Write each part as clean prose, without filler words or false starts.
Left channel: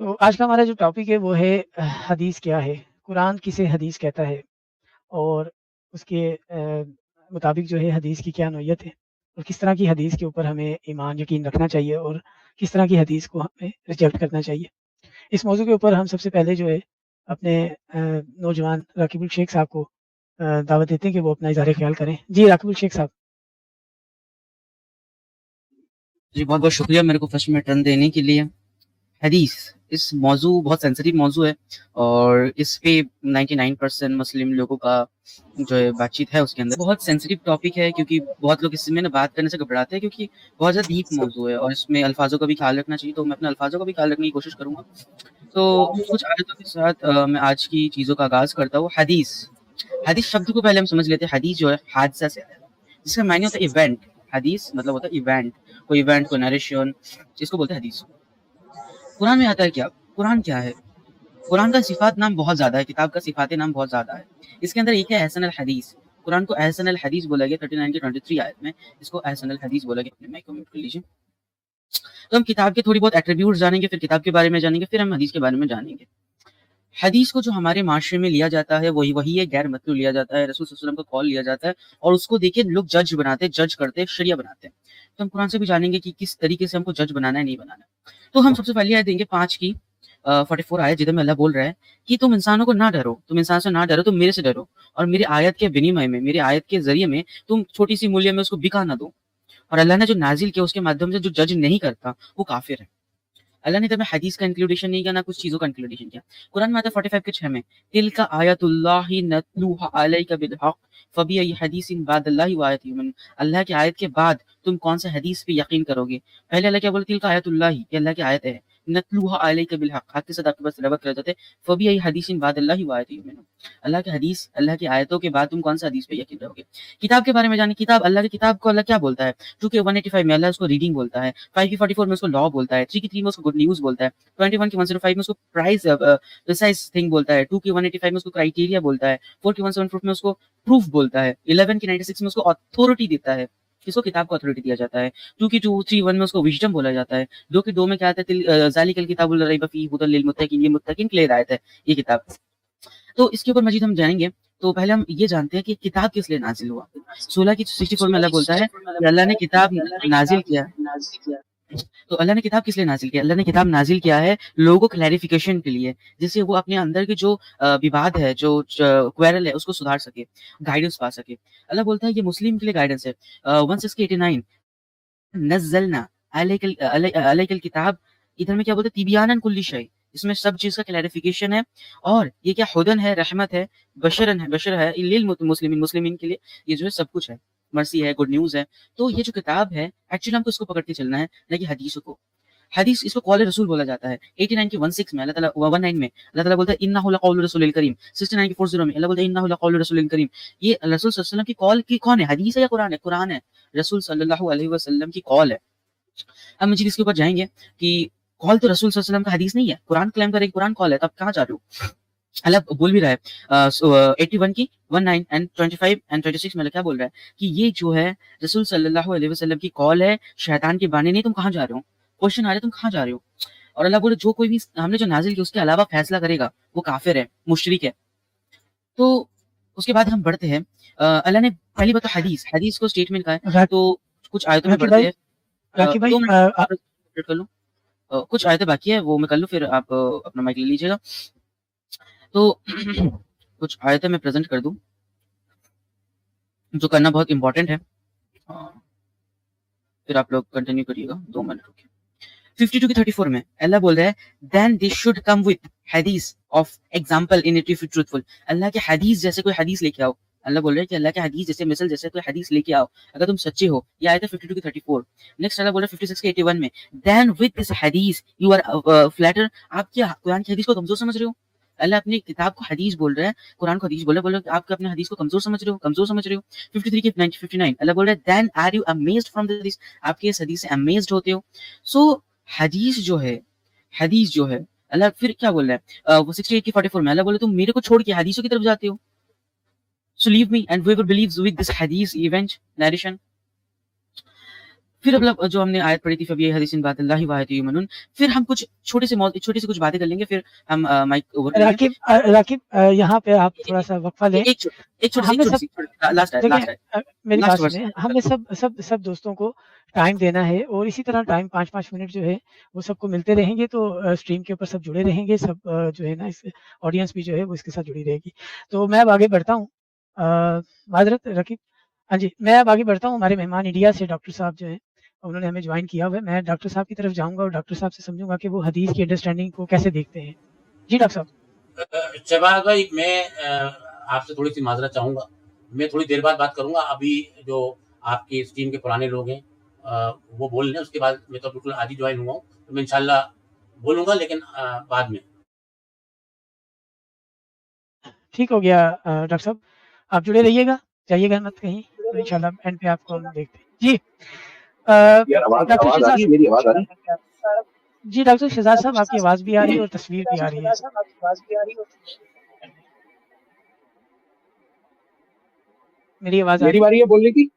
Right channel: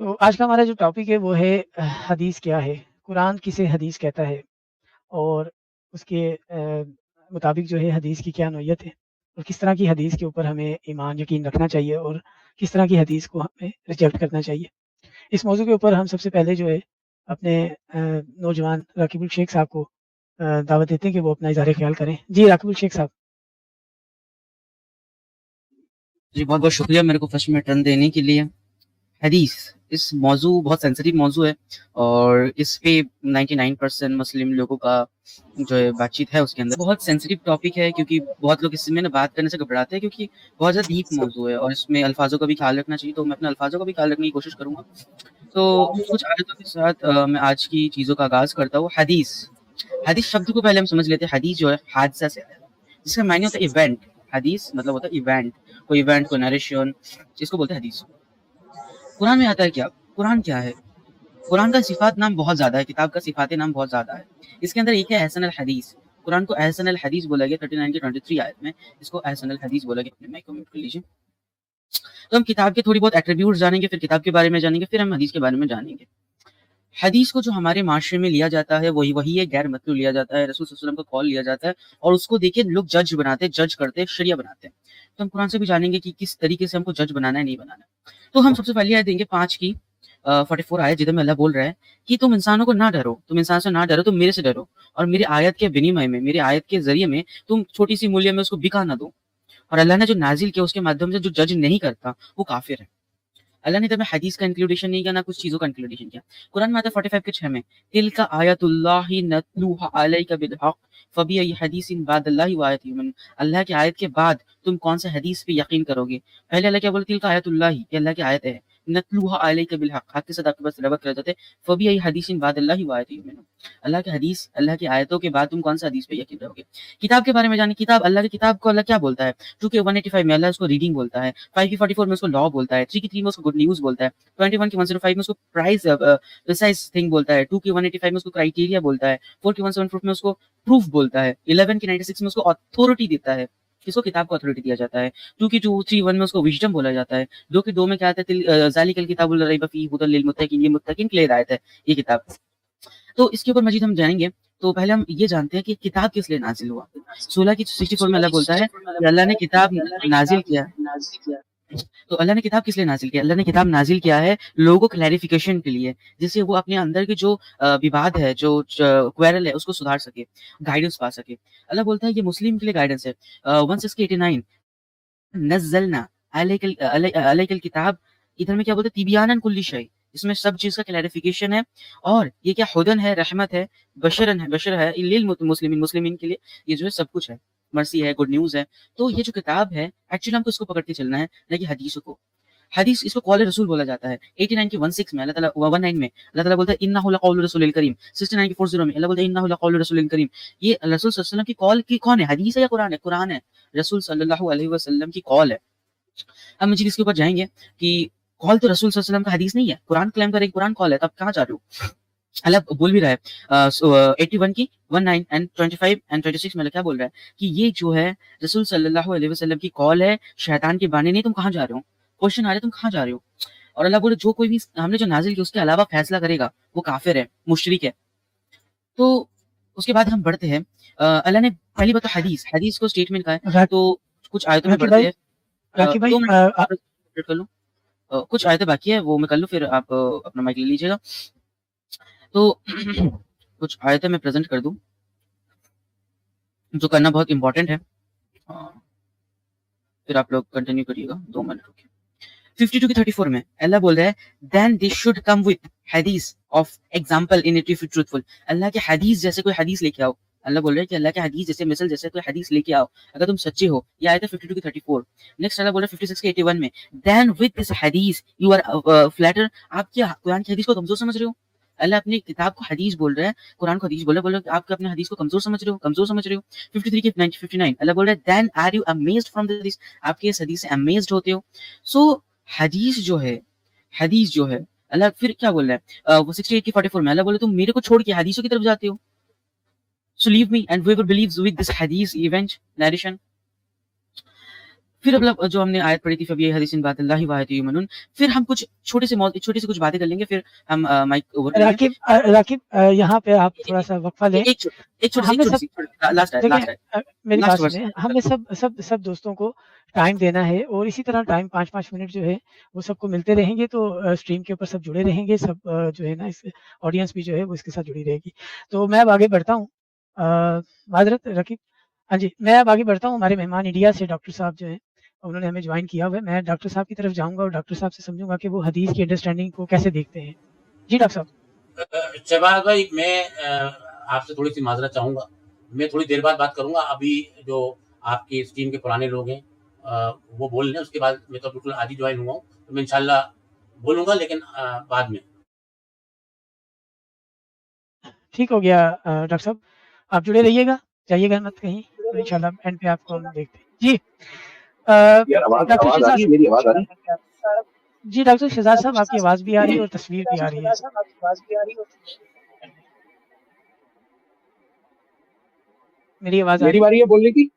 تو آج کا ہمارا جو ٹاپک ہے وہ ہے حدیث کیا ہے، قرآن کسے حدیث کہتا ہے اور اس کے مطابق جو ہے حدیث کی کیا نوعیت ہے اور کس طرح کی حدیث کے اوپر ہمیں ایمان یقین رکھنا چاہیے اور کس طرح کی حدیث کو ہمیں ریجیکٹ کرنا چاہیے۔ اس موضوع کے اوپر ہم سب سے پہلے جو ہے اپنے نوجوان راکب الشیخ صاحب کو دعوت دیتے ہیں کہ وہ اپنا اظہار خیال کریں۔ جی راکب الشیخ صاحب۔ جی بہت بہت شکریہ میرے کو فرسٹ میں ٹرن دینے کے لیے۔ حدیث اس موضوع بہت سینسیٹیو موضوع ہے اور اس پہ 99% مسلم لوگوں کا جو بات چیت ہے اس کے اندر بہت سینسیٹیو ٹاپک ہے، کیونکہ بہت لوگ اس میں نا بات کرنے سے گھبراتے ہیں کیونکہ بہت زیادہ ڈیپ موضوع ہے اور اس میں الفاظوں کا بھی خیال رکھنا چاہیے، تو میں اپنے الفاظوں کا بھی خیال رکھنے کی کوشش کروں گا۔ تو کچھ آیتوں کے ساتھ میں آج کی چیزوں کا آغاز کرتا ہوں۔ حدیث حدیث شبد کو پہلے ہم سمجھ لیتے ہیں۔ حدیث جو ہے حادثہ سے ہے، جس کا معنی ہوتا ہے ایونٹ۔ حدیث مطلب ہوتا ہے ایونٹ، کوئی ایونٹ، کوئی نریشن، جس کو بولتے ہیں حدیث۔ قرآن میں آتا ہے کیا؟ قرآن کیا ہے؟ قرآن کا صفات نام بہت زیادہ ہے، کتاب کا صفات نام بہت زیادہ ہے۔ اس کے اندر ایک ہے احسن الحدیث۔ قرآن کو احسن الحدیث بولا گیا 39 کے 23 آیت میں، اس کو احسن الحدیث بولا گیا۔ میں کمنٹ کر لیجیے۔ تو ہم کتاب کے تھوڑی بہت ایٹریبیوٹس جانیں گے، پھر کتاب کے بارے میں جانیں گے، پھر ہم حدیث کے بارے میں جانیں گے۔ حدیث کو جو ہمارے معاشرے میں لیا جاتا ہے وہی ہے، غیر مطلوب لیا جاتا ہے، رسول صلی اللہ علیہ وسلم کا قول لیا جاتا ہے اور اس کو دیکھ کے لوگ جج بناتے ہیں، جج کرتے ہیں، شریعہ بناتے ہیں۔ تو ہم قرآن سے بھی جانیں گے کہ کس طریقے سے ہم کو جج بنانا ہے، نہیں بنانا ہے۔ تو ہم سب سے پہلے آیت دیں گے 5 کی 44 آیت، جدھر میں اللہ بول رہا ہے کہ تم انسانوں کو نہ ڈرو، تم انسان سے نہ ڈرو، تم میرے سے ڈرو، اور میری آیت کے بنیمے میں، میری آیت کے ذریعے میں تم چھوٹی سی مولیہ میں اس کو بکا نہ دو۔ اور اللہ نے جو نازل کیا اس کے مادھیم سے جو جج نہیں کرتا وہ کافر ہے۔ اللہ نے تمہیں حدیث کا انکلوڈیشن نہیں کیا، نہ کچھ چیزوں کا انکلوڈیشن کیا۔ قرآن میں آتا ہے 45 کے 6 میں، تلک آیات اللہ نتلوها علیک بالحق فبأي حدیث بعد اللہ وآیات یؤمنون۔ اللہ کی آیت کے بعد تم کون سے حدیث پہ یقین کرو گے؟ پہلے اللہ کیا بولتے؟ تلک آیات اللہ، کہ اللہ کی آیت ہے، نتلوها علیک بالحق، حق کے ساتھ آپ کے پاس تلاوت کر دیتے۔ فبأي حدیث بعد اللہ وآیات یؤمنون۔ اللہ کی حدیث، اللہ کی آیتوں کے بعد تم کون سے حدیث پہ یقین کرو گے؟ کتاب کے بارے میں جانیں۔ کتاب، اللہ کی کتاب کو اللہ کیا بولتا ہے؟ 2 کے 185 میں اللہ اس کو ریڈنگ بولتا ہے، 5 کی 44 میں اس کو لا بولتا ہے، 3 کی 3 میں اس کو گڈ نیوز بولتا ہے، 21 کی 105 میں اس کو پرائز تھنگ بولتا ہے، 2 کی 185 میں اس کو کرائٹیریا بولتا ہے، 4 کی 174 میں اس کو پروف بولتا ہے، 11 کی 96 میں اس کو اتھارٹی دیتا ہے۔ اس کو کتاب کو اتھارٹی دیا جاتا ہے۔ 2 کی 231 میں اس کو وژڈم بولا جاتا ہے۔ 2 کی 2 میں کیا آتا ہے؟ ذالک الکتاب لا ریب فیہ ھدی للمتقین، یہ متقین کے لیے ہدایت ہے یہ کتاب۔ تو اس کے اوپر مزید ہم جانیں گے۔ تو پہلے ہم یہ جانتے ہیں کہ کتاب کس لیے نازل ہوا۔ 16 کی 64 میں اللہ بولتا ہے کہ اللہ نے کتاب نازل کیا۔ تو اللہ نے کتاب کس لیے نازل کیا؟ اللہ نے کتاب نازل کیا ہے لوگوں کو کلیریفیکیشن کے لیے، جس سے وہ اپنے اندر کے جو وواد ہے، جو کوئرل ہے، اس کو سدھار سکے، گائیڈنس پا سکے۔ اللہ بولتا ہے یہ مسلم کے لیے گائیڈنس ہے۔ 1689 نزلنا علیک الکتاب، ادھر میں کیا بولتے ہیں؟ تبیانا کل شیء، اس میں سب چیز کا کلیریفیکیشن ہے، اور یہ کیا ہدن ہے، رحمت ہے، بشر ہے للمسلمین، مسلمین کے لیے یہ جو ہے سب کچھ ہے، مرسی ہے، گڈ نیوز ہے۔ تو یہ جو کتاب ہے ایکچولی ہم کو اس کو پکڑ کے چلنا ہے، نہ کہ حدیث کو۔ حدیث اس کو قول رسول بولا جاتا ہے۔ 89 کی 16 میں اللہ تعالیٰ 19 میں اللہ تعالیٰ بولتا ہے انہ لقول رسول الکریم۔ 69 کی 40 میں اللہ بولتا ہے انہ لقول رسول الکریم۔ یہ رسول صلی اللہ علیہ وسلم کی قول کی کون ہے؟ حدیث ہے یا قرآن ہے؟ قرآن ہے، رسول صلی اللہ علیہ وسلم کی قول ہے۔ اب مجھے اس کے اوپر جائیں گے کہ قول تو رسول صلی اللہ علیہ وسلم کا حدیث نہیں ہے۔ قرآن کلیم کر رہے قرآن قول ہے، تب کہاں جا رہے ہو؟ اللہ بول بھی رہا ہے 81 کی 19 and 25 and 26 میں اللہ کیا بول رہا ہے کہ یہ جو ہے رسول صلی اللہ علیہ وسلم کی قول ہے، شیطان کی بانی نہیں۔ تم کہاں جا رہے ہو؟ کوشچن آ رہا ہے تم کہاں جا رہے ہو؟ اور اللہ بولے جو کوئی بھی ہم نے جو نازل کیا اس کے علاوہ فیصلہ کرے گا وہ کافر ہے، مشرک ہے۔ تو اس کے بعد ہم بڑھتے ہیں۔ اللہ نے پہلی بات تو حدیث کو اسٹیٹمنٹ کہا ہے، تو کچھ آیتوں میں بڑھتے ہیں۔ راکب بھائی 2 منٹ کر لوں، کچھ آیتیں باقی ہے وہ میں کر لوں، پھر آپ اپنا مائک لے لیجیے گا۔ تو کچھ آیتیں میں پریزنٹ کر دوں جو کرنا بہت امپورٹنٹ ہے، پھر آپ لوگ کنٹینیو کریے گا 2 منٹ۔ 52 کی 34 میں اللہ بول رہا ہے then they should come with حدیث of example in it if you're truthful۔ اللہ کے حدیث جیسے کوئی حدیث لے کے آؤ۔ اللہ بول رہے ہیں کہ اللہ کے حدیث جیسے مثل جیسے کوئی حدیث لے کے آؤ اگر تم سچے ہو۔ یہ آیت ہے 52 کی 34۔ نیکسٹ اللہ بول رہے ہیں 56 کی 81 میں then with this حدیث you are flatter۔ آپ کیا قرآن کی حدیث کو کمزور سمجھ رہے ہو؟ اللہ اپنی کتاب کو حدیث بول رہا ہے، قرآن کو حدیث بول رہا ہے، آپ کے اپنے حدیث کو کمزور سمجھ رہے ہو، کمزور سمجھ رہے ہو۔ 53 کی 59 اللہ بول رہا ہے then are you amazed from this، آپ کے اس حدیث سے امیزڈ ہوتے ہو۔ سو حدیث جو ہے اللہ پھر کیا بول رہا ہے وہ 68 کی 44 میں اللہ بولے تم میرے کو چھوڑ کے حدیثوں کی طرف جاتے ہو۔ So leave me and whoever believes with this hadith event narration۔ फिर मतलब जो हमने आयत पढ़ी थी फबी हदीसिन बातिल्लाहि व आयतिही युमिनून, फिर हम कुछ छोटी सी कुछ बातें कर लेंगे, फिर हम माइक ओवर कर लेंगे। राकिब यहाँ पे आप थोड़ा सा वक्फा लें। एक छोटी लास्ट मेरी बात सुनिए, हमने सब दोस्तों को टाइम देना है और इसी तरह टाइम 5-5 मिनट जो है वो सबको मिलते रहेंगे, तो स्क्रीन के ऊपर सब जुड़े रहेंगे, सब जो है ना इस ऑडियंस भी जो है वो इसके साथ जुड़ी रहेगी। तो मैं अब आगे बढ़ता हूँ। माजरत रकीब, हाँ जी, मैं अब आगे बढ़ता हूँ। हमारे मेहमान इंडिया से डॉक्टर साहब जो है उन्होंने हमें ज्वाइन किया हुआ है। मैं डॉक्टर साहब की तरफ जाऊँगा और डॉक्टर साहब से समझूंगा कि वो हदीस की अंडरस्टैंडिंग को कैसे देखते हैं। जी डॉक्टर साहब। शहबाज भाई, मैं आपसे थोड़ी सी माजरत चाहूँगा, मैं थोड़ी देर बाद बात करूँगा। अभी जो आपकी इस टीम के पुराने लोग हैं वो बोल रहे हैं, उसके बाद मैं तो बिल्कुल आदि ज्वाइन हुआ हूँ, तो मैं इंशाल्लाह बोलूँगा, लेकिन बाद में। ठीक हो गया डॉक्टर साहब, आप जुड़े रहिएगा, जाइएगा मत कहीं, तो इंशाल्लाह एंड पे आपको हम देखते हैं। जी डॉक्टर शहजाद, मेरी आवाज आ रही है? जी डॉक्टर शहजाद साहब, आपकी आवाज़ भी आ रही है और तस्वीर भी आ रही है। मेरी आवाज़ मेरी बारी है बोलने की?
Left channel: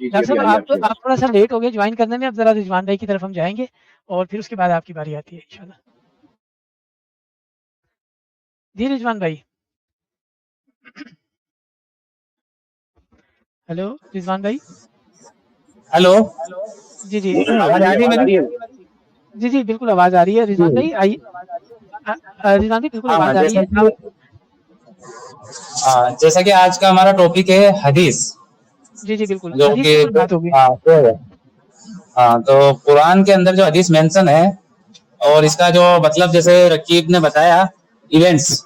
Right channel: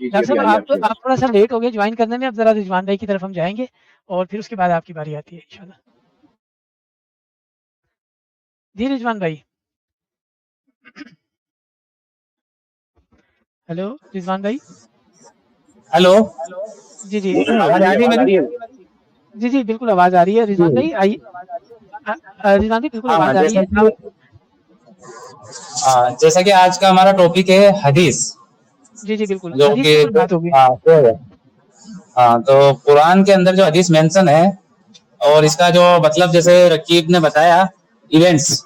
जी डॉक्टर साहब, आप थोड़ा सा लेट हो गए ज्वाइन करने में। अब जरा रिजवान भाई की तरफ हम जाएंगे और फिर उसके बाद आपकी बारी आती है इंशाल्लाह। जी रिजवान भाई। हेलो रिजवान भाई। हेलो, जी जी आवाज आ रही है मेरी? जी जी बिल्कुल आवाज़ आ रही है रिजवान भाई, आइए। रिजवान भाई बिल्कुल आवाज़ आ रही है। जैसा कि आज का हमारा टॉपिक है हदीस, जी जी बिल्कुल, जो हदीस के ऊपर बात होगी। तो कुरान के अंदर जो हदीस मेंशन है और इसका जो मतलब जैसे रकीब ने बताया, इवेंट्स,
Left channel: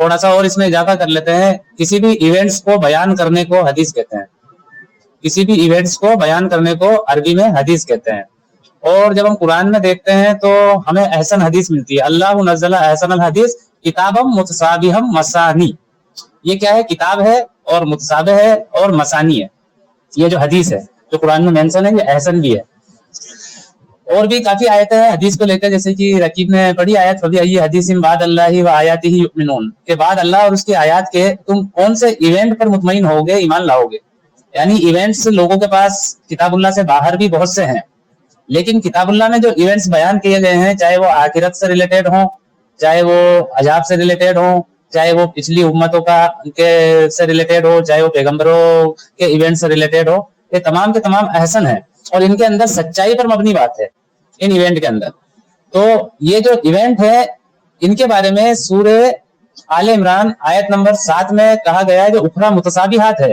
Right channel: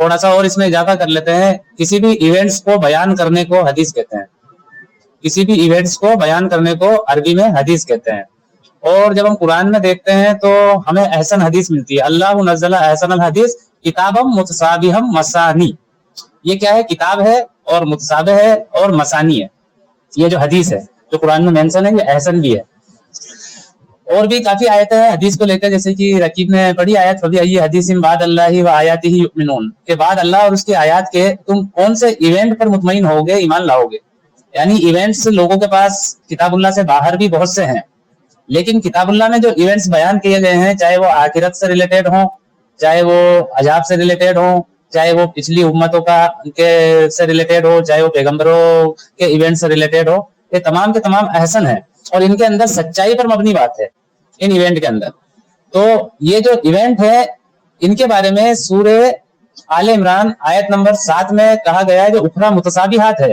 थोड़ा सा और इसमें इजाफा कर लेते हैं। किसी भी इवेंट्स को बयान करने को हदीस कहते हैं, किसी भी इवेंट्स को बयान करने को अरबी में हदीस कहते हैं। और जब हम कुरान में देखते हैं तो हमें अहसन हदीस मिलती है। अल्लाह नज़्ज़ला अहसन हदीस किताबम मुतसाबिहम मसानी। ये क्या है? किताब है और मुतसाबे है और मसानी है। ये जो हदीस है जो कुरान में मेंशन है, ये अहसन भी है। और भी काफी आयतें हैं हदीस को लेकर, जैसे कि रकीब ने बड़ी आयत कभी आई, हदीस बाद अल्लाह व आयातिही युमिनून, के बाद अल्लाह और उसके आयत के तुम कौन से इवेंट पर मुतमईन होगे, ईमान लाओगे। यानी इवेंट्स लोगों के पास किताबुल्लाह से बाहर भी बहुत से हैं, लेकिन किताबुल्लाह में जो इवेंट्स बयान किए गए हैं, चाहे वो आखिरत से रिलेटेड हो, चाहे वो अजाब से रिलेटेड हो, चाहे वो पिछली उम्मतों का से रिलेटेड हो, चाहे वो पैगंबरों के इवेंट से रिलेटेड हो, ये तमाम के तमाम अहसन है और इनके अंदर सच्चाई पर मबनी बात है इन इवेंट के अंदर। तो ये जो इवेंट है इनके बारे में सूरे आले इमरान आयत नंबर 7 में कहा गया है, जो उखरा मुतसाबिहात है,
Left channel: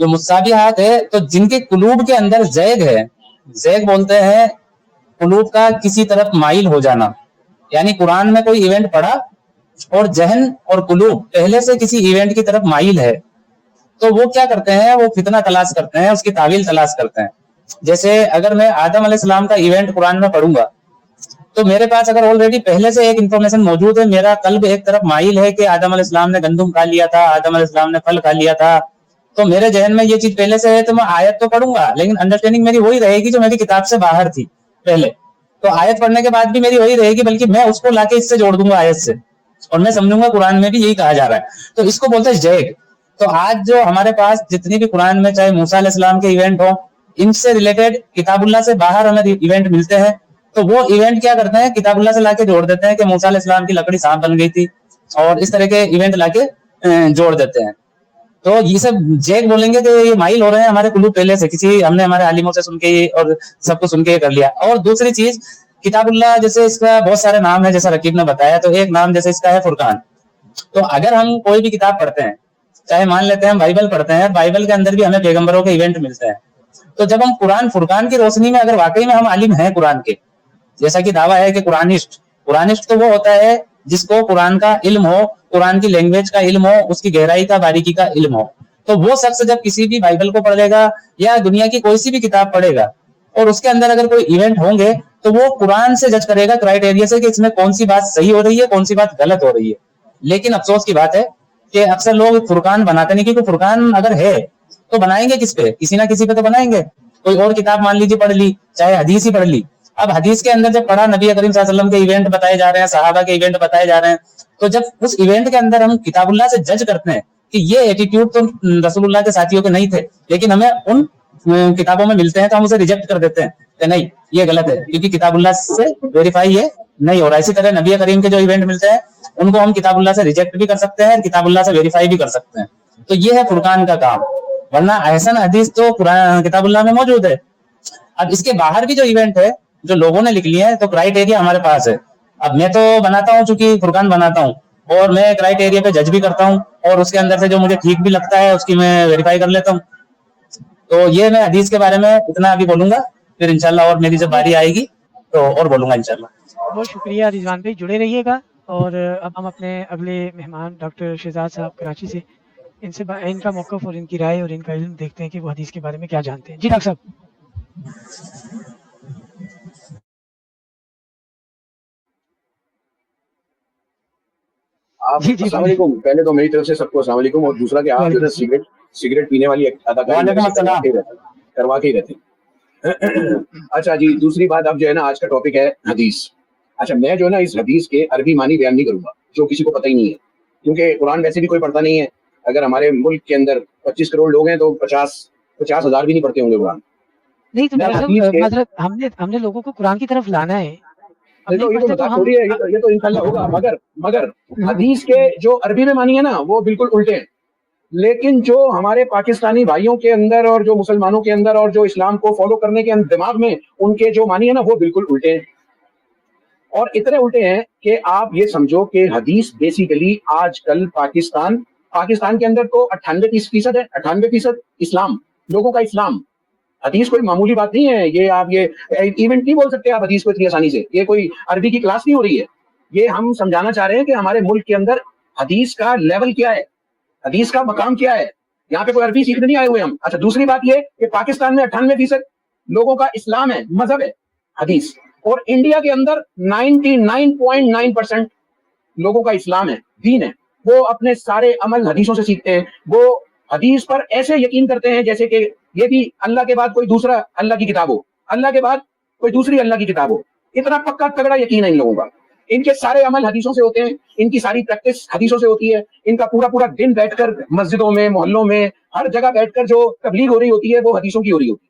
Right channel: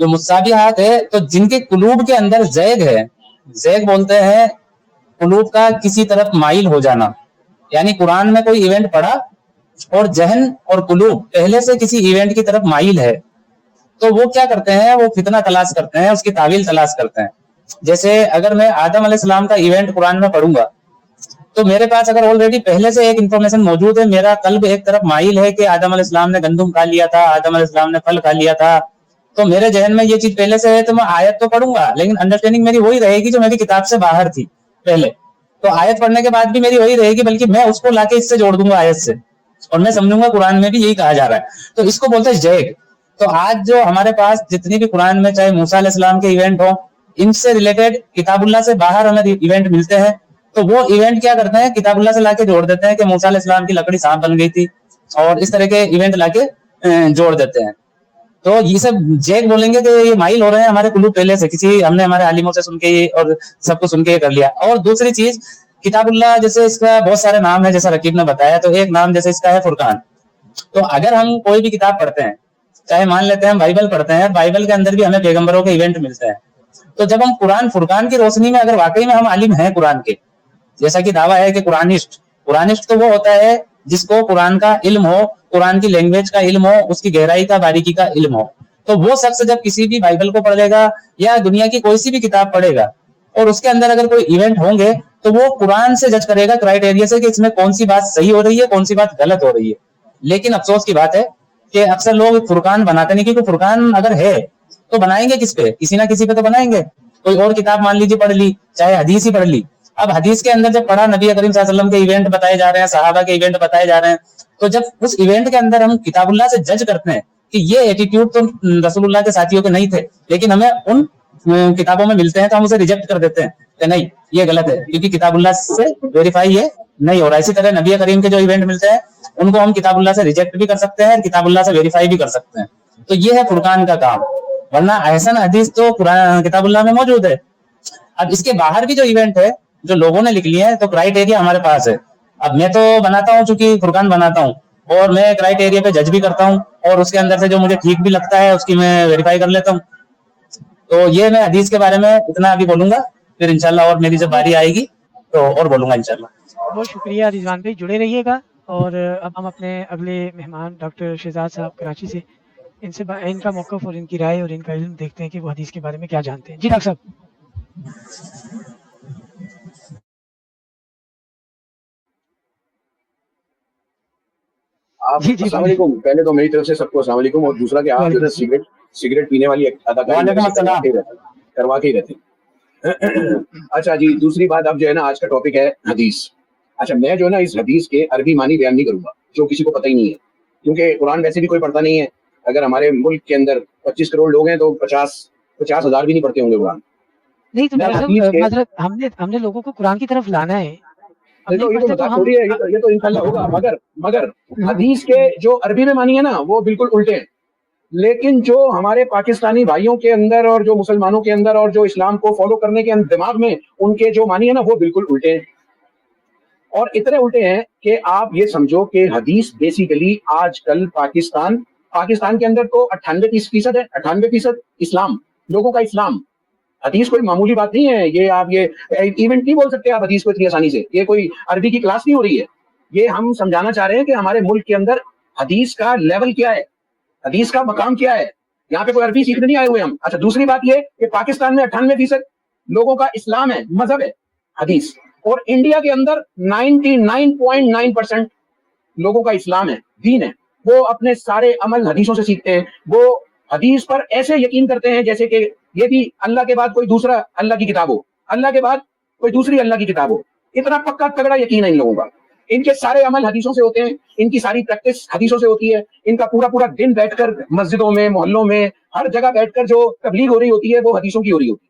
जो मुतसाबिहात है, तो जिनके कुलूब के अंदर ज़ैग है, ज़ैग बोलते हैं कुलूब का किसी तरफ माइल हो जाना। यानी कुरान में कोई इवेंट पढ़ा और जहन और कुलूब पहले से किसी इवेंट की तरफ माइल है, तो वो क्या करते हैं, वो फितना तलाश करते हैं, उसकी तावील तलाश करते हैं। जैसे अगर मैं आदम अलैहिस्सलाम का इवेंट कुरान में पढ़ूंगा, तो मेरे पास अगर ऑलरेडी पहले से एक इंफॉर्मेशन मौजूद है, मेरा कल्ब एक तरफ माइल है कि आदम अलैहिस्सलाम ने गंदम खा लिया था, आदम अलैहिस्सलाम ने फल खा लिया था, तो मेरे जहन में ये चीज पहले से है, तो मैं आयत तो पढ़ूंगा, लेकिन अंडरस्टैंडिंग मेरी वही रहेगी जो मेरी किताब से बाहर थी पहले। तो आयत पढ़ने के बाद भी मेरी वही रहेगी, बल्कि मैं उसको लाके इससे जोड़ दूंगा आयत से, और मैं समझूंगा कुरान में भी यही कहा जा रहा है, तो इसको बोलते हैं ज़ैग। तो आज जो हमारे पास जितनी भी कुरान में चाहे मूसा अलैहिस्सलाम के इवेंट हो, इनसे रिलेटेड किताबुल्लाह से बाहर हमें इवेंट मिलते हैं, तो वो इवेंट क्या करते हैं, किताबुल्लाह से लाके जोड़ देते हैं कि मूसा अलैहिस्सलाम की लकड़ी सांप बन गई थी, और इस तरह के इवेंट लाके जोड़ देते हैं। तो ये सब ज़ैग बोलेंगे कि ये माइल हो रहे हैं हमारे कुलूब पहले से, किसी हमने हमारे आलिमों से सुन के ये और सबको सुन के कर लिया। और दूसरी चीज, किताबुल्लाह जैसे इसका बहुत सारे नाम है, जैसा रकीब ने बताया, तो एक नाम जैसे इसका है फुरकान। तो अगर हम कोई भी किताब पढ़ते हैं, चाहे मान लेते हैं हम बाइबल पढ़ते हैं, बाइबल के अंदर भी हमें पैगंबरों के इवेंट मिलते हैं, तो जब हम कुरान फुरकान की रोशनी में अगर वाकई में हम आलिम हैं कुरान के, जैसा कि दावा है कि कुरानिस्ट तो वो होता है जिसको कुरान का इल्म हो, कुरान की लैंग्वेज का इल्म हो, उसकी गहराई का, बारीकी का इल्म हो, तो वो शख्स जब किसी भी बाइबल को पढ़ेगा या दुनिया की कोई सी भी किताब पढ़ेगा और उसके अंदर अगर कोई इवेंट होंगे, तो वो कुरान से जज करेगा, क्राइटेरिया से, कि इसमें कौन सी बात सही हो रही है, कौन सी बात गलत हो रही है। लेकिन अफसोस की बात है कि अक्सर लोग फुरकान बनाते नहीं, क्योंकि फुरकान अगर है तो बनाएंगे किस पे, किसी ना किसी पे तो बनाएंगे। कोई और किताब मान लीजिए पढ़ ली, चाहे हदीस ही पढ़ ली, अब हदीस के अंदर जब पढ़ा, नबी करीम सल्लल्लाहु अलैहि वसल्लम के इवेंट बताए जा रहे हैं, सहाबा के इवेंट बताए जा रहे हैं, तो जब उस इवेंट के अंदर हम किताबुल्लाह से जज करते हैं कि ये एटीट्यूड तो रसूलुल्लाह के साथियों के नहीं थे, लेकिन हमें उन किताबों में मिलते हैं तो हम उसे रिजेक्ट कर देते हैं कि नहीं ये गलत है, क्योंकि किताबुल्लाह से वेरीफाई ये नहीं हो रहा। इसी तरह नबी करीम के जो इवेंट मिलते हैं उनको हम किताबुल्लाह से रिजेक्ट भी कर सकते हैं, किताबुल्लाह से वेरीफाई भी कर सकते हैं। तो ये है फुरकान का काम, वरना ऐसा हदीस तो किताबुल्लाह में मौजूद है। अब इसके बाहर की जो इवेंट है जो लोगों ने लिख लिया है, तो क्राइटेरिया हमारे पास है। अब मैं तो बनाता हूँ, चूंकि फुरकान बनाता हूँ और मैं क्राइटेरिया पे जज भी करता हूँ, और उसके अंदर से जो मुझे ठीक भी लगता है उसकी मैं वेरीफाई कर लेता हूँ। तो ये मैं हदीस के बारे में इतना अभी बोलूंगा, फिर इंशाल्लाह और मेरी जब बारी आएगी तो और बोलूंगा इंशाल्लाह। बहुत शुक्रिया रिजवान भाई, जुड़े रहिएगा। और अब हम अपने अगले मेहमान डॉक्टर शहजाद साहब कराची से, इनका मौक़िफ़ और इनकी राय और इनका इल्म देखते हैं कि वो हदीस के बारे में क्या जानते हैं। जी डॉक्टर साहब। आप जी जी अस्सलाम बोलिए। वालेकुम। पहले तो मेरी तरफ से सबको अस्सलाम वालेकुम, और दूसरा कि आप जो है सिगरेट पीने वाली अदाकारी वालेकुम अस्सलाम। करवा के ही रहते हैं। अच्छा जी, दूसरी बात, अब जो है ना आज का टॉपिक है हदीस। अच्छा, मैं जो है ना इस हदीस के अरबी मानी बयान नहीं करूंगा जो किसी को पता ही नहीं है, क्योंकि कुरान वैसे भी कोई पढ़ता नहीं है। अगर हमारे मुल्क के अंदर 25 करोड़ लोग हैं तो 50,000 भी नहीं पढ़ते होंगे कुरान। नहीं तो मैं डॉक्टर हदीस साहब के मतलब हमने लोगों को कुरान की तरफ लाना है। अब ये नहीं तो पढ़ते तो मजाक हम थोड़ी है, ये तो इंशाल्लाह होगा। मगर हदीस के जो अरबी में मानी है ना वो बिल्कुल उल्टे हैं। लेकिन जो हमारे पाकिस्तानी भाइयों के अंदर और जो मुसलमानों के अंदर और जो इस्लाम को फॉलो करने के दिमाग में उनके जो मानी है ना वो बिल्कुल उल्टे हैं। और इतने उल्टे हैं कि आप ये समझो कि हदीस बेसिकली आजकल पाकिस्तान के अंदर तो 98% है, 98% इस्लाम, लोगों का इस्लाम। हदीस कोई मामूली बात नहीं है। ये आप ये इवेंट नहीं बोल सकते आप हदीस को इतनी आसानी से। ये कोई अरबी की क्लास नहीं हो रही है। ये हम समझाना चाह रहे हैं कि हमारे मुल्क के अंदर हदीस का लेवल क्या है, हदीस का मकाम क्या है। यहाँ पे कोई अरबी सीखने नहीं आए हुए हम। अच्छा, दूसरी बात ये कि पाकिस्तान में 98% लोगों का इस्लाम है, मजहब है हदीस, और इंडिया के अंदर 99.9% लोगों का इस्लाम है, दीन है। वो अपने सारे अमल हदीसों से सीखते हैं। वो हदीस पर ऐसे यकीन करते हैं जैसे कि ये भी अल्लाह के बाद कोई दूसरा अल्लाह की किताब हो, अल्लाह के बाद कोई दूसरी अल्लाह की किताब हो। इतना पक्का तगड़ा यकीन है इन लोगों का। इनके सारे अमल हदीसों से होते हैं, इनकी सारी प्रैक्टिस हदीसों से होती है। इनका पूरा पूरा दिन बैठकर मस्जिदों में, मोहल्लों में, हर जगह बैठकर जो तबलीग हो रही होती है वो हदीसों की हो रही होती है।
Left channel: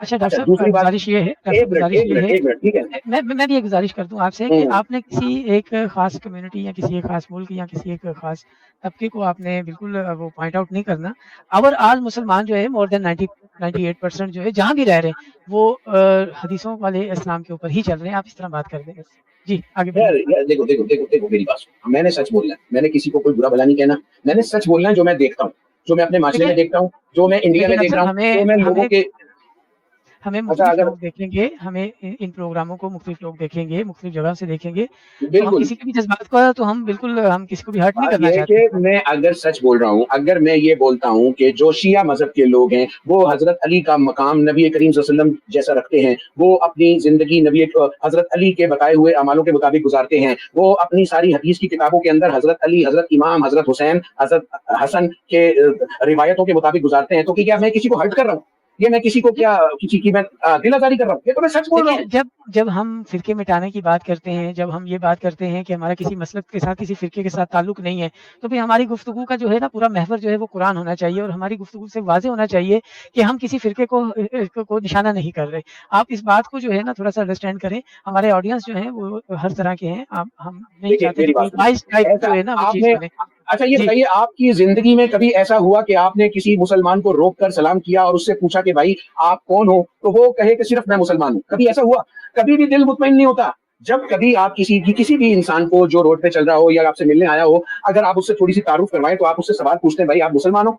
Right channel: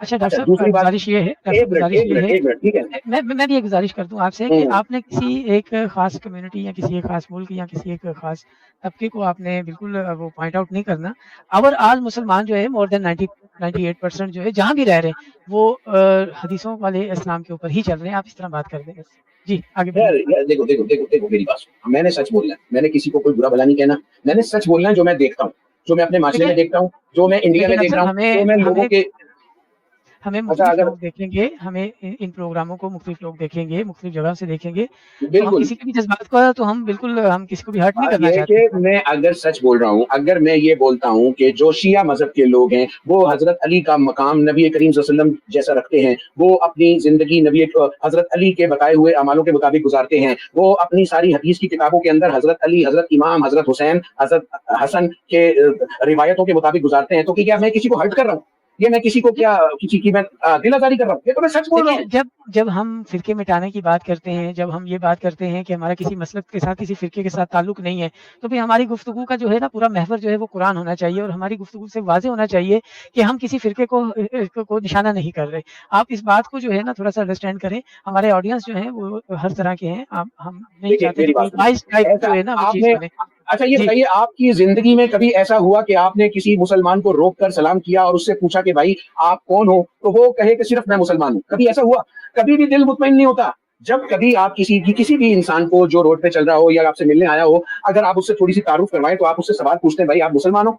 अच्छा डॉक्टर साहब, दूसरी बात, गुजारिश ये है एक मिनट ठीक है। मैं भी गुजारिश करता हूँ आपसे कि आपने किसी एक खास कम्युनिटी या किसी एक खास मुल्क या किसी एक खास तबके को आपने बिल्कुल वो पॉइंट आउट नहीं करना। और आज मुसलमान जो है मोर देन 98% जो है जहाँ भी रह रहे हैं वो हदीसों वाले इस्लाम के ऊपर ही चल रहे हैं। आप इस तरह बात कर रहे हैं। जी आगे यार देखो मेरी बात सुनो। मैंने सच बोलना है, मैंने किसी को कोई बुरा भला नहीं कहना। मैंने सच बोलना है जो मैं देखता हूँ, जो मैं अपने माशरे में देखता हूँ, जो मैं इंडिया में देख रहा हूँ, जो मैं लोगों के। हमें अच्छा, मुख्तलिफ अगर लोग देखेंगे, हमें इन प्रोग्रामों को मुख्तलिफ लोग देखेंगे, मुख्तलिफ जगह से देखेंगे, तो हम बिल्कुल किसी के भी जज्बात का तो हम बिल्कुल हम किसी को भी हर्ट नहीं बात करना यह है चाहते। कि मैं अगर सच बोल रहा हूँ, अगर मैं ये बोलता हूँ कि जो शिया मजहब के लोग हैं वो हजरत अली का मकाम नबी करीम सल्लल्लाहु अलैहि वसल्लम जैसा रखते हैं, वो अपनी जिंदगी नबी हजरत अली के बताए हुए अमालों के मुताबिक गुजारते हैं, वो अपनी सारी हदीस की किताबों के अंदर हजरत अली, हजरत इमाम, हजरत हुसैन, हजरत हसन के रिवायतों के मुताबिक गुजारते हैं, तो क्या मैं किसी को हर्ट कर रहा हूँ? ये मैं किसी को क्या किसी की मैं दिलासारी कर रहा हूँ? ये तो मैं सच बोल रहा हूँ। देखिए, जब हम फिरके मिटाने की बात करते हैं, जब हम ये बात करते हैं कि हमारा किसी मसलक के साथ, किसी फिरके के साथ ताल्लुक नहीं है, तो फिर हमारी गुफ्तगू का जो है ना पूरा महवर जो है वो कुरान होना चाहिए, और हमारी गुफ्तगू से वाज़ेह होना चाहिए कि हम किसी फिरके को निशाना नहीं कर रहे हैं। आप इस बात को जो है ना थोड़ा-सा अंडरस्टैंड करें। हमारे ऑडियंस जो है वो हर तरह के हैं। आप हम नहीं देखिए चाहते कि मेरी कोई बात बाइस सुनिए। टाइप जो है ना वो चीज़ आपने करे। अच्छा ये जी। बताइए, आपकी जिंदगी में कभी ऐसा हुआ कि आपने किसी मुसलमान को रोक कर सलाम किया और उससे पूछा कि भाई आप कौन हो, तो वो कहे कि सिर्फ मैं मुसलमान हूँ? कभी ऐसा हुआ? कभी भी दिल मुतमईन नहीं होता। जब कभी आप किसी भी इंसान को जो रोड पे चल रहा हो या आपसे मिलने आया हो, अगर आप उससे थोड़ी सी तारुफ करवाएं तो आप उससे सवाल पूछते हैं भाई आप मुसलमान हो?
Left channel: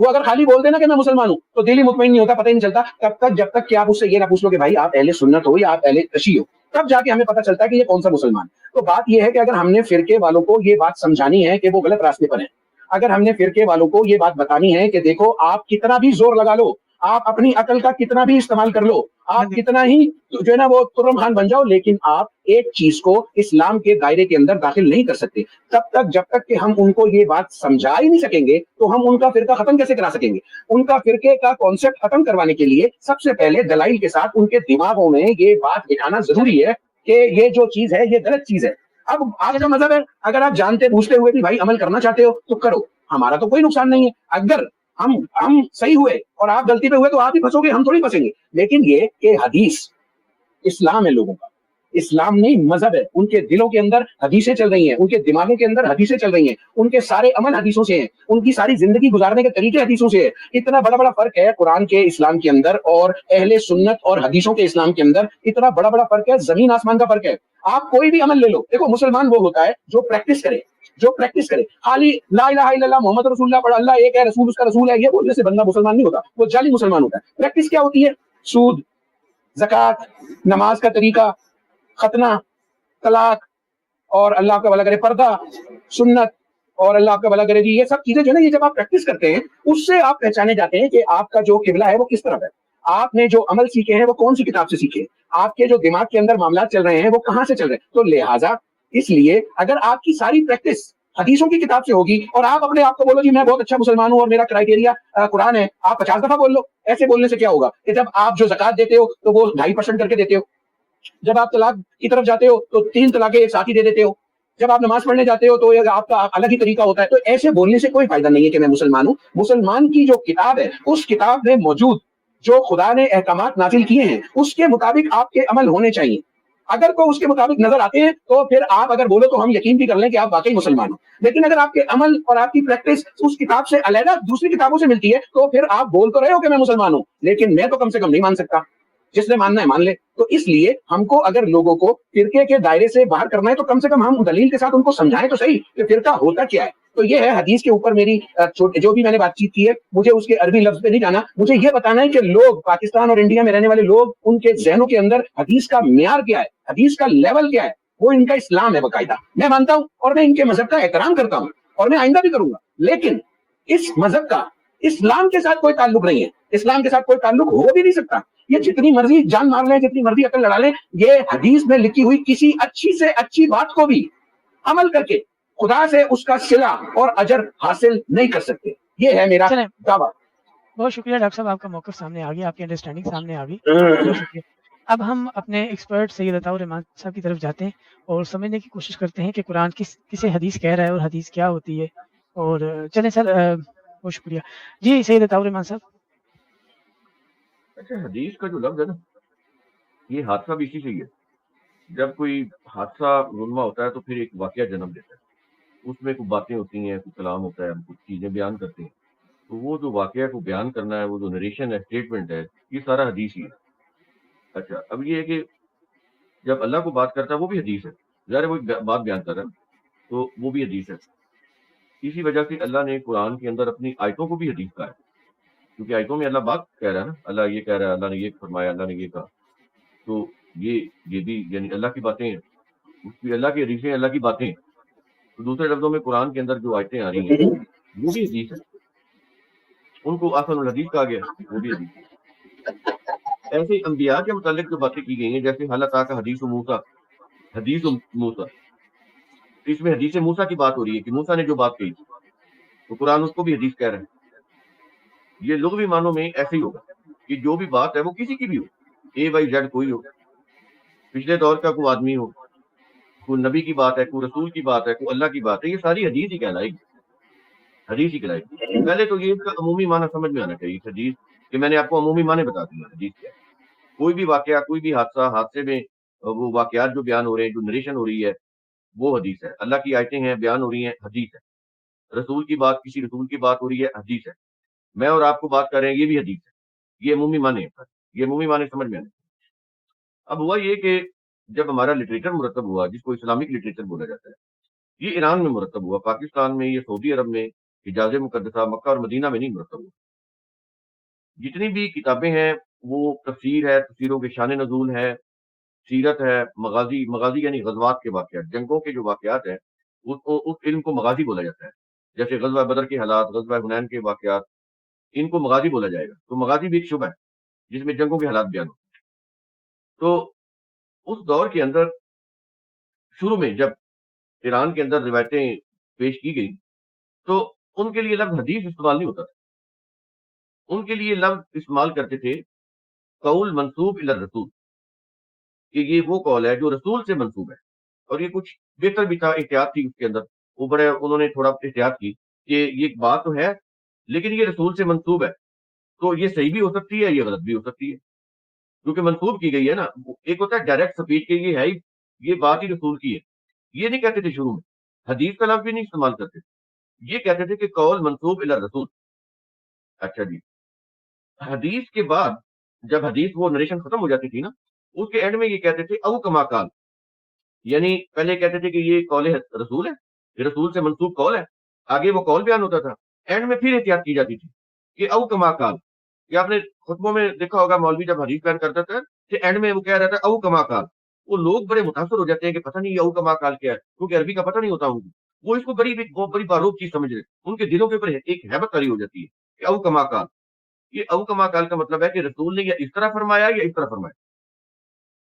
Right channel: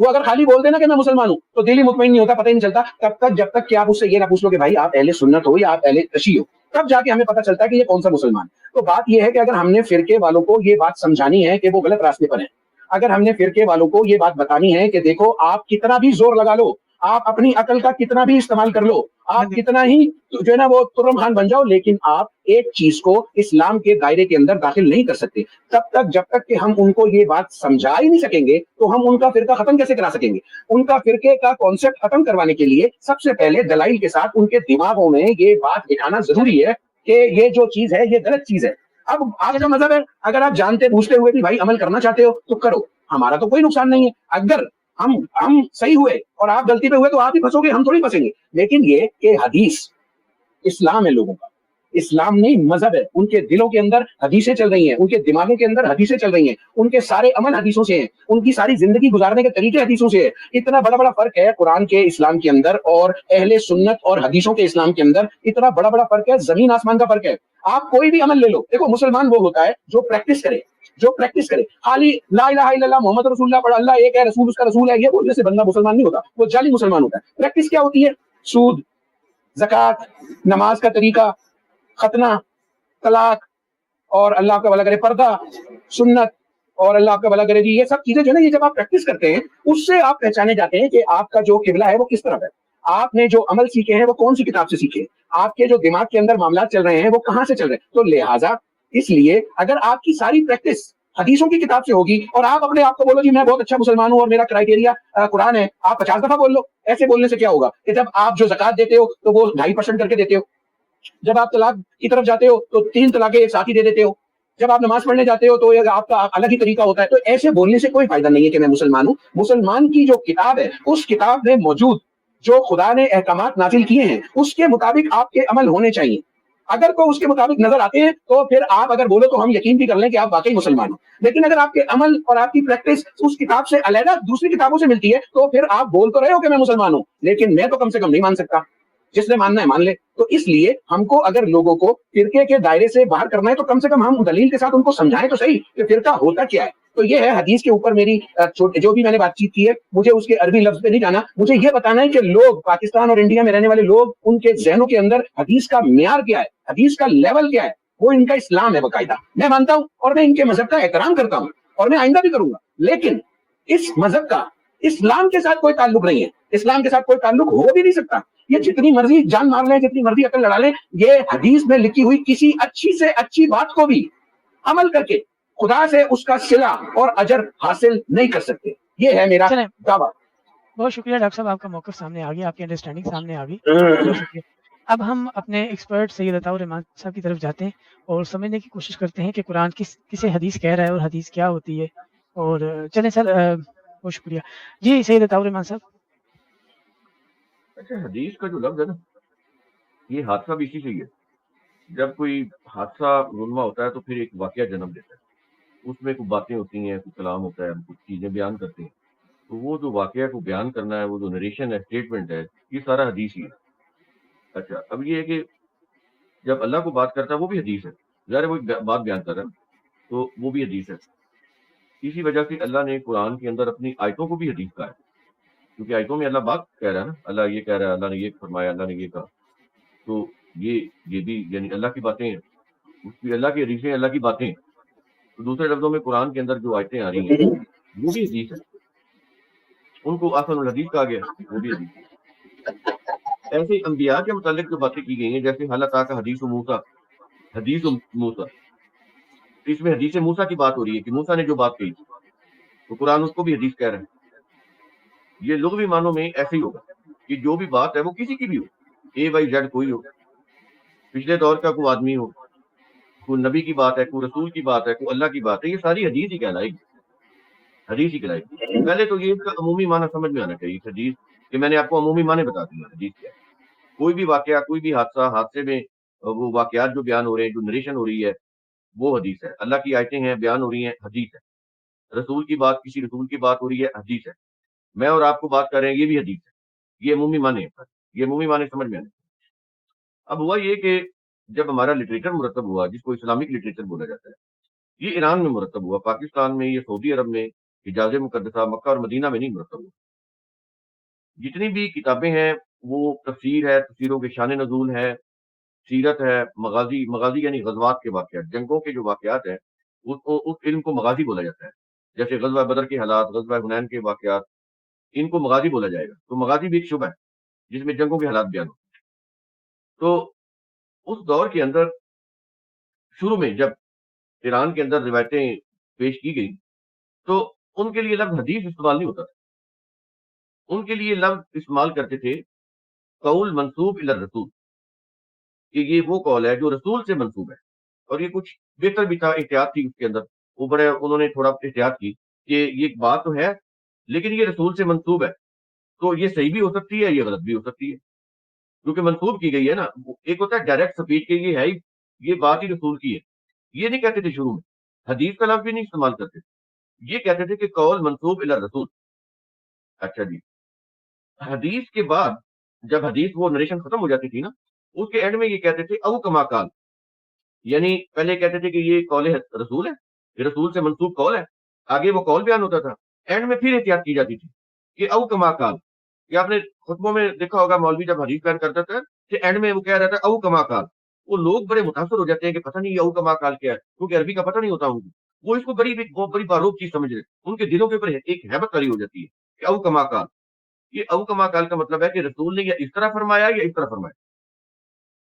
वो अगर खाली बोल देना कि मैं मुसलमान हूँ तो दिल ही मुतमईन नहीं होता, पता ही नहीं चलता तब तक जब तक कि आप उससे ये ना पूछ लो कि भाई आप अहले सुन्नत हो या आप अहले कशी हो। तब जाके हमें पता चलता है कि ये कौन सा मुसलमान। तो बात यह है कि अगर हमने फिरके वालों को ये बात समझानी है कि वो गलत रास्ते पर है, अगर हमने फिरके वालों को ये बात बतानी है कि देखो आप कितना भी जोर लगा लो, आप अपनी अकल का कितना भी इस्तेमाल कर लो, आप कितना ही जो है ना वो तुर्रम खान बन जाओ, लेकिन आप एक चीज को इस्लाम के दायरे के अंदर दाखिल नहीं कर सकते तब तक जब तक कि हम उनको ये बात समझा ही नहीं सकेंगे। तो हम उनका फिरका खत्म कैसे करा सकेंगे? उनका फिरके का कॉन्सेप्ट खत्म करवाने के लिए सबसे पहले दलाइल के साथ उनके दिमागों में ये बात दिखाना जरूरी है कि ये जो चीज है ये गलत चीज है। अब आपका मजहब है, अगर आप जानते पूछते हुए भी भाई अमल करना चाहते हो तो करो, हमारा तो कोई नुकसान नहीं है। अगर हम सही हुए और आप गलती पे हुए तो आप ही फंसोगे, हम थोड़ी फंसेंगे। लेकिन ये कि हदीस इस्लाम है लोगों का, इस्लाम नहीं मजहब है। उनके दिलों के अंदर हदीसें चल रही हैं, उनके दिमागों के अंदर हदीसें चल रही हैं, उनके सारे अमल हदीसों से हैं, उनकी सारी जिंदगी गुजारने के तरीके हदीसों से है। इतना बड़ा बड़ा फर्क है कुरान के इस्लाम के अंदर और अहले सुन्नत और हदीसों के इस्लाम के अंदर, इतना बड़ा बड़ा फर्क है, जमीन आसमान का फर्क है। आप कोई भी अमल ले लो, देखो मुसलमान वो होता है जो प्रैक्टिस करे, जो प्रैक्टिस करे। खाली ला इलाहा इल्लल्लाह मोहम्मद रसूलुल्लाह पढ़, अल्लाह एक है, रसूल उसका रसूल है, ये बोलने से बंदा मुसलमान नहीं होता, वो जाली मुसलमान होता है। प्रैक्टिस क्या होती है? सूद, ज़कात, नमाज का तरीका, खतना, तलाक, और अल्लाह का भला करे पर्दा, सुन्नत, और अल्लाह का भला करे जी, ये सब चीजें जो है ना, ये जब आप प्रैक्टिस करते हैं, उससे आप पहचाने जाते हैं कि आपका जो किबला है वो किस तरफ है। आपने जो अमल सीखे हैं वो कौन सी किताब से सीखे हैं, आपके जो दिमाग के अंदर मामला चल रहे हैं वो कहाँ से चल रहे हैं। तो लिहाजा इसलिए अगर आपकी सारी प्रैक्टिस हदीसों की किताब से होगी और आप अपने आप को बोलो जी मैं बहुत अच्छा मुसलमान हूँ और मेरा क्राइटेरिया कुरान है, आप 50 दफा बोल लो। ऐसे बोलने से क्या होगा कि जब आप जो ज़कात देते हो तो वो 2.5% करके देते हो, जब आप तलाक की तरफ जाते हो तो 3 तलाकें एक साथ ही दे देते हो, जब आप नमाज पढ़ने जाते हो तो ये आपका अलग ही तरीका होता है। तो ऐसे बोलने से कोई फायदा नहीं है कि मैं मुसलमान हूँ। मुसलमान की जो किताब है, उस किताब में मौजूद जो खुदा ने अहकामात नाजिल किए हैं उसके मुताबिक आपके अमल होने चाहिए। अगर तो उसके मुताबिक नजर आते हैं तो फिर आप अगर बोलो तो हम यकीन भी कर लें कि आप वाकई मुसलमान हो। लेकिन अगर आपके अमल और आपकी प्रैक्टिस उस किताब से अलग दूसरी किताबों से मिलती है तो फिर आप बोल तो रहे हो कि मैं मुसलमान हूँ, लेकिन मैं तो कम से कम नहीं मान सकता। जिसने मानना है मान ले। तो इसलिए हमको अगर लोगों को फिरके के दायरे से बाहर करना है तो कम से कम हम दलील के साथ उनको समझाएं तो सही कि फिरका होता क्या है। तो ये है हदीस के ऊपर मेरी जो भी मैंने बातचीत की है, मुझे उसके अरबी लफ्ज पे नहीं जाना, मुझे ये बताना है कि लोग पाकिस्तान और इंडिया में रहने वाले लोग, उनके जहनों के अंदर हदीस का म्यार क्या है, हदीस का लेवल क्या है। वो इनका इस्लाम है बकायदा, मैं मानता हूँ और मैं इनके मजहब का एहतराम करता हूँ और मैं आइंदा भी करूंगा। लेकिन इस मजहब का इस्लाम के साथ कोई ताल्लुक नहीं है, इस्लाम के साथ कोई ताल्लुक हो भी नहीं सकता। ये जितनी मर्जी जान मार ले, जितनी मर्जी अकल लड़ा ले, ये हदीस में लिखी हुई किसी अच्छी से अच्छी बात को भी अमल करके खुदा से उसका सिला और अजर हासिल नहीं कर सकते। ये है मेरा चलें, दावा। बहुत शुक्रिया डॉक्टर साहब, आपका मौक़िफ़ सामने आ गया, आपकी अंडरस्टैंडिंग सामने आ गई। बहुत शुक्रिया। अब हम अपने एक्सपर्ट सैयद अताउर रहमान साहब की तरफ जाते हैं और समझने की कोशिश करते हैं कि कुरान किसे हदीस कह रहा है और हदीस क्या होती है। और चलें सर, बहुत शुक्रिया। जी सैयद अताउर रहमान साहब। अच्छा, हदीस का जो लफ्ज है ना, ये हादसा भी इसी से ही है। जब कोई हादसा रुनवा होता है तो फिर एक वाकया जन्म लेता है, उसमें कुछ बातें होती हैं, कुछ कलाम होता है, कुछ चीजें बयान करते हैं। तो वो जो वाकया को बयान करना है, वो जो नरेशन है, स्टेटमेंट है, ये सारा हदीस ही है। अच्छा, अब ये है कि जब अल्लाह को बात करता है वो भी हदीस है, ज़ाहिर है कोई बात बयान कर रहा है तो वो भी हदीस है। इसी वजह से अल्लाह ने कुरान के अंदर अपनी आयतों को भी हदीस कहा है, क्योंकि आयतों में अल्लाह बात कह रहा है ना, अल्लाह ये कह रहा है, अल्लाह ने ये फरमाया, अल्लाह ने ये कहा। तो ये भी यानी अल्लाह की बातें हैं, उसकी अल्लाह की हदीसें, अल्लाह की बातें। तो दूसरे लफ्जों में कुरान के अंदर जो आयतें आ रही हैं वो भी हदीस है, उनको असल हदीस कहा गया, वो भी हदीस है। ऐसे अंबिया के मुतालिक जो बातें की गई हैं, जैसे हल अताका हदीस मूसा, इसमें हदीस मूसा की बात हो रही है कि मूसा ने जो बात की, तो कुरान उसको भी हदीस कह रहा है। ये लुग़वी मानों में ऐसे ही होगा कि जो भी बात है वो किसी की भी हो, ए बाई जेड कोई हो, पिछले दौर का कोई आदमी हो, कोई नबी की बात है, कोई रसूल की बात है, कोई अल्लाह की बात है, ये सारी हदीस ही कहलाएगी, हदीस ही कहलाएगी। पहले तो ये इसका अमूमी माना समझ में आना चाहिए हदीस, कि मैंने आपको अमूमी माने बता दिए हदीस क्या है। कोई भी वाकया, कोई भी हादसा, हादसे में वो वाकयात जो बयान हो रहे हैं, जो नरेशन हो रही है, वो हदीस है। अल्लाह की आयतें हैं, बयान हो रही हैं, हदीस है। रसूल की बात, किसी रसूल की बात हो रही है, हदीस है। मैं और आपको बात कर रहे हैं, ये भी हदीस है। ये अमूमी माने हैं, ये अमूमी माने समझ में आने। अब हुआ ये कि जब हमारा लिटरेचर मुरतब हुआ, जिसको इस्लामिक लिटरेचर बोला जाता है, ये ईरान में मुरतब हुआ, पाकिस्तान में या सऊदी अरब में, हिजाज़ मुक़द्दसा, मक्का और मदीना में नहीं मुरतब हुआ। जितनी भी किताबें हैं वो तफसीर है, तफसीरों के शान नज़ूल है, सीरत है, मगाज़ी यानी ग़ज़वात के वाक़यात, जंगों के जो वाक़यात हैं, उस इल्म को मगाज़ी बोला जाता है। जैसे ग़ज़वा बदर के हालात, ग़ज़वा हुनैन के वाक़यात, इनको मगाज़ी बोला जाएगा। तो मगाज़ी भी एक शुबा है, जिसमें जंगों के हालात बयान होते हैं। तो उस दौर के अंदर शुरू में जब ईरान के अंदर रिवायतें पेश की गई, तो उनके लिए लफ्ज़ हदीस इस्तेमाल नहीं होता था। उनके लिए लफ्ज़ इस्तेमाल करते थे कौल मंसूब इला रसूल, कि ये वो कौल है जो रसूल से मंसूब है। और ये कुछ बेहतर भी था, एहतियात थी उसके अंदर। वो बड़े उन्होंने थोड़ा एहतियात की कि ये एक बात तो है لیکن یہ رسول سے منسوب ہے تو یہ صحیح بھی ہو سکتی ہے، یہ غلط بھی ہو سکتی ہے، کیونکہ منسوب کی گئی ہے نا. ایک ہوتا ہے ڈائریکٹ سپیچ کے، یہ ہے یہ بات ہی رسول کی ہے. یہ نہیں کہتے تھے شروع میں، حدیث کا لفظ بھی نہیں استعمال کرتے، یہ کہتے تھے کہ قول منسوب الی رسول. اچھا جی، حدیث کے بعد جب حدیث وہ نریشن ختم ہو جاتی تھی نا، اس کے اینڈ میں یہ کہتے تھے او کما قال، یعنی پہلے کہتے تھے کہ یہ قول رسول ہے، یہ رسول سے منسوب قول ہے، آگے وہ قول بیان ہوتا تھا، اینڈ میں پھر احتیاط کی جاتی تھی کہ او کما قال. یہ آپ نے خطبوں میں دیکھا ہوگا، مولوی جب حدیث بیان کرتے تھے کہ اینڈ میں وہ کیا رہتا ہے او کما قال. وہ لوگ بڑے متاثر ہو جاتے ہیں کہ پتہ نہیں یہ او کما قال کیا ہے، کیونکہ عربی کا پتہ نہیں ہوتا ان کو، وہ اس کو بہت بڑی باروک چیز سمجھ رہے، ان کے دلوں کے اوپر ایک ہیبت کاری ہو جاتی ہے کہ او کما قال. یہ او کما قال کا مطلب ہے کہ رسول نے یہ اس طرح فرمایا یا اس طرح فرمایا.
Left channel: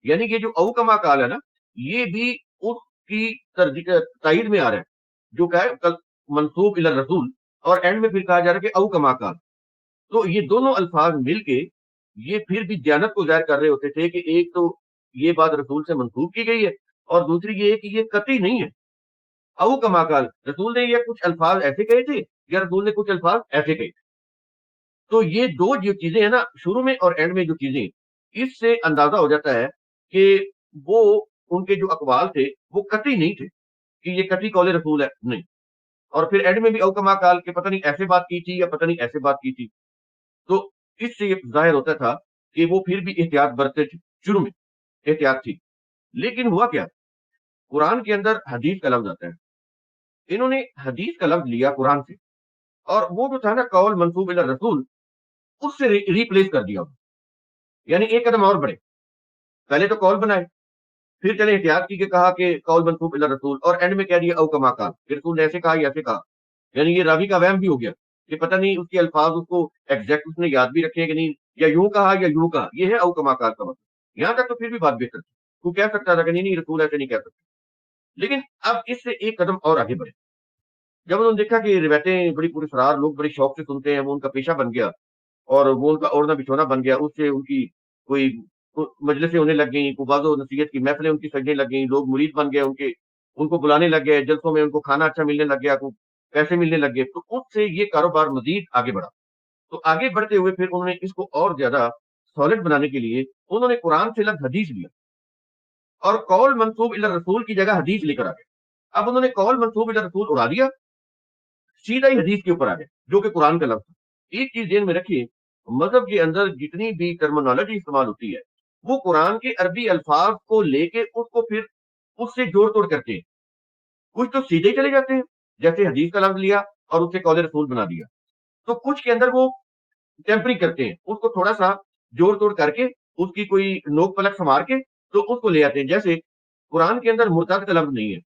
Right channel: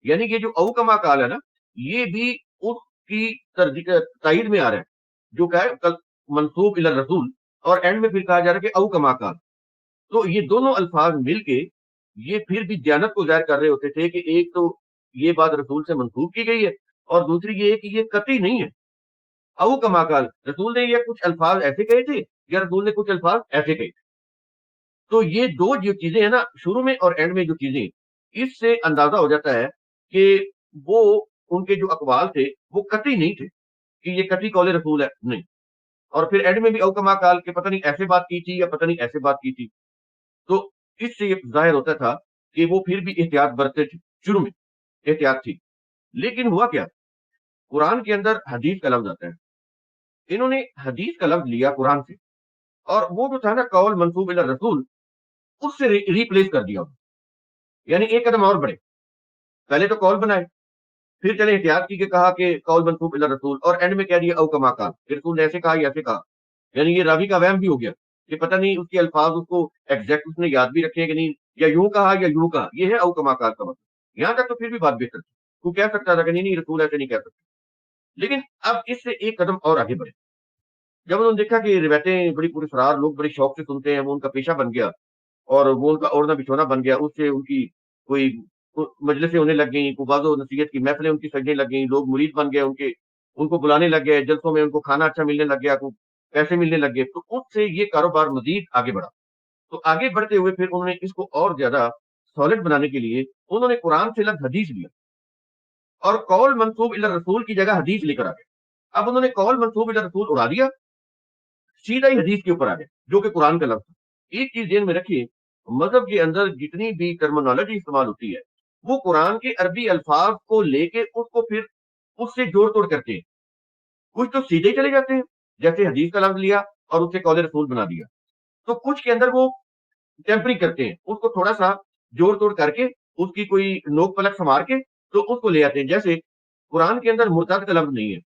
یعنی کہ جو او کما قال ہے نا، یہ بھی اس کی تائید میں آ رہا ہے جو کہ ہے منسوب الی رسول، اور اینڈ میں پھر کہا جا رہا ہے کہ او کما قال. تو یہ دونوں الفاظ مل کے یہ پھر بھی دیانت کو ظاہر کر رہے ہوتے تھے کہ ایک تو یہ بات رسول سے منسوب کی گئی ہے، اور دوسری یہ ہے کہ یہ قطعی نہیں ہے. او کما قال، رسول نے یہ کچھ الفاظ ایسے کہے تھے یا رسول نے کچھ الفاظ ایسے کہے. تو یہ دو جو چیزیں ہیں نا، شروع میں اور اینڈ میں جو چیزیں ہیں، اس سے اندازہ ہو جاتا ہے کہ وہ ان کے جو اقوال تھے وہ قطعی نہیں تھے کہ یہ قطعی قول رسول ہے، نہیں. اور پھر اینڈ میں بھی او کما قال کہ پتہ نہیں ایسے بات کی تھی یا پتہ نہیں ایسے بات کی تھی. تو اس سے یہ ظاہر ہوتا تھا کہ وہ پھر بھی احتیاط برتے تھے، شروع میں احتیاط تھی. لیکن ہوا کیا، قرآن کے اندر حدیث کا لفظ آتا ہے، انہوں نے حدیث کا لفظ لیا قرآن سے، اور وہ جو تھا نا قول منسوب الی رسول، اس سے ریپلیس کر دیا. یعنی ایک قدم اور بڑھے، پہلے تو قول بنائے، پھر چلے احتیاط کی کہ کہا کہ قول منسوب الی رسول، اور اینڈ میں کہہ دیا او کما قال، رسول نے ایسے کہا یا ایسے کہا. یعنی یہ راوی کا وہم بھی ہو گیا کہ پتہ نہیں اس کے الفاظ اس کو ایگزیکٹ اس نے یاد بھی رکھے ہیں کہ نہیں، یا یوں کہا یا یوں کہا. یہ ہے او کما قال کا مطلب. یہاں تک تو پھر بھی بات بہتر، تو کہہ سکتا تھا کہ نہیں رسول ایسے نہیں کہہ سکتے. لیکن اب اس سے ایک قدم اور آگے بڑھے، جب انہوں نے دیکھا کہ روایتیں بڑی پوری فرار، لوگ بڑے شوق سے سنتے ہیں، وہ ان کا پیشہ بن گیا اور وہ ان کا اوڑھنا بچھونا بن گیا. اس سے ان کی کوئی مجلسیں ہونے لگ گئیں، کوئی بعض و نصیحت کی محفلیں ان کی سجنے لگ گئیں، لوگ مرید بن گئے ان کو بلانے لگ گئے جلسوں میں، ان کو کھانا اچھا ملنے لگ گیا، کو پیسے ملنے لگ گئے. تو اس سے یہ کاروبار مزید آگے بڑھا. تو آگے بڑھتے ہوئے پھر انہوں نے اس کو اور زیادہ سالڈ بنانے کے لیے انہوں نے قرآن سے لفظ حدیث لیا، اور قول منسوب الی رسول کی جگہ حدیث لے کر آ گئے. اب انہوں نے قول منسوب الی رسول اڑا دیا، سیدھا ہی حدیث کے اوپر آ گئے جو کہ قرآن کا لفظ ہے. ایک چیز ذہن میں رکھیے، مذہب کے اندر جتنی بھی ٹرمینالوجی استعمال ہوتی ہے وہ قرآن کے عربی الفاظ کو لے کے اس کو پھر اس سے جوڑ توڑ کرتے ہیں. کچھ تو سیدھے چلے جاتے ہیں، جیسے حدیث کا لفظ لیا اور اس سے قول رسول بنا دیا. تو کچھ کے اندر وہ ٹیمپری کرتے ہیں، اس کو تھوڑا سا جوڑ توڑ کر کے اس کی کوئی نوک پلک سنوار کے تو اس کو لے آتے ہیں. جیسے قرآن کے اندر مرتد کا لفظ نہیں ہے،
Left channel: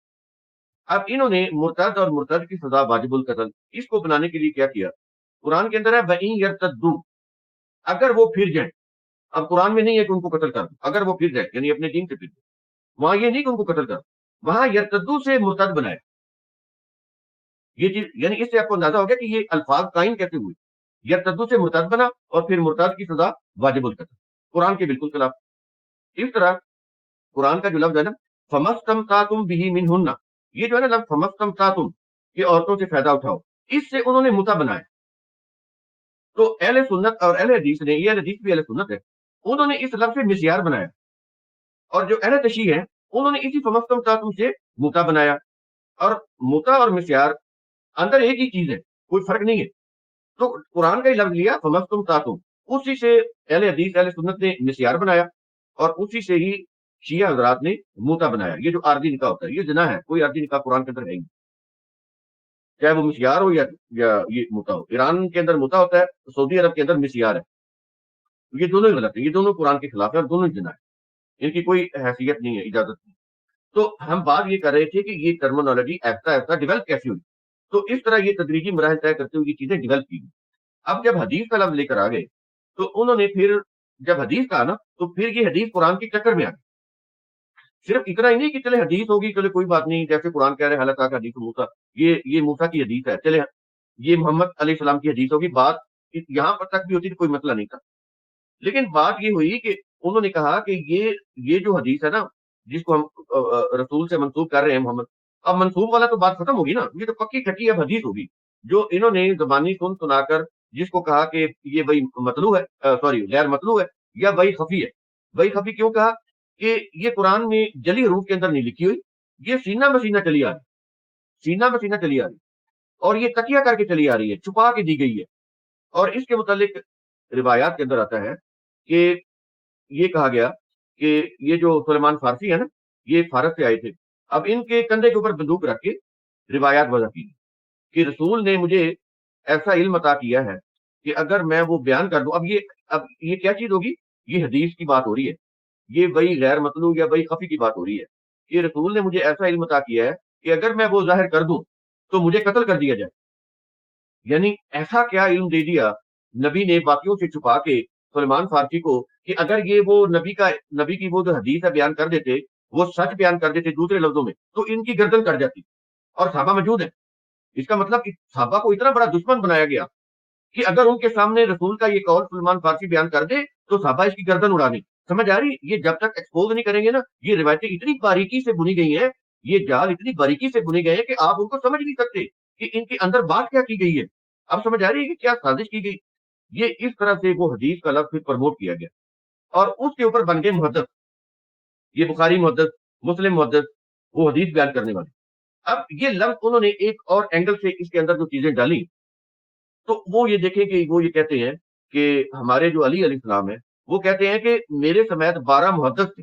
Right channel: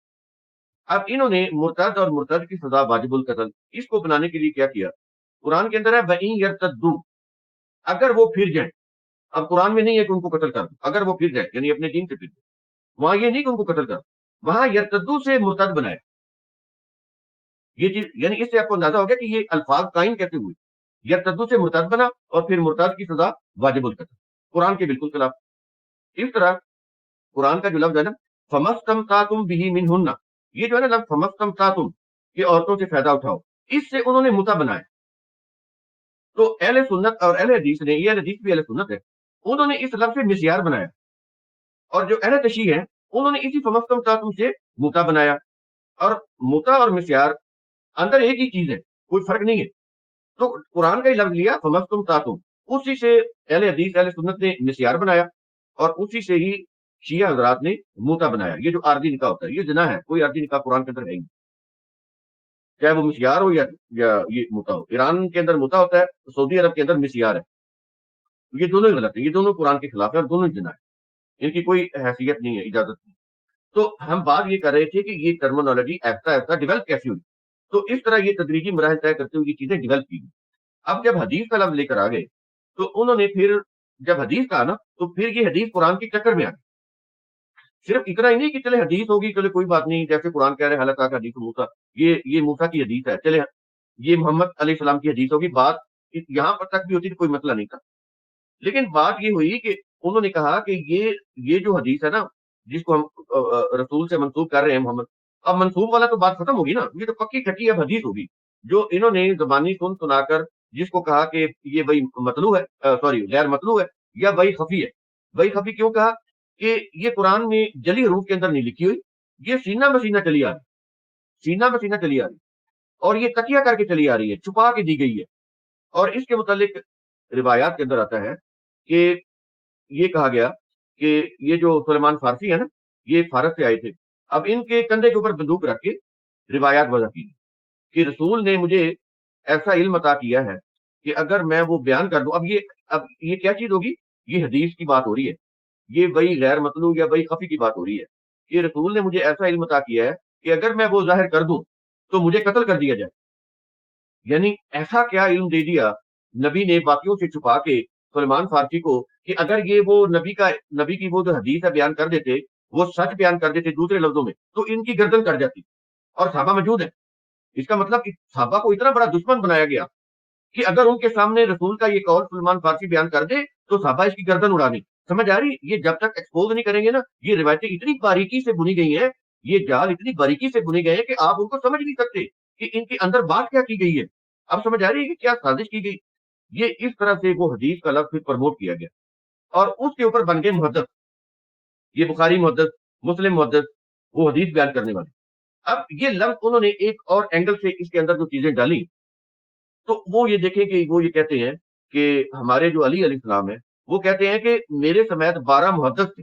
اب انہوں نے مرتد اور مرتد کی سزا واجب القتل اس کو بنانے کے لیے کیا کیا، قرآن کے اندر ہے وَإِن يَرْتَدُّوا، اگر وہ پھر جائیں. اب قرآن میں نہیں ہے کہ ان کو قتل کر دو، اگر وہ پھر جائے یعنی اپنے دین سے پھر جائے. وہاں یہ نہیں کہ ان کو قتل کر دو، وہاں یرتدو سے مرتد بنائے. یہ چیز یعنی اس سے آپ کو اندازہ ہو گیا کہ یہ الفاظ قائم کیسے ہوئے. یرتدو سے مرتد بنا اور پھر مرتد کی سزا واجب القتل، قرآن کے بالکل خلاف. اس طرح قرآن کا جو لفظ ہے نا فَمَسْتَمْتَعْتُمْ بِهِ مِنْهُنَّ، یہ جو ہے نا لفظ فَمَسْتَمْتَعْتُمْ کہ عورتوں سے فائدہ اٹھاؤ، اس سے انہوں نے متع بنایا. تو اہل سنت اور اہل حدیث نے، یہ حدیث بھی اہل سنت ہے، انہوں نے اس لفظ سے مسیار بنایا. اور جو اہل تشیع ہیں انہوں نے اسی فَمَسْتَمْتَعْتُمْ سے متع بنایا. اور متع اور مسیار اندر ایک ہی چیز ہے، کوئی فرق نہیں ہے. تو قرآن کا ہی لفظ لیا فَمَسْتَمْتَعْتُمْ، اسی سے اہل حدیث اہل سنت نے مسیار بنایا، اور اسی سے ہی شیعہ حضرات نے متع بنایا. یہ جو عارضی نکاح ہوتا ہے یہ زنا ہے، کوئی عارضی نکاح قرآن کے اندر نہیں، چاہے وہ مسیار ہو یا یہ متع ہو. ایران کے اندر متع ہوتا ہے، سعودی عرب کے اندر مسیار ہے. یہ دونوں ہی غلط ہے، یہ دونوں قرآن کے خلاف ہے اور دونوں زنا ہے، ان کی کوئی حیثیت نہیں ہے، اجازت نہیں. تو ہم بات یہ کر رہے تھے کہ یہ ٹرمینالوجی ایسا ایسا ڈیولپ کیسی ہوئی. تو اس طرح یہ تدریجی مراحل طے کرتے ہوئے یہ چیزیں ڈیولپ کی. اب جب حدیث کا لفظ لے کر آ گئے تو انہوں نے پھر جب حدیث کہا نا تو پھر یہ حدیث قرآن کی ٹکر میں آ گئی. صرف اتنا ہی نہیں کہ چلے حدیث ہوگی، چلے کوئی بات نہیں، جیسے قرآن کہہ رہے ہیں حالانکہ حدیث موسیٰ، یہ موسیٰ کی حدیث ہے، چلے یہ محمد علیہ السلام کی حدیث ہوگی، بات یہاں پر تک بھی ہوتی تو کوئی مسئلہ نہیں تھا. لیکن بات یہ ہوئی کہ انہوں نے کہا کہ یہ جو حدیث ہے نا جس کو ہم رسول سے منسوب کر رہے ہیں محمد، اب منسوب والا تو بات ختم ہوگی نا، یہ تو پکی کھٹی اب حدیث ہوگی. जो इन्होंने ज़बानी सुन सुनाकर जिसको कहा कि ये भाई मतलू है, सॉरी गैर मतलू है या भाई खफी है। भाई खफी क्यों कहा कि ये कुरान में जली हरूफ के अंदर नहीं लिखी हुई, ये सीना मसीना चली आ रही, सीना मसीना चली आ रही, और ये तकिया करके चली आ रही है, छुपा के दी गई है। और इसके मुतालिक रिवायात के अंदर आता है कि ये कहा गया कि ये जो सुलेमान फारसी है ना, ये फारस से आए थे। अब इनके कंधे के ऊपर बंदूक रख के रिवायात वजह की कि रसूल ने मुझे ऐसा इल्म अता किया है कि अगर मैं वो बयान कर दूं, अब ये क्या चीज होगी, ये हदीस की बात हो रही है, ये वही गैर मतलू या वही खफी की बात हो रही है। ये रसूल ने मुझे ऐसा इल्म अता किया है कि अगर मैं वो जाहिर कर दूं तो मुझे कत्ल कर दिया जाए। यानी ऐसा क्या इल्म दे दिया नबी ने बाकियों से छुपा के सलमान फारसी को कि अगर ये वो नबी की वो जो हदीस है बयान कर देते, वो सच बयान कर देते दूसरे लफ्जों में, तो इनकी गर्दन कट जाती। और साहबा मौजूद है, इसका मतलब कि साहबा को इतना बड़ा दुश्मन बनाया गया कि अगर उनके सामने रसूल का ये कौल सलमान फारसी बयान कर दे तो साहबा इसकी गर्दन उड़ानी। समझ आ रही? ये जब तक एक्सपोज नहीं करेंगे ना, ये रिवायतें इतनी बारीकी से बुनी गई हैं, ये जाल इतनी बारीकी से बुने गए हैं कि आप उनको समझ नहीं सकते कि इनके अंदर बात क्या की गई है। अब समझ आ रही है कि क्या साजिश की गई। ये इस तरह से वो हदीस का लफ्ज प्रमोट किया गया और उसके ऊपर बन गए मुहद्दिस, ये बुखारी मुहद्दिस, मुस्लिम मुहद्दिस, वो हदीस बयान करने वाले। अब ये लफ्ज उन्होंने एक और एंगल से इसके अंदर जो चीजें डाली, तो वो ये देखें कि वो ये कहते हैं कि हमारे जो अली अलैहिस्सलाम है, वो कहते हैं कि मेरे समेत 12 मुहद्दिस थे।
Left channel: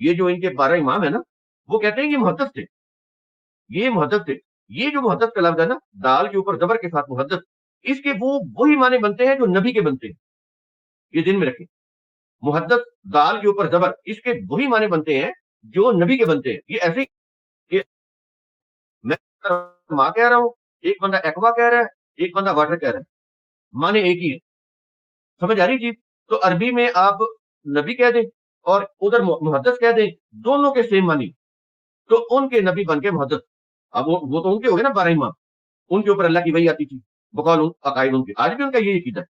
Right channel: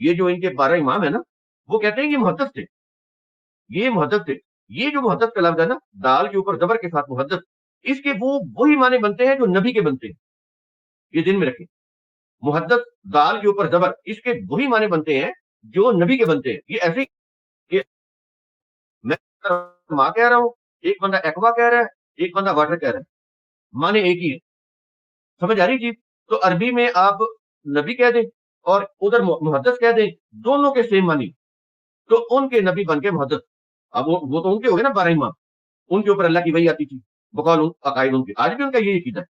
ये जो इनके 12 इमाम है ना, वो कहते हैं ये मुहद्दिस थे, ये मुहद्दिस थे। ये जो मुहद्दिस का लफ्ज है ना, दाल के ऊपर जबर के साथ मुहद्दिस, इसके वो वही माने बनते हैं जो नबी के बनते हैं। ये दिन में रखें, मुहद्दिस दाल के ऊपर जबर, इसके वही माने बनते हैं जो नबी के बनते हैं। ये ऐसे ये मैं माँ कह रहा हूँ, एक बंदा एक्वा कह रहा है, एक बंदा वाटर कह रहा है, माने एक ही है। समझ आ रही चीज? तो अरबी में आप नबी कह दें और उधर मुहद्दिस कह दें, दोनों के सेम मानी, तो उनके नबी बन के मुहद्दिस। अब वो तो उनके हो गए ना 12 इमाम, उनके ऊपर अल्लाह की वही आती थी, बकौल अकायद उनकी, आज भी उनका यही अकीदा है।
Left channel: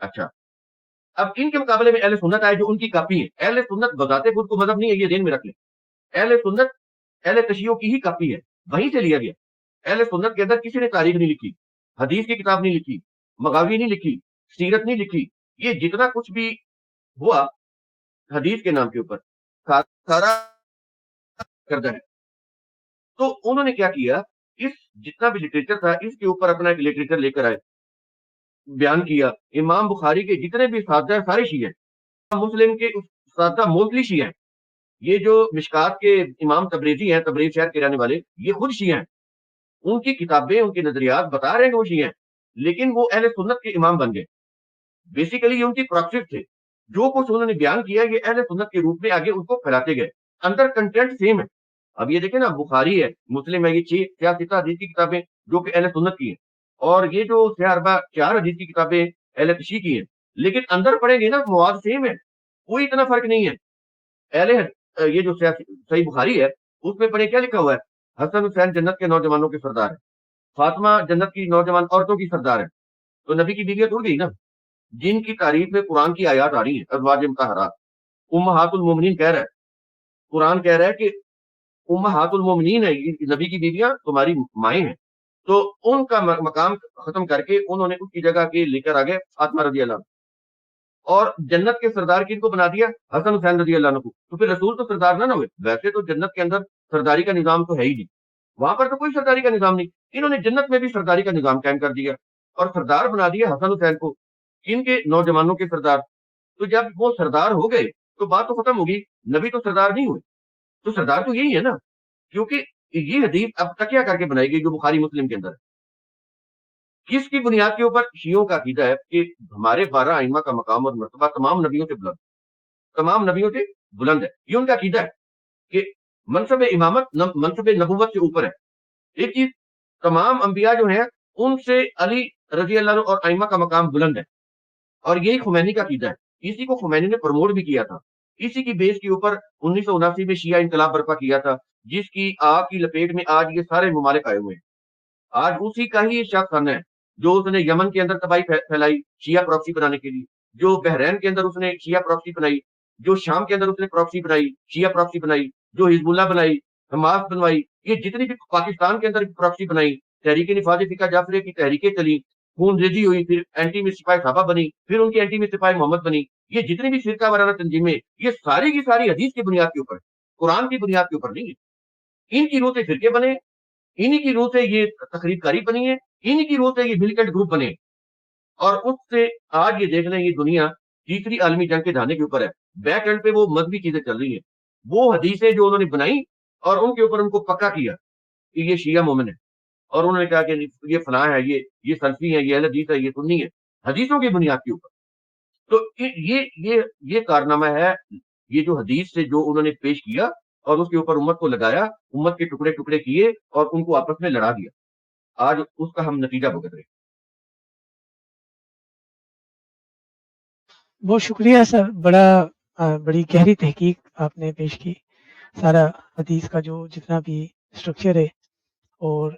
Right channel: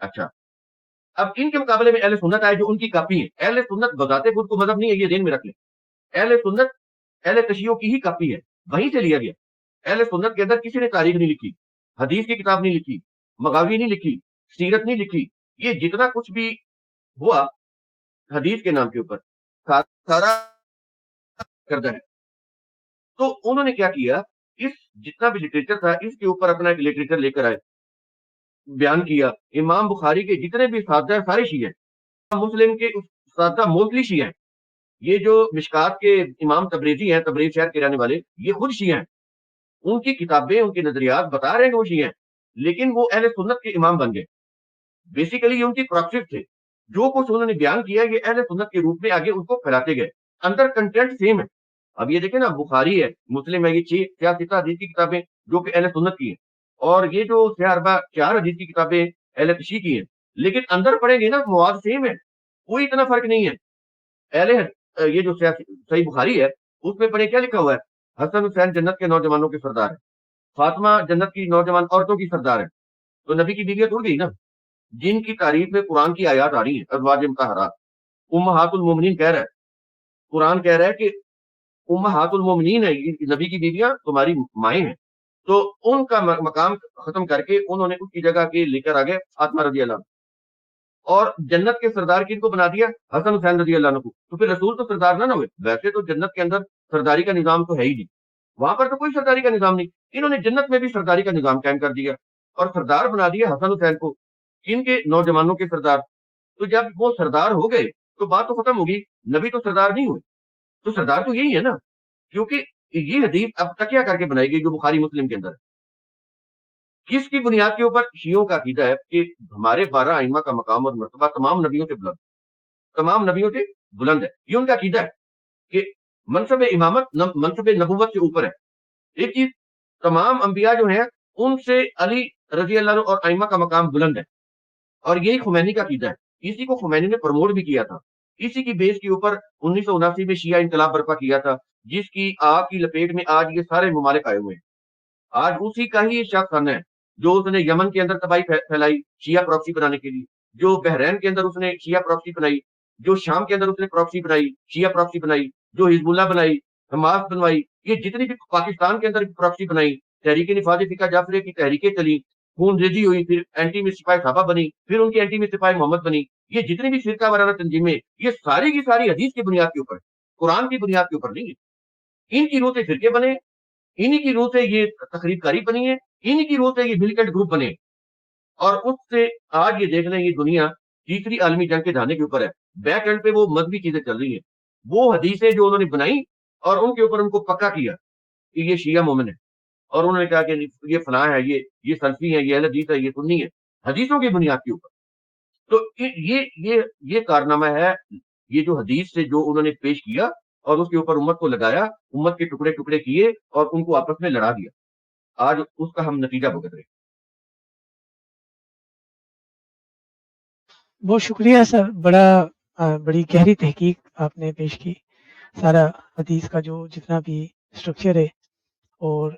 अच्छा, अब इनके मुकाबले में अहले सुन्नत आए जो उनकी कापी है। अहले सुन्नत बताते खुद को मजहब नहीं है, ये ध्यान में रख लें। अहले सुन्नत अहले तशय्युअ की ही कापी है, वहीं से लिया गया। अहले सुन्नत के अंदर किसी ने तारीख नहीं लिखी, हदीस की किताब नहीं लिखी, मगावी नहीं लिखी, सीरत नहीं लिखी। ये जितना कुछ भी हुआ हदीस के नाम के ऊपर सारा करता है। तो उन्होंने क्या किया, इस जितना भी लिटरेचर था इसके ऊपर अपना एक लिटरेचर लेकर आए, बयान किया। इमाम बुखारी के जितने भी सादा सारे शिया हैं, मुस्लिम के सादा मोस्टली शिया हैं। ये जो मिशकात के इमाम तबरेजी हैं, तबरेज शहर के रहने वाले, ये खुद शिया हैं। उनकी किताबें, उनके नजरियात बता रहे हैं कि वो शिया हैं, लेकिन वो अहले सुन्नत के इमाम बन गए। बेसिकली ये उनकी प्रॉक्सिस थे, जो कुछ उन्होंने बयान किया ये अहले सुन्नत के रूप में आगे उनको फैलाते गए। अंदर कंटेंट सेम है। अब ये देखें ना, बुखारी है, मुस्लिम है, ये 6 हदीस की किताबें जो कि अहले सुन्नत की है, और ये जो 4 हदीस की किताबें अहले तशरीह की है, लेकिन अंदर पढ़ेंगे ना मवाद सेम है, कोई इतना फर्क नहीं है। पहले ये जो सही बुखारी है उसमें पढ़े क्या लिखा हुआ है, हसन हुसैन जन्नत के नौजवानों के सरदार है, फातिमा जन्नत की नौजवान औरतों की सरदार है। तो नबी की बीवियां थोड़ी है ना, जिनकी तारीफ में कुरान की आयत आ रही है, अज़वाज मुतहहरात, उम्महातुल मोमिनीन कह रहा है, कुरान कह रहा है कि उम्महातुल मोमिनीन है, ये नबी की बीवियां तुम्हारी माएँ हैं। तो उनका मकाम खत्म करके उन्होंने उसकी जगह के लेकर आ गए फातिमा रज़ियल्लाहु अन्हा। और जन्नत के सरदार किनको बना दिया, हसन हुसैन रज़ियल्लाहु अन्हु को। तो फिर रसूल तो सरदार ना हुए। वैसे तो जन्नत के अंदर सरदारी का निजाम तो है ही नहीं, वहां पर तो कोई सरदारी का निजाम नहीं। इन्होंने जन्नत में भी सरदारी का निजाम कायम कर दिया और सरदार बना दिया हसन हुसैन को, इनके नौजवानों के सरदार। तो जब वो सरदार हो गए तो बात तो खत्म होगी, नबी तो सरदार नहीं हुए, तो सरदार तो यही है ना। क्योंकि ये हदीस अब तकिया करके बनाई गई जो बुखारी मुस्लिम के अंदर है। किसकी बुनियाद के ऊपर? शियों का अकीदा है कि हमारे 12 आइमा का मकाम और मर्तबा तमाम नबियों से बुलंद, तमाम नबियों से बुलंद है। ये उनका अकीदा है कि मनसब इमामत मनसब नबूवत के ऊपर है। एक चीज, तमाम अंबिया जो है उनसे अली रजी अल्लाह और आइमा का मकाम बुलंद है, और यही खुमैनी का अकीदा है। इसी को खुमैनी ने प्रमोट भी किया था। इसी की बेस के ऊपर 1979 में शिया इंकलाब बर्पा किया था, जिसकी आग की लपेट में आज ये सारे ममालिक आए हुए हैं। आज उसी का ही शख्स है जो उसने यमन के अंदर तबाही फैलाई शिया प्रॉक्सी बनाने के लिए, जो बहरैन के अंदर उसने शिया प्रॉक्सी बनाई, जो शाम के अंदर उसने प्रॉक्सी बनाई, शिया प्रॉक्सी बनाई, जो हिजबुल्लाह बनाई, हमास बनवाई, ये जितनी भी पाकिस्तान के अंदर प्रॉक्सी बनाई, तहरीक निफाज फिका जाफरी की तहरीकें चली, खून रेजी हुई, फिर एंटी में सिपाही साहबा बनी, फिर उनकी एंटी में सिपाही मोहम्मद बनी। ये जितनी भी फिरका वाराना तंजीमें, ये सारी की सारी हदीस की बुनियाद के ऊपर, कुरान की बुनियाद के ऊपर नहीं है। इनकी रूह से फिरके बने, इन्हीं की रूह से ये तकरीबकारी बनी है, इन्हीं की रूह से ये मिलिटेंट ग्रुप बने। और उससे आज ये देख रहे हैं, ये दुनिया तीसरी आलमी जंग के धाने के ऊपर है। बैक एंड पे वो मजहबी चीजें चल रही है, वो हदीसें जो उन्होंने बनाई और उनके ऊपर उनको पक्का किया कि ये शिया मोमिन है, और उन्होंने कहा कि ये फलां है, ये सल्फी है, ये अहले हदीस है, ये सुन्नी है, हदीसों की बुनियाद के ऊपर। तो ये कारनामा है, ये जो हदीस से जो उन्होंने पेश किया और उसके ऊपर उम्मत को लगाया, उम्मत के टुकड़े टुकड़े किए और उनको आपस में लड़ा दिया। आज उसका हम नतीजा भुगत रहे हैं। बहुत शुक्रिया सर, बड़ी गहरी तहकीक आपने पेश की। सारा हदीस का जो जितना भी स्ट्रक्चर है, और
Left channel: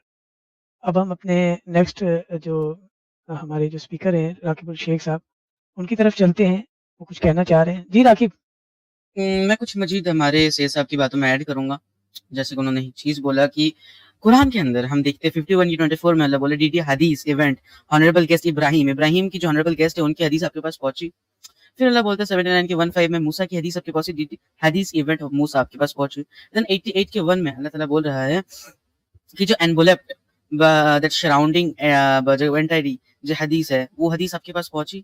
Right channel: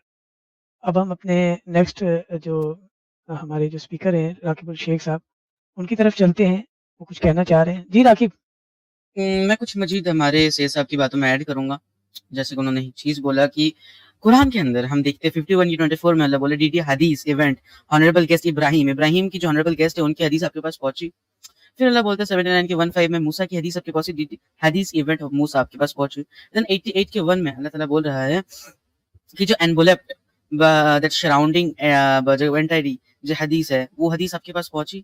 अब हम अपने नेक्स्ट जो हमारे जो स्पीकर हैं राकिब शेख साहब, उनकी तरफ चलते हैं। वो कुछ कहना चाह रहे हैं। जी राकिब। मैं कुछ मजीद हमारे सैयद साहब की बातों में ऐड करूंगा। जैसे कि उन्होंने एक चीज बोला कि कुरान के अंदर हम देखते हैं 51 की 24 में अल्लाह बोले डीडी हदीस इवेंट ऑनरेबल गेस्ट इब्राहिम की जो ऑनरेबल गेस्ट है उनकी हदीस आपके पास पहुंची। फिर अल्लाह बोलता है 79 के 15 में मूसा की हदीस आपके पास हदीस इवेंट ऑफ मूसा आपके पास पहुंची। देन 88 के 1 में अल्लाह ताला बोल रहा है कि जो एनवलप्ड दैट सराउंडिंग जो एंटायरी जो हदीस है वो हदीस आपके पास पहुंची।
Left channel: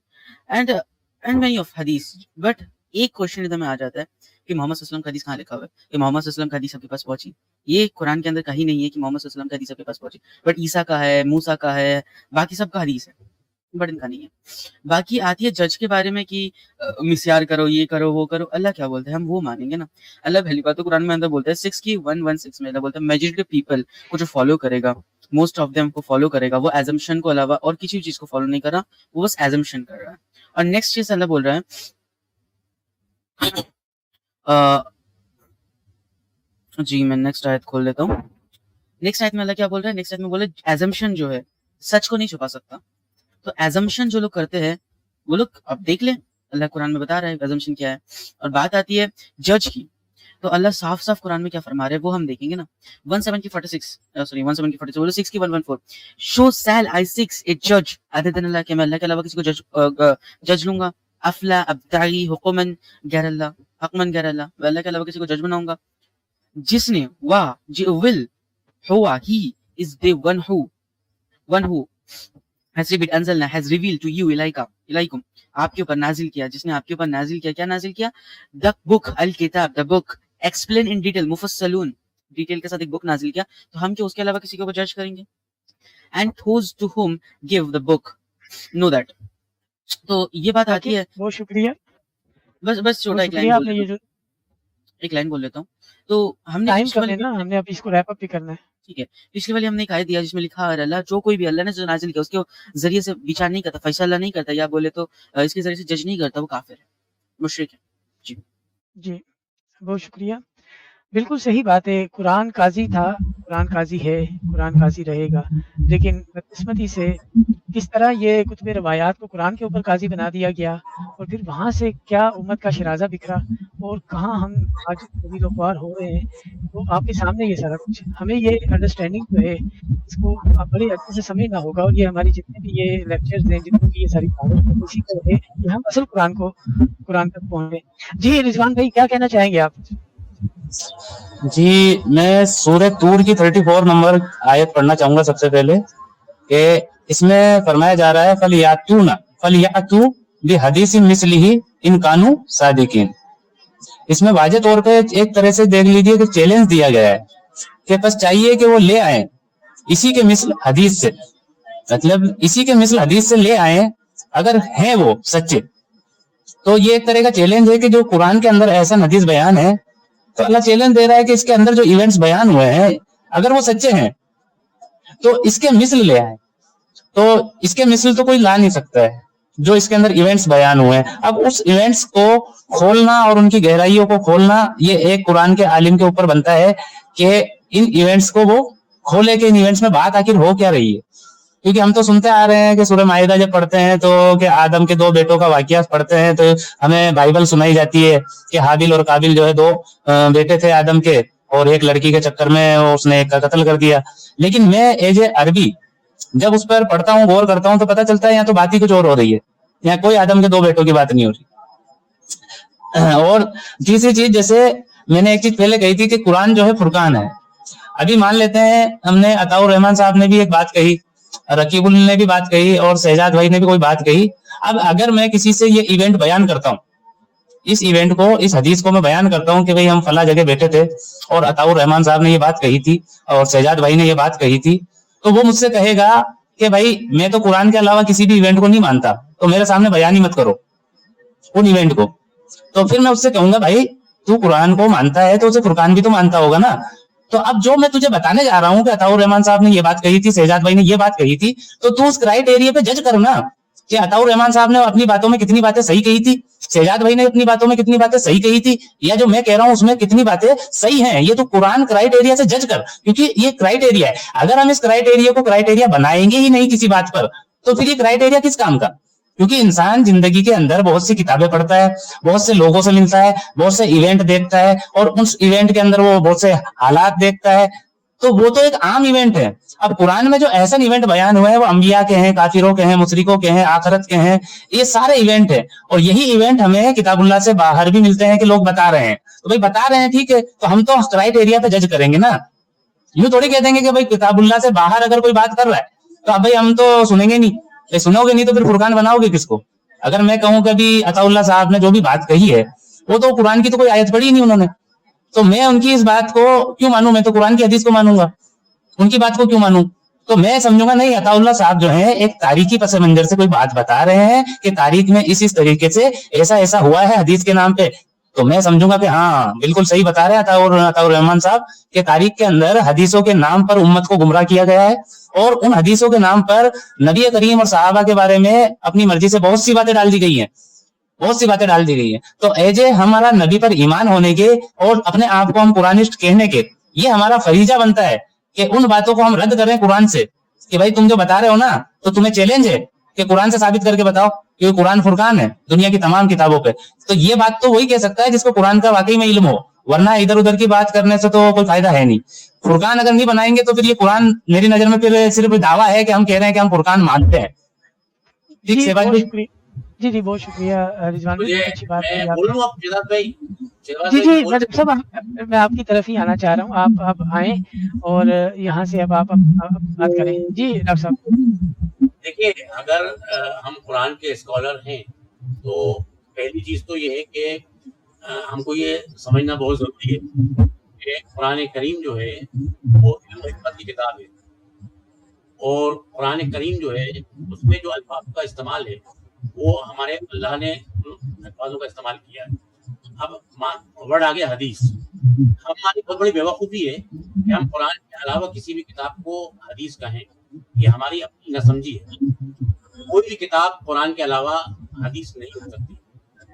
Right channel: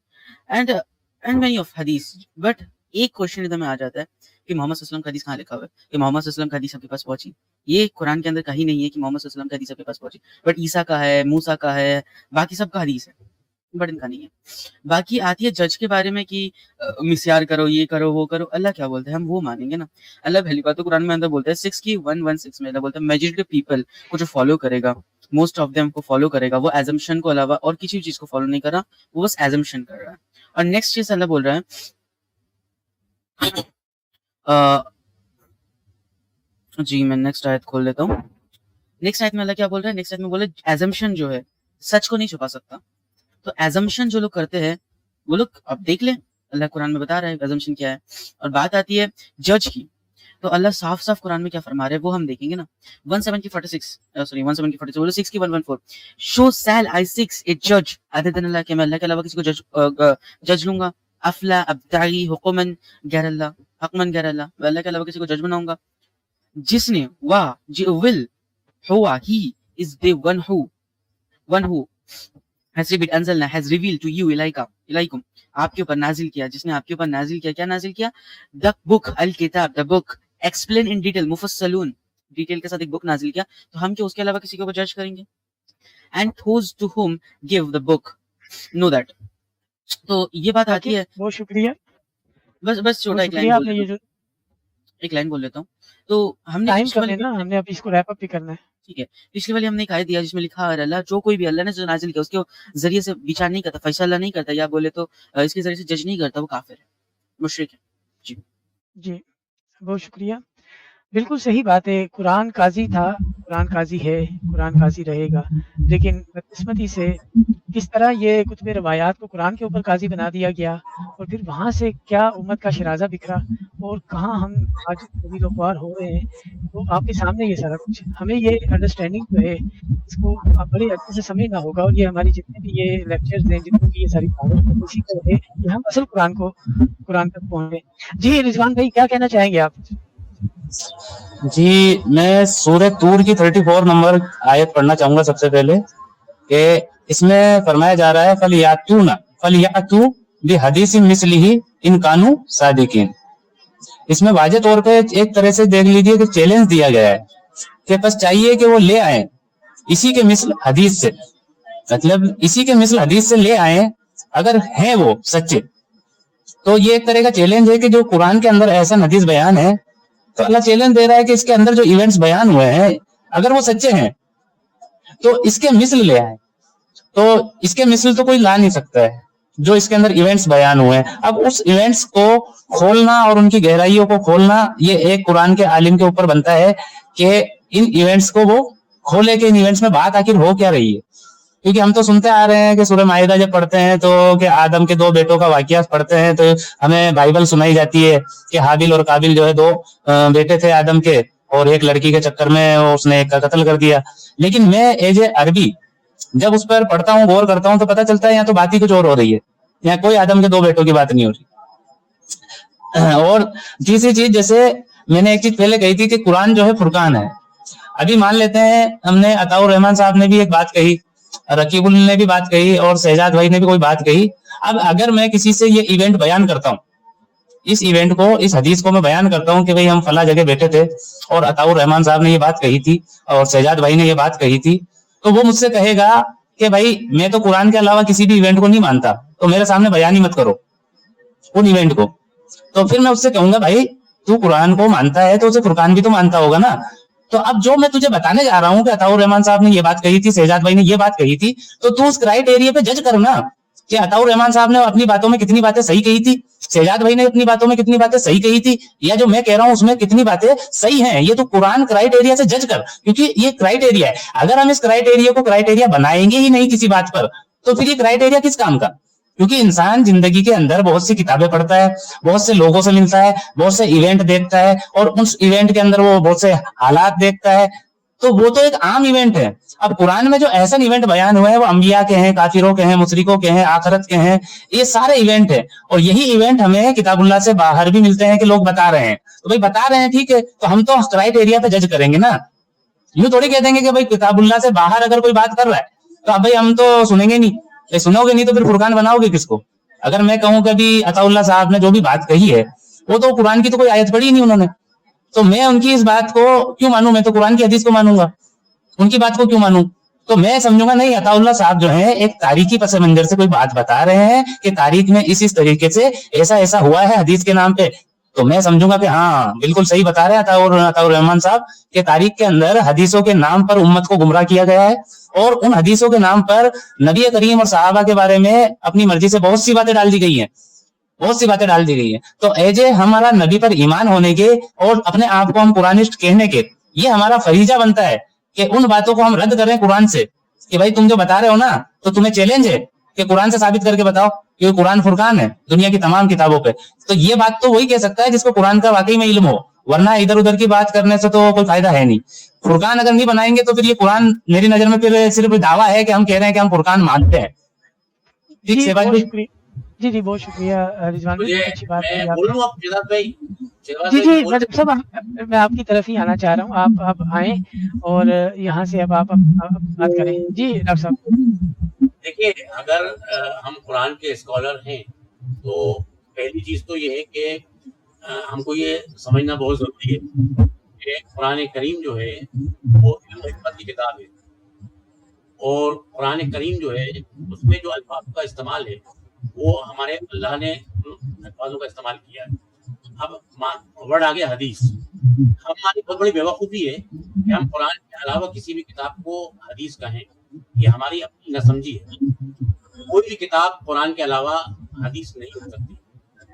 एंड मेनी ऑफ हदीस, बट एक क्वेश्चन इधर में आ जाता है कि मोहम्मद सल्लल्लाहु अलैहि वसल्लम का हदीस कहाँ लिखा हुआ है, कि मोहम्मद सल्लल्लाहु अलैहि वसल्लम का हदीस आपके पास पहुंची। ये कुरान के अंदर कहीं नहीं है कि मोहम्मद सल्लल्लाहु अलैहि वसल्लम का हदीस आपके पास पहुंची, बट ईसा का है, मूसा का है, बाकी सब का हदीस है, बट इनका नहीं है। बाकी आती है जज के बारे में कि मिस्यार करो, ये करो, वो करो। अल्लाह क्या बोलते हैं, हम वो मानेंगे ना। अल्लाह पहली बात तो कुरान में अंदर बोलते हैं 6 की 116 में अल्लाह बोलते हैं मेजॉरिटी ऑफ पीपल को जो फॉलो करेगा, मोस्ट ऑफ देम को फॉलो करेगा, वो एजम्पशन को अलावा और किसी चीज को फॉलो नहीं कर रहा, वो बस एजम्पशन कर रहा है। और नेक्स्ट चीज अल्लाह बोल रहा है जी मैं नेक्स्ट आयत खोल लेता हूँ। नेक्स्ट आयत में अल्लाह क्या बोल रहा है, नेक्स्ट आयत में बोले एजम्पशन जो है सच को नहीं छुपा सकता। तो एजम्पशन जो लोग करते हैं वो लोग आप देख ले, अल्लाह कुरान में बता रहा है एजम्पशन क्या है। और बात आती है जज की, तो अल्लाह साफ साफ कुरान में क्या फरमा रहे हैं वो हम देखेंगे ना। 146 की 114 शो सैल आई सिक्स ए जज अदर देन अल्लाह के, मैं अल्लाह के अलावा किसी को जज लूंगा। अफला अब्तागी हुकुमन गैर अल्लाह, हकमन गैर अल्लाह, मैं अल्लाह के अलावा किसी को जज बनाऊंगा। जिसने वाह जी विल हुआ he is the one who has revealed to you इलाइकुम, आपके ऊपर नाजिल किया, जिसने आपके ऊपर नाजिल किया। क्या नाजिल किया? द बुक अल किताब, the book explain in detail, मुफस्सलून, डिटेल के साथ एक बुक नाजिल किया। तो हम क्या उसके अलावा किसी को जज करेंगे? And those to whom give the book know that। तो ये बात आती है। बहुत शुक्रिया। बस छोटा एक लाइन आपने ये जो बोल लेता हूँ। तो हमने टाइम कर लेना, हमने अब इसको रैप अप भी करना है। ठीक है, पिछले वाली हमने एक आयत दिया जिसमें लिखा है अल्लाह जो कोई भी अल्लाह ने जो नाजिल किया उसके जरिए से विचार नहीं करता, फैसला नहीं करता, या बोले तो इसके जरिए से जज नहीं करता, वो काफिर है, मुशरिक है। जी बहुत शुक्रिया। बिल्कुल सही बात है। कुरान काजी था, कुरान काजी है, कुरान काजी रहेगा, लेकिन बदकिस्मती से किस तरह ये कुतुब रवायात को कुरान के ऊपर काजी बना दिया गया, और फिर वहाँ से क्या उम्मत का शराजा बिखरा और कहाँ हम आज उम्मीदवार हो रहे हैं, तो आपके सामने ये सारा कुछ। हमें ये अंडरस्टैंडिंग जो है इसको बड़े अच्छे से समझना होगा, और ये हमारी जितने भी ये लेक्चर्स हैं, जितने भी ये सारी बातें उसी तरह है कि हम असल कुरान तक पहुँचे। जी रिजवान भाई क्या कहना चाहेंगे आप? जी मैं सूरह तूर की 34 नंबर आयत पढ़ना चाहूंगा सबसे पहले, कि इसमें फरमाया जा रहा है फलियातू बिहदीसिन मिस्लिही इन कानू सादिकीन। इसमें वाजे तौर पे एक तरह से देख लीजिए कि चैलेंज दिया गया है कि बस चाहिए कि वो ले आए इसी के मिसल हदीस से, मतलब इसी के मिसल हदीस से ले आए अगर है वो सच्चे। तो ये एक तरह का चैलेंज है कि जो कुरान के अंदर ऐसा हदीस बयान है, तो अल्लाह चैलेंज दे रहा है कि इसके अंदर जो इवेंट्स बयान हुए हैं अगर वो सच्चे हैं तो इसके मिसल ले आए। तो इसके मिसल तो कोई ला नहीं सकता है जो इसके अंदर इवेंट्स बयान हुए हैं। अब उस इवेंट्स को खोलना और उनकी गहराइयों को खोलना, ये एक कुरान के आलिम के ऊपर बनता है कि इन इवेंट्स को वो खोले कि इन इवेंट्स में बात आखिर हो क्या रही है। क्योंकि हम तो सुनते आ रहे हैं कि सूरह माइदा जब पढ़ते हैं तो कि आदम के 2 बेटों का वाकया पढ़ते हैं तो हमें बाइबल सुनाई जाती है कि हाबिल और काबिल जो है 2 बेटे थे आदम के, اور ایک لڑکی کے چکر میں اس نے ایک کا قتل کر دیا. لیکن میں ایز اے عربی جب اس پر پڑھتا ہوں غور کرتا ہوں تو پتہ چلتا ہے یہاں تو بات ہی کچھ اور ہو رہی ہے, یہاں کوئی آدم کے دو بیٹوں کی بات نہیں ہو رہی. اور تیسری چیز, جیسے میں نے ایک چیز پہلے کہی تھی کہ قرآن جو ہے فرقان ہے. ابھی مان لیتے ہیں ہم نے عطاء الرحمان صاحب نے بھی ایک بات کہی, رقیب اللہ نے بھی بات کہی, اور شہزاد بھائی نے بھی کوئی بات کہی. اب اگر میں کسی سے یہ ایونٹ بیان کرتا ہوں, اس ایونٹ کو, اس حدیث کو میں بیان کرتا ہوں کہ بھئی ہم فلاں جگہ بیٹھے تھے اور عطاء الرحمان صاحب نے یہ بات کہی تھی اور شہزاد بھائی نے یہ بات کہی تھی, تو وہ مجھ سے کہے گا کہ بھائی میں تو قرآن کے علاوہ کسی بھی ایونٹ کو نہیں مانتا, تو میرے سامنے بیان ہی مت کرو ان ایونٹ کو. تو پھر میں اس سے کہوں گا بھائی تو قرآن کو مانتا ہے تو اسے فرقان بھی تو مانتا ہوگا نا. تو اب جو میں تجھے بتانے جا رہا ہوں کہ عطاء الرحمان صاحب نے یہ بات کہی تھی, شہزاد بھائی نے یہ بات کہی تھی, تو اس کرائٹیریا پہ جج کرنا کہ عطاء الرحمان صاحب نے اپنی باتوں میں کتنی باتیں صحیح کہی تھی, شہزاد بھائی نے اپنی باتوں میں کتنی باتیں صحیح کہی تھی, یہ جو میں کہہ رہا ہوں اس میں کتنی باتیں صحیح ہیں. یہ تو قرآن کرائٹیریا سے جج کر, کیونکہ یہ کرائٹیریا ہے. اگر ہم اس کرائٹیریا کو کرائٹیریا بنائیں گے ہی نہیں کسی بات پر, تو پھر یہ کرائٹیریا کس کام کا؟ کیونکہ انسان زندگی کے اندر بہت سی کتابیں پڑھتا ہے, بہت سے لوگوں سے ملتا ہے, بہت سے ایونٹ دیکھتا ہے, اور اس ایونٹ کے اندر وہ بہت سے حالات دیکھتا ہے, تو وہ تو ایک عام ایونٹ ہے. اب قرآن میں جو ایسے ایونٹ بیان ہوئے ہیں وہ انبیاء کے ہیں, کافروں کے ہیں, مشرکوں کے ہیں, آخرت کے ہیں, یہ سارے ایونٹ ہیں. اور یہی ایونٹ ہمیں کتاب اللہ سے باہر بھی ملتے ہیں کہ لوگ بتا رہے ہیں, تو بھائی بتا رہے ہیں ٹھیک ہے, تو ہم تو اس رائٹ ایریا پہ جج کریں گے نا. یوں تھوڑی کہہ دیں گے کہ بھائی کتاب اللہ سے باہر اگر کوئی بات کر رہا ہے تو اب بھائی ہم تو سنیں گے نہیں. سنو گے نہیں تو پھر فرقان بناؤ گے کس کو؟ اگر میں کہوں کہ بھی عطاء اللہ صاحب نے جو بھی بات کہی ہے وہ تو قرآن کی تو کوئی آیت پڑھی نہیں انہوں نے, تو میں ان کی اس بات کو کیوں مانوں؟ میں تو قرآن کی حدیث کو مانوں گا, ان کی بات کو کیوں مانوں؟ تو میں سمجھوں گا نہیں, عطاء اللہ صاحب جو ہے ایک تاریخی پس منظر سے کوئی بات بتا رہے ہیں کہ تاریخ میں اس طریقے سے ایسا ایسا ہوا ہے حدیث کے نام پہ, تو میں سمجھوں گا کہ ہاں بالکل صحیح بتا رہے ہیں عطاء الرحمان صاحب کہ تاریخ کے اندر حدیثوں کے نام پر امت کو گمراہ کیا گیا ہے, اور ان حدیثوں کے نام پر نبی کریم اور صحابہ کے بارے میں اپنی مرضی سے بہت سی باتیں ڈال دی گئی ہیں, بہت سی باتیں ڈال دی گئی ہیں. تو ایجے ہمارا نبی پر ایمان ہونے کے اور اپنے آپ کو ہم قرآنسٹ کہنے کے, یہ ہمارا فریضہ بنتا ہے کہ ان باتوں کو ہم رد کریں قرآن سے, کہ بھائی تم جو بتا رہے ہو نا تو تمہیں چیلنج ہے کہ قرآن سے ثابت کر کے بتاؤ کہ قرآن فرقان ہے دنیا کی تمام کتابوں پہ. تو یہ بات تو وہی کہہ سکتا ہے جس کو قرآن کا واقعی میں علم ہو, ورنہ ادھر ادھر کی بات کرنے سے تو کوئی فائدہ ہے نہیں. فرقان اگر نہیں بنائیں گے تو پھر یہ قرآن میری نظر میں پھر صرف دعویٰ ہے کہ ہم کہہ رہے ہیں کہ ہم فرقان مانتے ہیں. ٹھیک جی ہے بہت بھائی. شکریہ, جی بہت شکریہ رضوان بھائی, بہت اچھی بات ہے آپ نے. جی ڈاکٹر صاحب میں آپ کی طرف ہی آنا چاہ رہا ہوں, آپ آئیں اور یہاں سے اب آپ بات کریں. جی ڈاکٹر صاحب. دیکھیے, اگر ہم قرآن کے اسکالر ہیں تو پہلی چیز تو یہ ہے کہ ہم کو یہ سمجھنا بہت ضروری ہے کہ قرآن کریم جو ہے وہ علم و حکمت کی کتاب ہے, اور قرآن کریم جو ہے اس میں جو الفاظ کا استعمال ہے وہ ہمارے اللہ نے الفاظوں کا استعمال کیا ہے. اب ورڈ آ گیا حدیث. ہماری بہت بڑی بیوقوفی ہے کہ ہم قرآن کے علاوہ کسی بھی کتاب کو حدیث کہیں, یہ ہماری اپنی نہ سمجھی ہے. کوئی بھی کتاب قرآن کے علاوہ حدیث نہیں ہو سکتی.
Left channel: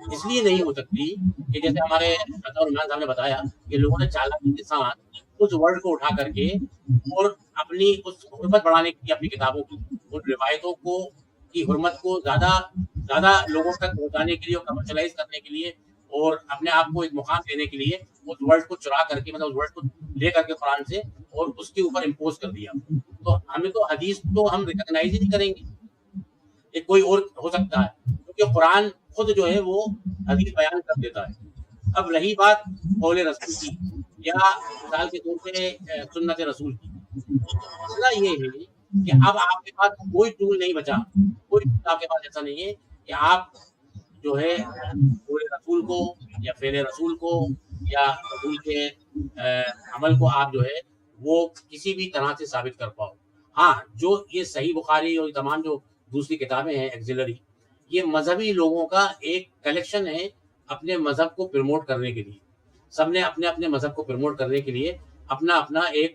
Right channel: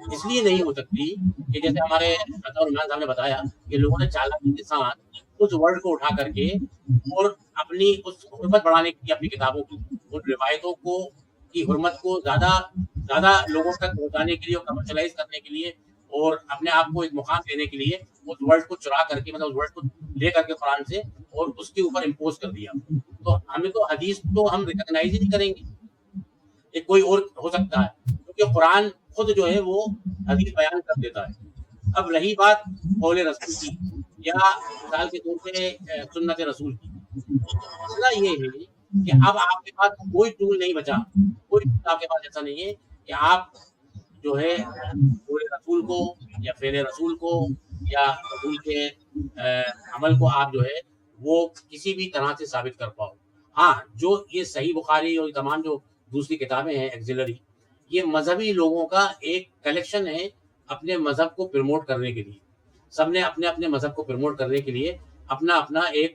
اس لیے نہیں ہو سکتی کہ جیسے ہمارے عطاء الرحمان صاحب نے بتایا کہ لوگوں نے چالاکی کے ساتھ اس ورڈ کو اٹھا کر کے اور اپنی اس حرمت بڑھانے کی اپنی کتابوں کی ان روایتوں کو کی حرمت کو زیادہ لوگوں تک پہنچانے کے لیے اور کمرشلائز کرنے کے لیے اور اپنے آپ کو ایک مقام دینے کے لیے اس ورڈ کو چرا کر کے, مطلب اس ورڈ کو لے کر کے قرآن سے اور اس کے اوپر امپوز کر دیا. تو ہمیں تو حدیث تو ہم ریکگنائز ہی نہیں کریں گے کہ کوئی اور ہو سکتا ہے, کیونکہ قرآن خود جو ہے وہ حدیث بیان کر دیتا ہے. اب رہی بات قول رسول کی یا مثال کے طور پہ سنت رسول کی, مسئلہ یہ ہے کہ اب آپ کے پاس کوئی ٹول نہیں بچا, کوئی آپ کے پاس ایسا نہیں ہے کہ آپ جو ہے قول رسول کو یا فعل رسول کو یا رسول کے عمل کو آپ جو ہے وہ کسی بھی طرح سے ثابت کر پاؤ. ہاں, جو یہ صحیح بخاری اور تمام جو دوسری کتابیں ہیں ایگزیلری, یہ مذہبی لوگوں کا ایک کلیکشن ہے اپنے مذہب کو پروموٹ کرنے کے لیے. سب نے اپنے اپنے مذہب کو پروموٹ کرنے کے لیے اپنا اپنا ایک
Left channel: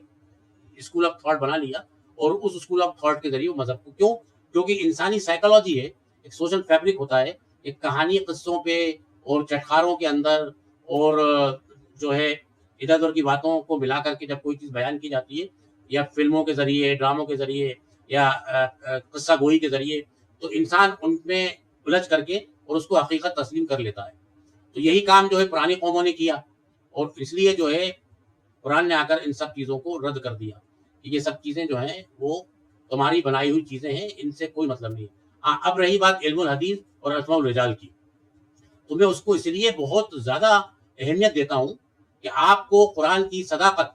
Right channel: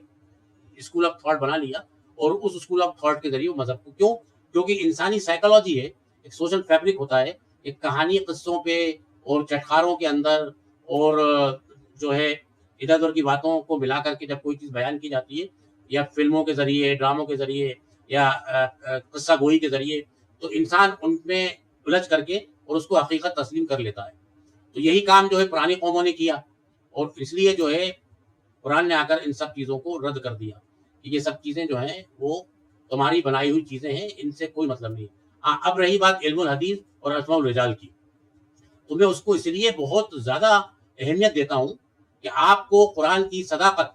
اسکول آف تھاٹ بنا لیا, اور اس اسکول آف تھاٹ کے ذریعے مذہب کو, کیوں؟ کیونکہ انسانی سائیکالوجی ہے, ایک سوشل فیبرک ہوتا ہے, ایک کہانی قصوں پہ اور چٹخاروں کے اندر اور جو ہے ادھر ادھر کی باتوں کو ملا کر کے جب کوئی چیز بیان کی جاتی ہے یا فلموں کے ذریعے, ڈراموں کے ذریعے یا قصہ گوئی کے ذریعے, تو انسان ان میں الجھ کر کے اور اس کو حقیقت تسلیم کر لیتا ہے. تو یہی کام جو ہے پرانی قوموں نے کیا, اور اس لیے جو ہے कुरान ने आकर इन सब चीज़ों को रद्द कर दिया कि ये सब चीज़ें जो हैं वो तुम्हारी बनाई हुई चीज़ें हैं, इनसे कोई मतलब नहीं। हाँ, अब रही बात इल्मुल हदीस और अस्माउल रिजाल की, तो मैं उसको इसलिए बहुत ज़्यादा अहमियत देता हूँ कि आपको कुरान की सदाकत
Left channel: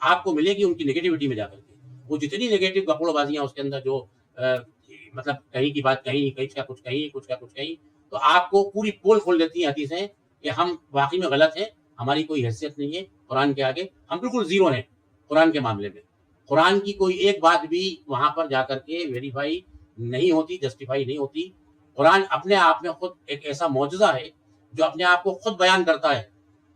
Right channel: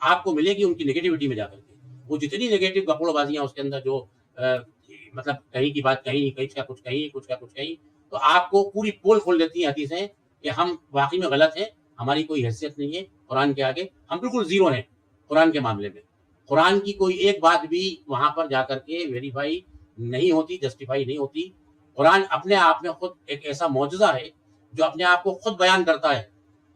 आपको मिलेगी उनकी नेगेटिविटी में जाकर के। वो जितनी नेगेटिव बकौलबाजियाँ उसके अंदर जो मतलब कहीं की बात कहीं, कहीं का कुछ कहीं, कुछ का कुछ कहीं, तो आपको पूरी पोल खोल देती है हदीसें कि हम वाकई में गलत है, हमारी कोई हैसियत नहीं है कुरान के आगे, हम बिल्कुल जीरो हैं कुरान के मामले में। कुरान की कोई एक बात भी वहाँ पर जाकर के वेरीफाई नहीं होती, जस्टिफाई नहीं होती। कुरान अपने आप में खुद एक ऐसा मौजूदा है जो अपने आप को खुद बयान करता है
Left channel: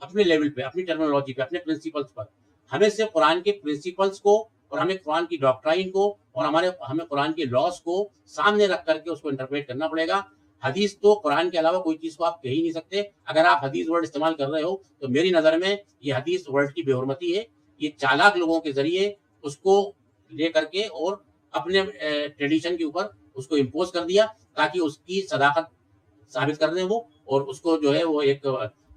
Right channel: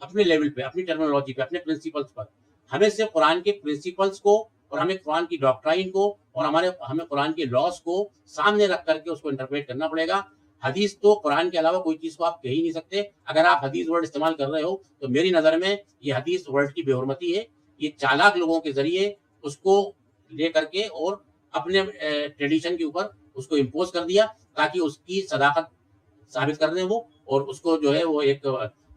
अपने लेवल पे, अपनी टर्मिनोलॉजी पे, अपने प्रिंसिपल्स पर। हमें सिर्फ कुरान के प्रिंसिपल्स को और हमें कुरान की डॉक्ट्राइन को और हमें कुरान के लॉस को सामने रख करके उसको इंटरप्रेट करना पड़ेगा। हदीस तो कुरान के अलावा कोई चीज को आप कह ही नहीं सकते। अगर आप हदीस वर्ड इस्तेमाल कर रहे हो तो मेरी नजर में ये हदीस वर्ड की बेहुरमती है। ये चालाक लोगों के जरिए उसको ले करके और अपने ट्रेडिशन के ऊपर उसको इम्पोज कर दिया ताकि उसकी सदाकत साबित कर रहे वो, और उसको जो है वो एक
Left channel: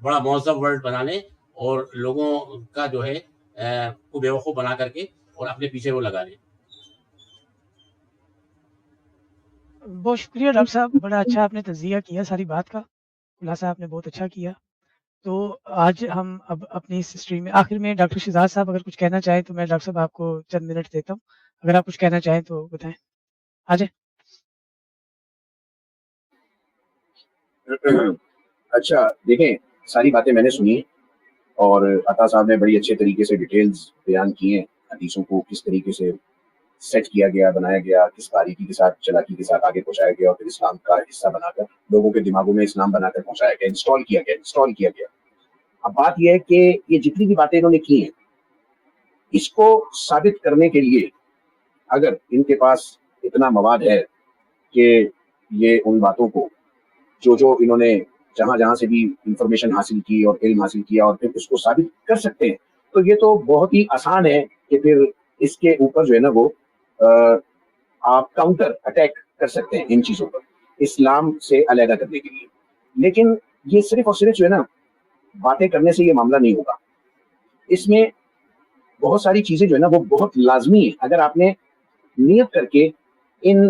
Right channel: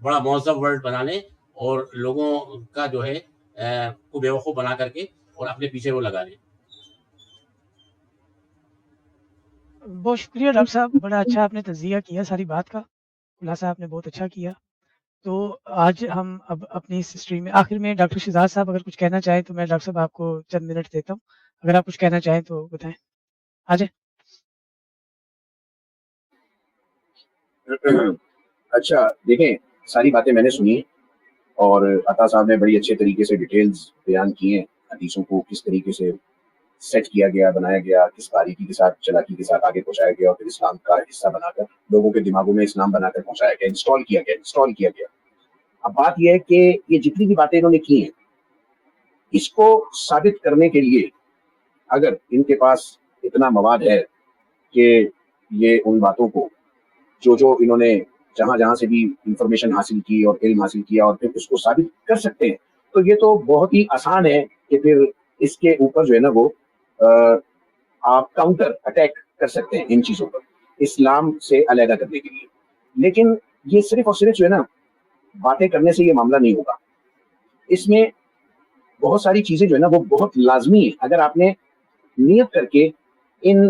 बड़ा मौजम वर्ड बनाने और लोगों का जो है को बेवकूफ बना करके और अपने पीछे वो लगा ले। बहुत शुक्रिया डॉक्टर साहब, बड़ा अच्छा आपने तज़किया किया, सारी बात का खुलासा आपने बहुत अच्छा किया। तो आज हम अब अपनी इस स्ट्रीम में आखिर में डॉक्टर शहजाद साहब अगर कुछ कहना चाहें तो मैं डॉक्टर साहब आपको चंद मिनट देता हूँ, अगर आप कुछ कहना चाहें तो बताएं। आ जाए। अच्छा देखें, सारी बातें मैंने सुनी और अता साहब ने बड़ी अच्छे तरीके से डिटेल्स बयान की हैं, हदीसों को किस तरीके से सेट किया गया, बनाया गया, किस बारीकी के साथ, चालाकी के साथ आगे पहुंचाया गया और फिर इस्लाम का हिस्सा बनाकर लोगों के दिमागों में इस्लाम बनाकर पहुंचाया गया, इंस्टॉल किया गया। अब बात यह है कि ये जितनी भी बातें इन्होंने की हैं, इसको साबित करने के लिए अगर इनके पास इतना मवाद है कि ये उन बातों को जो इन्होंने जहां से भी इंफॉर्मेशन हासिल की और इल्म हासिल किया और फिर उसको साबित कर सकते हैं, तो ये तो बहुत ही आसान है कि फिर इसके ऊपर जो है ना वो आप काउंटर अटैक कर सकते हैं इन चीजों पर, इस्लाम से अलग करने के लिए। लेकिन ये सिर्फ और सिर्फ जो है ना बातें करने से ये मामला नहीं होगा, इसमें बहुत सारी चीजें जो है ना वो बहुत लाजमी है। अगर आपने नियत करके इन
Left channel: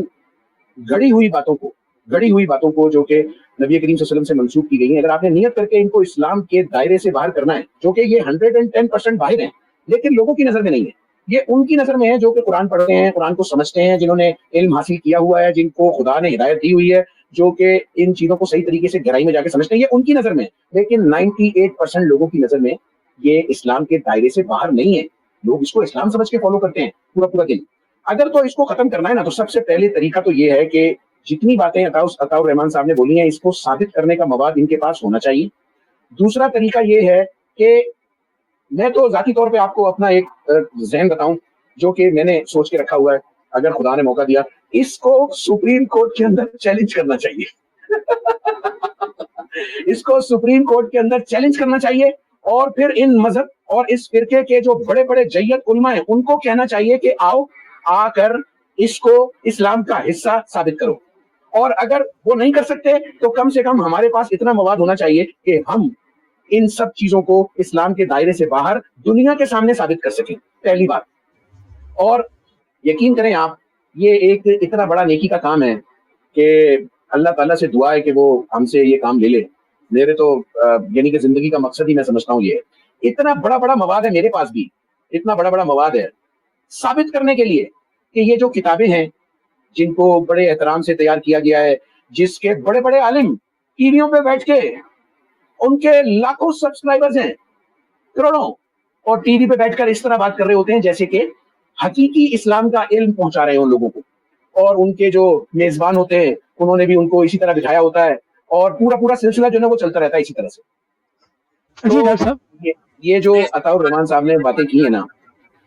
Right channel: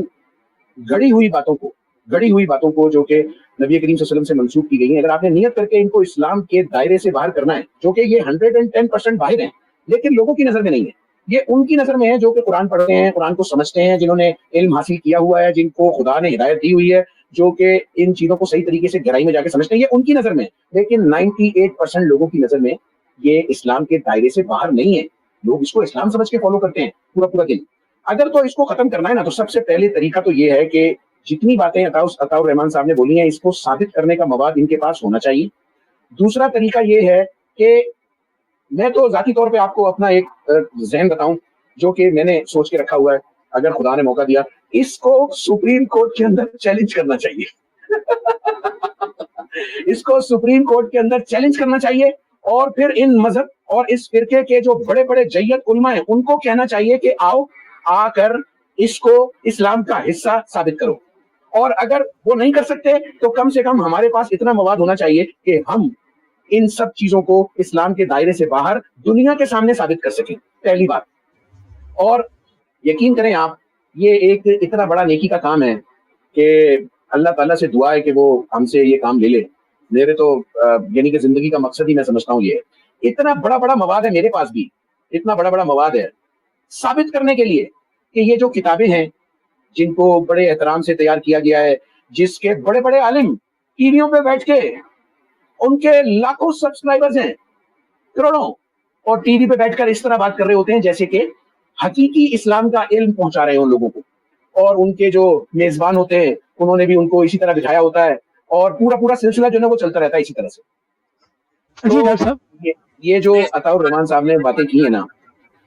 गढ़ी हुई बातों को जो कि नबी करीम सल्लल्लाहु अलैहि वसल्लम से मंसूब की गई है, अगर आपने नियत करके इनको इस्लाम के दायरे से बाहर करना है, क्योंकि ये 110% बाहर है, लेकिन लोगों की नजर में नहीं है, ये उनकी नजर में है जो कि कुरान पढ़ते हैं, कुरान को समझते हैं, जिन्होंने इल्म हासिल किया हुआ है, जिनको खुदा ने हिदायत दी हुई है, जो कि इन चीजों को सही तरीके से गहराई में जाकर समझते हैं, ये उनकी नजर में है। लेकिन 98% लोगों की नजर में ये इस्लाम के दायरे से बाहर नहीं है। लोग इसको इस्लाम समझ के फॉलो करते हैं पूरा दिन। अगर तो इसको खत्म करना है ना, तो सबसे पहले तरीका तो ये है कि जितनी बातें अताउर रहमान साहब ने बोली हैं, इसको साबित करने का मवाद इनके पास होना चाहिए। दूसरा तरीका ये है कि मैं तो जाती तौर पे आपको अपना एक ज़हन बताऊं जो कि मैंने सोच के रखा हुआ है, अगर खुदा ने मौका दिया, इसको सुप्रीम कोर्ट के अंदर चैलेंज करना चाहिए। इसको सुप्रीम कोर्ट के अंदर चैलेंज करना चाहिए और फिर इन मजहब और इस फिरके के जो बड़े बड़े जय्यत उलमा है उनको कहना चाहिए कि आओ आकर इसको इस्लाम का हिस्सा साबित करो। और अगर वो नहीं कर सकते तो कम से कम हमारे पास इतना मवाद होना चाहिए कि हम इन सब चीजों को इस्लाम के दायरे से बाहर दुनिया के सामने साबित कर सकें, पहली बात। और यकीन करें आप, ये एक इतना बड़ा नेकी का काम है कि अल्लाह ताला से दुआ है कि वो हमसे ये काम ले ले। मेरे तो यानी कि जिंदगी का मकसद ही मैं समझता हूँ ये, इतना बड़ा मवाद है मेरे पास भी, इतना बड़ा मवाद है साबित करने के लिए कि ये जो किताबें हैं जिनको बड़े एहतराम से तैयार किया गया है, जिसके बड़े बड़े आलिम टीवियों पे बैठ के, उनके लाखों सब्सक्राइबर्स हैं, करोड़ों, और टीवी पे बैठकर इस तरह बात कर रहे होते हैं जैसे कि हकीकी इस्लाम का इल्म पहुंचा रहे हो लोगों को। और उनके जो मेजबान होते हैं उन्होंने भी उनको इसी तरह दिखाया होता है और पूरा सिलसिला जो है वो चलता रहता है इसी तरह से। तो ये जो अताउर रहमान साहब ने बातें की है ना,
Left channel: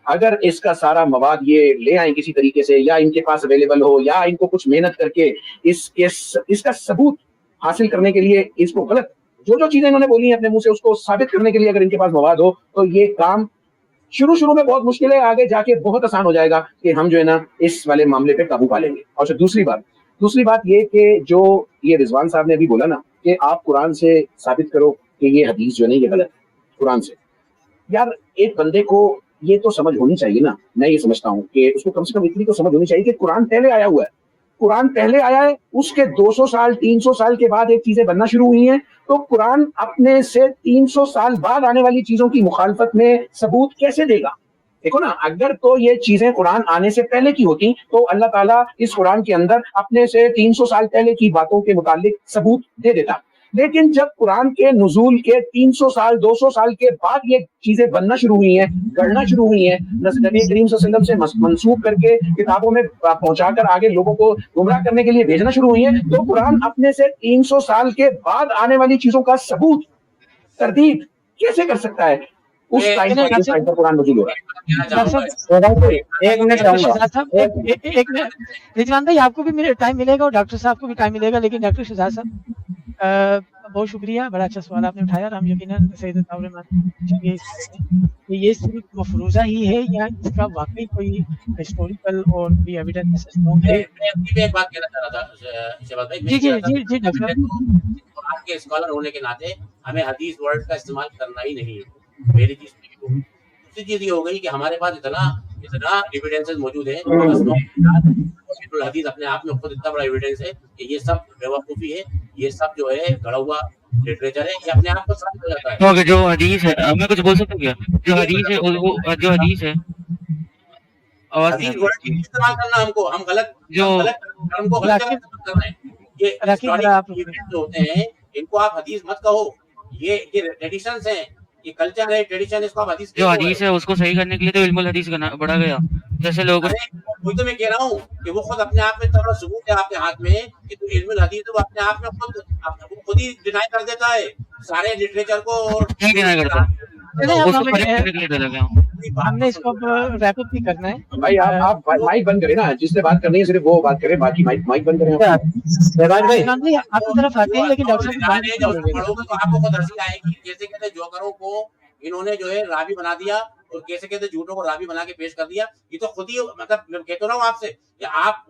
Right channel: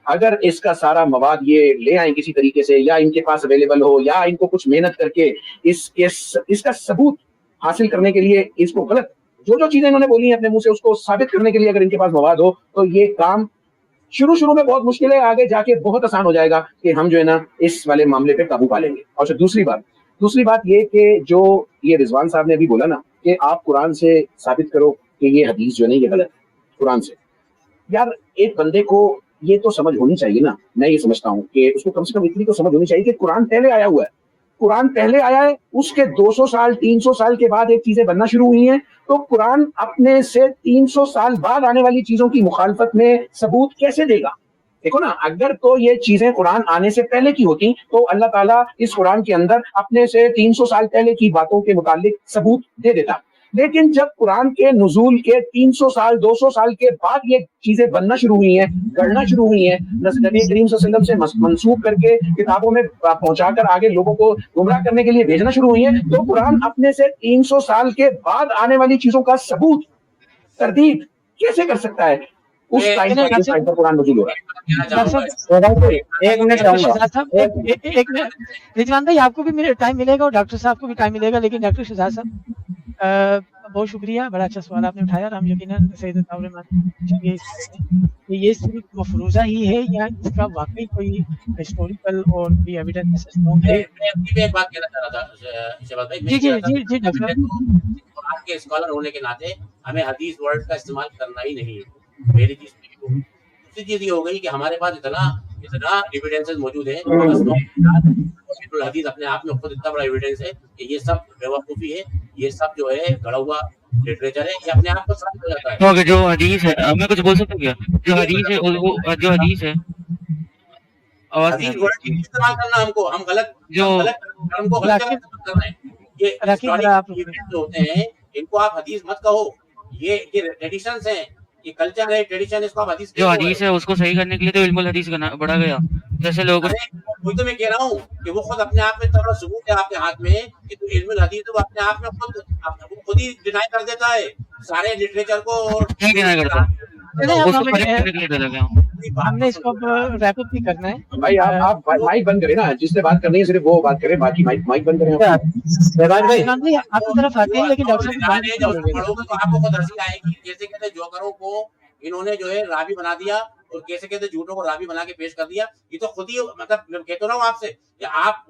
अगर इसका सारा मवाद ये ले आए किसी तरीके से, या इनके पास अवेलेबल हो, या इनको कुछ मेहनत करके इसका सबूत हासिल करने के लिए, इसको गलत जो चीजें इन्होंने बोली है अपने मुंह से उसको साबित करने के लिए अगर इनके पास मवाद हो, तो ये काम शुरू में बहुत मुश्किल है, आगे जाके बहुत आसान हो जाएगा कि हम जो है ना इस वाले मामले पे काबू पा लेंगे। और दूसरी बात ये कि जो ये रिजवान साहब ने अभी बोला ना कि आप कुरान से साबित करो कि ये हदीस जो है ये गलत है, कुरान से, यार एक बंदे को ये तो समझ होनी चाहिए ना, मैं ये समझता हूँ कि उसको कम से कम इतनी तो समझ होनी चाहिए कि कुरान पहले आया हुआ है, कुरान पहले आया है, उसके 200 साल 300 साल के बाद एक चीजें बनना शुरू हुई हैं, तो कुरान अपने से 300 साल बाद आने वाली चीजों की मुखालफत में सबूत कैसे देगा? देखो ना, अगर तो ये चीजें कुरान आने से पहले की होती तो अल्लाह ताला इस कुरान के अंदर अपने से 300 साल पहले की बातों के मुतालिक सबूत दे देता। लेकिन जब कुरान के नुज़ूल के 300 साल 200 साल के बाद ये चीजें बनना शुरू हुई हैं, गढ़ना शुरू हुई हैं, नबी करीम सल्लल्लाहु अलैहि वसल्लम से मंसूब करके किताबों में पहुंचाकर आगे लोगों को गुमराह करने के लिए भेजना शुरू हुई है, तो कुरान अपने से 300 साल के बाद आने वाली चीजों का सबूत तरदीद कैसे कर सकता है? उस टाइम पर जिस टाइम पर कुरान नज़ील हुआ। एक मिनट रिजवान भाई, आपको भी टाइम मिलेगा और डॉक्टर साहब को भी टाइम मिलेगा, लेकिन डॉक्टर शहजाद साहब बहुत शुक्रिया, बड़ा अच्छा सवाल आपने उठाया और हम यकीनन तो ये सिर्फ मफरूजा ही है या इसका वाकई कोई हिस्टोरिकल और भी एविडेंस है? एक बात कहना चाह रहा था शबाब भाई, जी जी जी जी डॉक्टर, कुरान के स्कॉलर होने के नाते हमें हदीस वर्ड का इस्तेमाल करना ही नहीं है, पहली चीज। दूसरी चीज ये हो गई कि हमारे पास इतना एविडेंसेस मौजूद है, हदीस अपने आप में खुद इतना बड़ा एविडेंस है कि ये सब बेवकूफी है, ये सब जो है गढ़ा हुआ लिटरेचर है, ये अपने आप को साबित हो जाता है। जो हदीस है, मैं कुछ बोल सकता हूँ क्या? जो हदीस है जो हदीस है और हदीस वर्ड इस्तेमाल करना हम गलत हमको गलत जगह इस्तेमाल करना है। ये हिस्टोरिकल होते हैं, इनको आप हदीस मत कहो, ये ट्रेडिशंस है, ये कल्चर है, ट्रेडिशन, इसको आप हदीस जो हदीस है उसको सही करने के लिए तो इल्मुल हदीस बढ़ा गया। जैसे लोग वही तो मैं कह रहा हूँ कि वो खुद अपने आप में इतना बड़ा सबूत है आपके हाथ में कि तो इल्मुल हदीस तो अपने आप में खुद ही डिनाई कर देता है सारे लिटरेचर को और हमने इसको अब रैप अप भी करना है। भाई आप माइक बंद करें ना, जिसने बात करनी है सिर्फ वो बात करे, बाकी माइक बंद करें। भाई आपकी तरफ आते हैं, लेकिन डॉक्टर आपको खुद हंसी आएगी, कैसे कैसे जोकरों को इन्होंने जो है रावी बना दिया और कैसे कैसे झूठों को रावी बना के पेश कर दिया। ये तो खुद ही, मतलब कहता रहा हूँ आपसे कि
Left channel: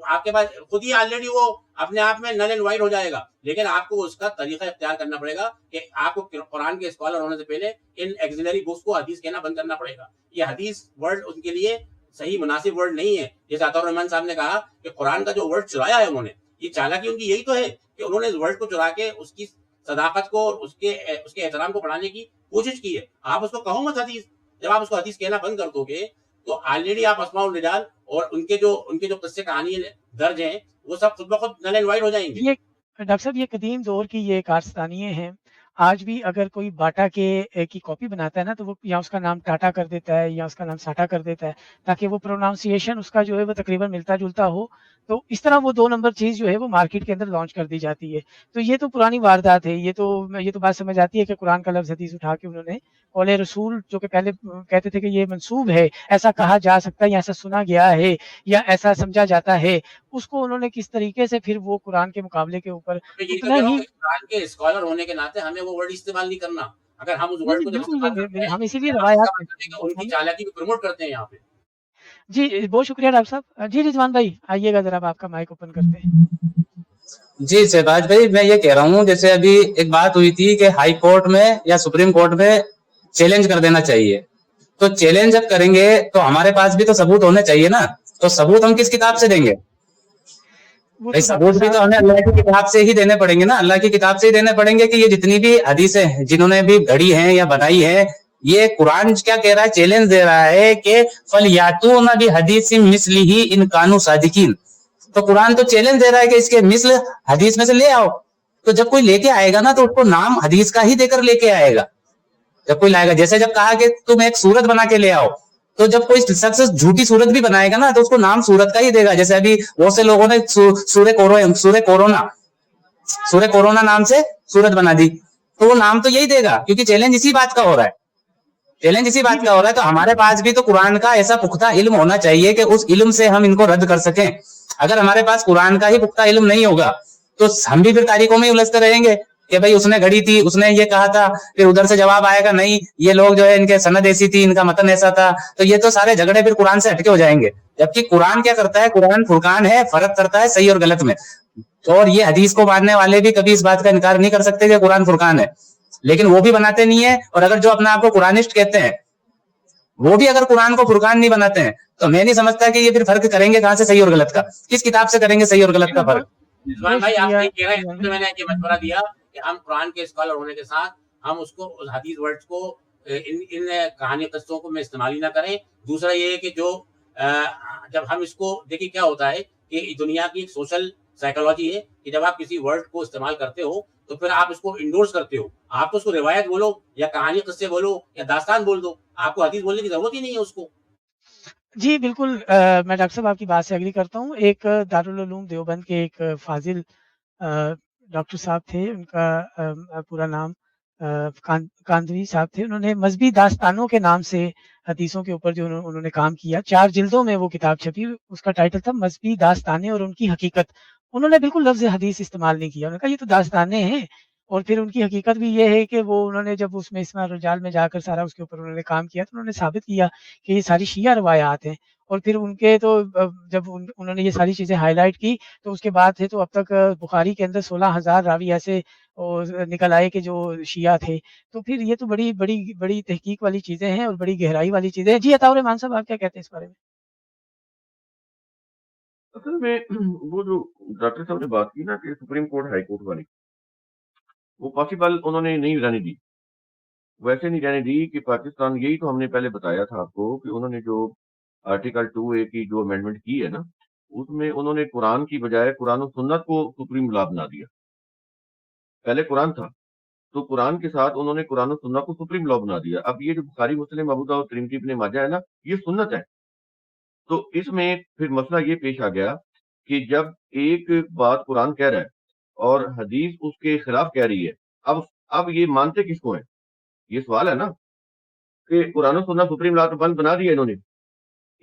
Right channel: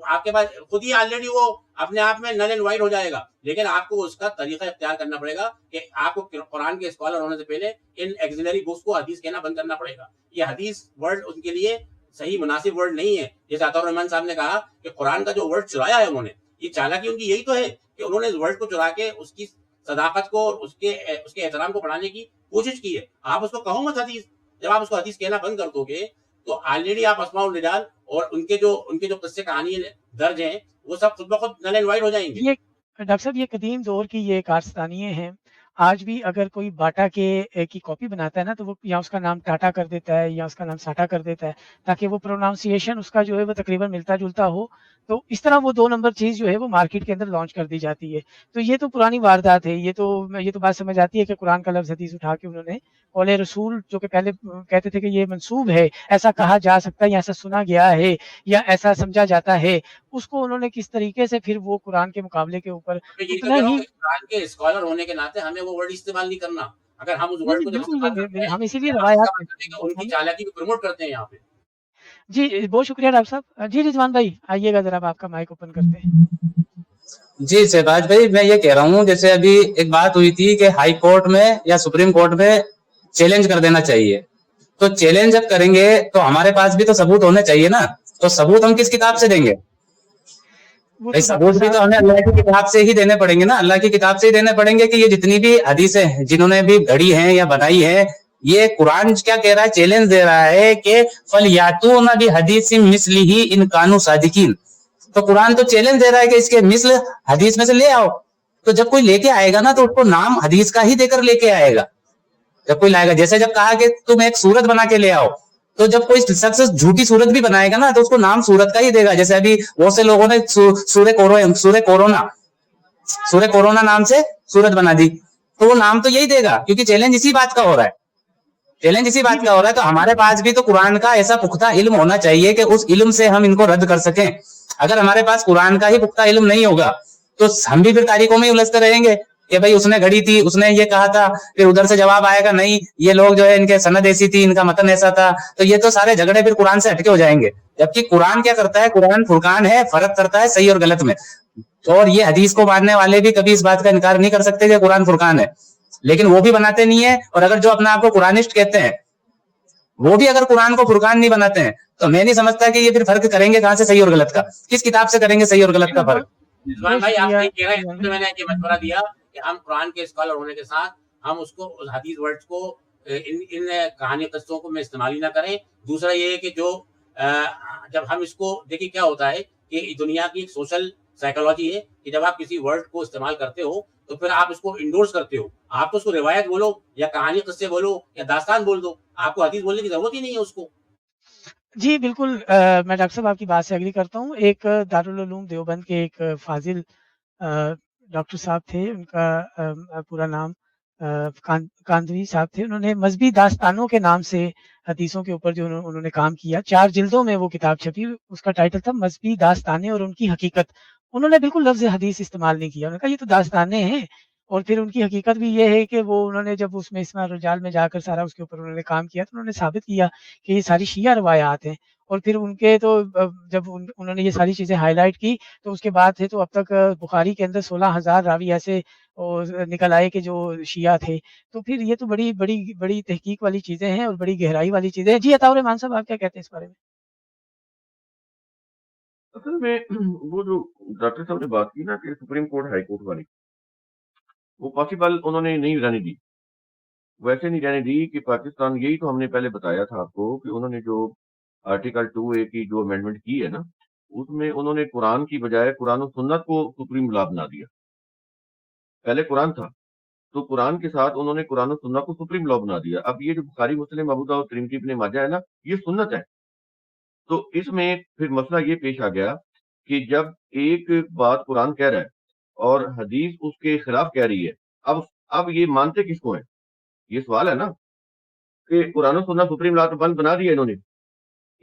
आपके पास खुद ही ऑलरेडी वो अपने आप में नल एंड वाइड हो जाएगा, लेकिन आपको उसका तरीका इख्तियार करना पड़ेगा कि आपको कुरान के स्कॉलर होने से पहले इन एक्सिलरी बुक्स को हदीस कहना बंद करना पड़ेगा। ये हदीस वर्ड उनके लिए सही मुनासिब वर्ड नहीं है। जैसे अताउर रहमान साहब ने कहा कि कुरान का जो वर्ड चुराया है उन्होंने, ये चालाकी उनकी यही तो है कि उन्होंने इस वर्ड को चुरा के उसकी सदाकत को और उसके एहतराम को बढ़ाने की कोशिश की है। आप उसको कहो मत हदीस, जब आप उसको हदीस कहना बंद कर दोगे तो ऑलरेडी आप अस्माउल रिजाल और उनके जो किस्से कहानी दर्ज है वो सब खुद ब खुद नल एंड वाइड हो जाएंगे। ये डॉक्टर साहब, ये कदीम दौर की ये कारस्तानियाँ हैं। आज भी अगर कोई बाटा के की कॉपी बनाता है ना, तो वो या उसका नाम टाटा कर देता है या उसका नाम साटा कर देता है, ताकि वो प्रोनाउंसिएशन उसका जो है वो तकरीबन मिलता जुलता हो। तो इस तरह वो 2 नंबर चीज़ जो है वो मार्केट के अंदर लॉन्च कर दी जाती है। तो ये तो पुरानी वारदात है। ये तो बात समझ आती है कि कुरान का लफ्ज़ हदीस उठा के उन्होंने कौले रसूल, जो कि पहले कहते थे कि ये मंसूब है, ऐसा कहा जा सकता है या ऐसा सुना गया है या ऐसा समझा जाता है, उसको उन्होंने किस तरीके से फिर वो कुरान के मुकाबले के ऊपर कुरान के स्कॉलर होने के नाते हमें वो वर्ड इस्तेमाल नहीं करना। अगर हम उस वर्ड को हम इसीलिए रवायात उनकी चालाकी को प्रमोट करते हैं यहाँ पे। जी बहुत शुक्रिया डॉक्टर साहब। जी रिजवान भाई आइएगा, जरा आपका माइक ओपन करते हैं। जी शहबाज भाई, मैं ये कह रहा हूँ, जैसे अभी एक बात हुई थी कि हाई कोर्ट में या सुप्रीम कोर्ट में चैलेंज कर देना चाहिए, तो चैलेंज जब करेंगे तो हमारे पास भी तो सबूत होने चाहिए ना। तो सबूत हम किस किताब से देंगे? भाई सबूत भी तो हमें अल्लाह की किताब से ही देने पड़ेंगे ना, अल्लाह की किताब से ही देने पड़ेंगे कि ये जितनी भी हदीसें जिन्होंने भी गढ़ी है या बनाई है, ये कुरान क्या कह रहा है, चैलेंज दे रहा है कि फल यातूना भी हदीसिन मिस्लिही इन कानू सादिकीन। तो कुरान तो चैलेंज दे रहा है कि इसके मिस्ल हदीस में से ले आओ। तो जब कोई लेके आएगा ना, तो उसको नाम हदीस का ही देकर लेके आएगा। जब कोई लाएगा, जैसे जब कहा कि तुम एक सूरत बना के ले आओ, तो जब कोई शख्स झूठी सूरत भी बनाएगा ना, तो उसको नाम सूरत का ही देगा। जैसे अभी बहुत से लोगों ने सूरह कोरोना नाम से सूरत बना दी, तो वो नाम तो यही देगा, क्योंकि चैलेंज इसी बात का हो रहा है। चैलेंज इसी बात का हो रहा है। तो हमारे पास भी तो कुरान का ऐसा पुख्ता इल्म होना चाहिए कि उस इल्म से हम इनको रद्द कर सकें। अगर हमारे पास कुरान का ही पुख्ता इल्म नहीं होगा तो हम भी फिर तारीखों में उलझते रहेंगे कि भाई उसने घड़ी थी, उसने ये कहा था, फिर उधर से जवाब आएगा नहीं, ये लोग जो है इनके सनद ऐसी थी, इनका मतन ऐसा था। तो ये तो सारे झगड़े फिर कुरान से हटके हो जाएंगे। जबकि कुरान क्या करता है, कुरान फुरकान है, फर्क करता है सही और गलत में। और ये हदीस को मानने वाले भी कभी इस बात का इनकार नहीं कर सकते कि कुरान फुरकान है, लेकिन वो भी बनाते नहीं है। और अगर जो अपने आप को कुरानिस्ट कहते हैं, وہ بھی اگر قرآن کو فرقان نہیں بناتے ہیں تو میں نہیں سمجھتا کہ یہ پھر فرق کریں گے کہاں سے صحیح اور غلط کا, کس کتاب سے کریں گے صحیح اور غلط کا فرق. رضوان بھائی آپ نہیں کہہ رہے ہیں, تو میں نے یہ مشورہ دیا کہ ہم قرآن کے اسکالر ہونے کے ساتھ ہم اس کو حدیث ورڈز کو ان کہانی قصوں کو میں استعمال ہی نہ کریں. دوسرا یہ ہے کہ جو جب ہم اس کو دیکھیں کیا ہوتا ہے کہ دنیا کی سوشل سائیکالوجی ہے کہ جب آپ کسی ورڈ کو استعمال کرتے ہو تو پھر آپ اس کو انڈورس کرتے ہو. آپ تو اس کو روایت بولو یا کہانی قصے بولو یا داستان بول دو, آپ کو حدیث بولنے کی ضرورت ہی نہیں ہے اس کو. جی بالکل, میں ڈاکٹر صاحب آپ کی بات سے ایگری کرتا ہوں. ایک دارالعلوم دیوبند کے ایک فاضل ڈاکٹر صاحب تھے, ان کا پورا نام کاندوی صاحب تھے. انہوں نے مذہبی داستانوں کے نام سے حدیثوں کے اوپر جو انہوں نے کام کیا, 4 جلدوں میں وہ کتاب چھپی, اس کا ٹائٹل تھا مذہبی داستانیں اور ان کی حقیقت. انہوں نے بالکل لفظ حدیث استعمال نہیں کیا, انہوں نے کہا یہ تو داستانیں ہیں. اور پھر ان کی حقیقت بھی یہ ہے کہ وہ انہوں نے جب اس میں اسماء الرجال میں جا کر سارا اس کے اوپر انہوں نے کام کیا تو انہوں نے ثابت کیا کہ یہ ساری شیعہ روایات ہیں. اور پھر ان کے تو جب انہوں نے یہ ساری چیزیں ہائی لائٹ کی تو اس کے بعد تھے تو اب تک بخاری کے اندر 16,000 راوی ایسے نکل آئے کہ جو شیعہ تھے. تو پھر یہ تو بڑی بڑی بڑی تحقیق والی چیزیں ہیں اور بڑی گہرائی والی چیزیں ہیں. جی عطاء الرحمان صاحب آپ کیا کہتے ہیں اس بارے میں؟ اصل میں وہ جو ڈاکٹر صاحب نے بات کی نا کہ سپریم کورٹ ہائی کورٹ والی, وہ پاسبل انہوں نے نہیں رہنے دی. ویسے نہیں رہنے دی کہ پاکستان, یہی تو ہم نے پہلے بتایا تھا آپ کو کہ انہوں نے جو آرٹیکل 2A کی جو امینڈمنٹ کی ہے نا, اس میں انہوں نے قرآن کی بجائے قرآن و سنت کو سپریم لا بنا دیا. پہلے قرآن تھا تو قرآن کے ساتھ انہوں نے قرآن و سنت کو سپریم لا بنا دیا. اب یہ جو بخاری مسلم ابو داؤد ترمذی ابن ماجہ ہے نا, یہ سنت ہے. تو اس میں پھر مسئلہ یہ پیش آ گیا کہ جب ایک بات قرآن کہہ رہا ہے اور حدیث اس کے خلاف کہہ رہی ہے, اب یہ مانتے کس کو ہیں؟ یہ سوال ہے نا کہ قرآن و سنت سپریم لا تو بند بنا دیا انہوں نے.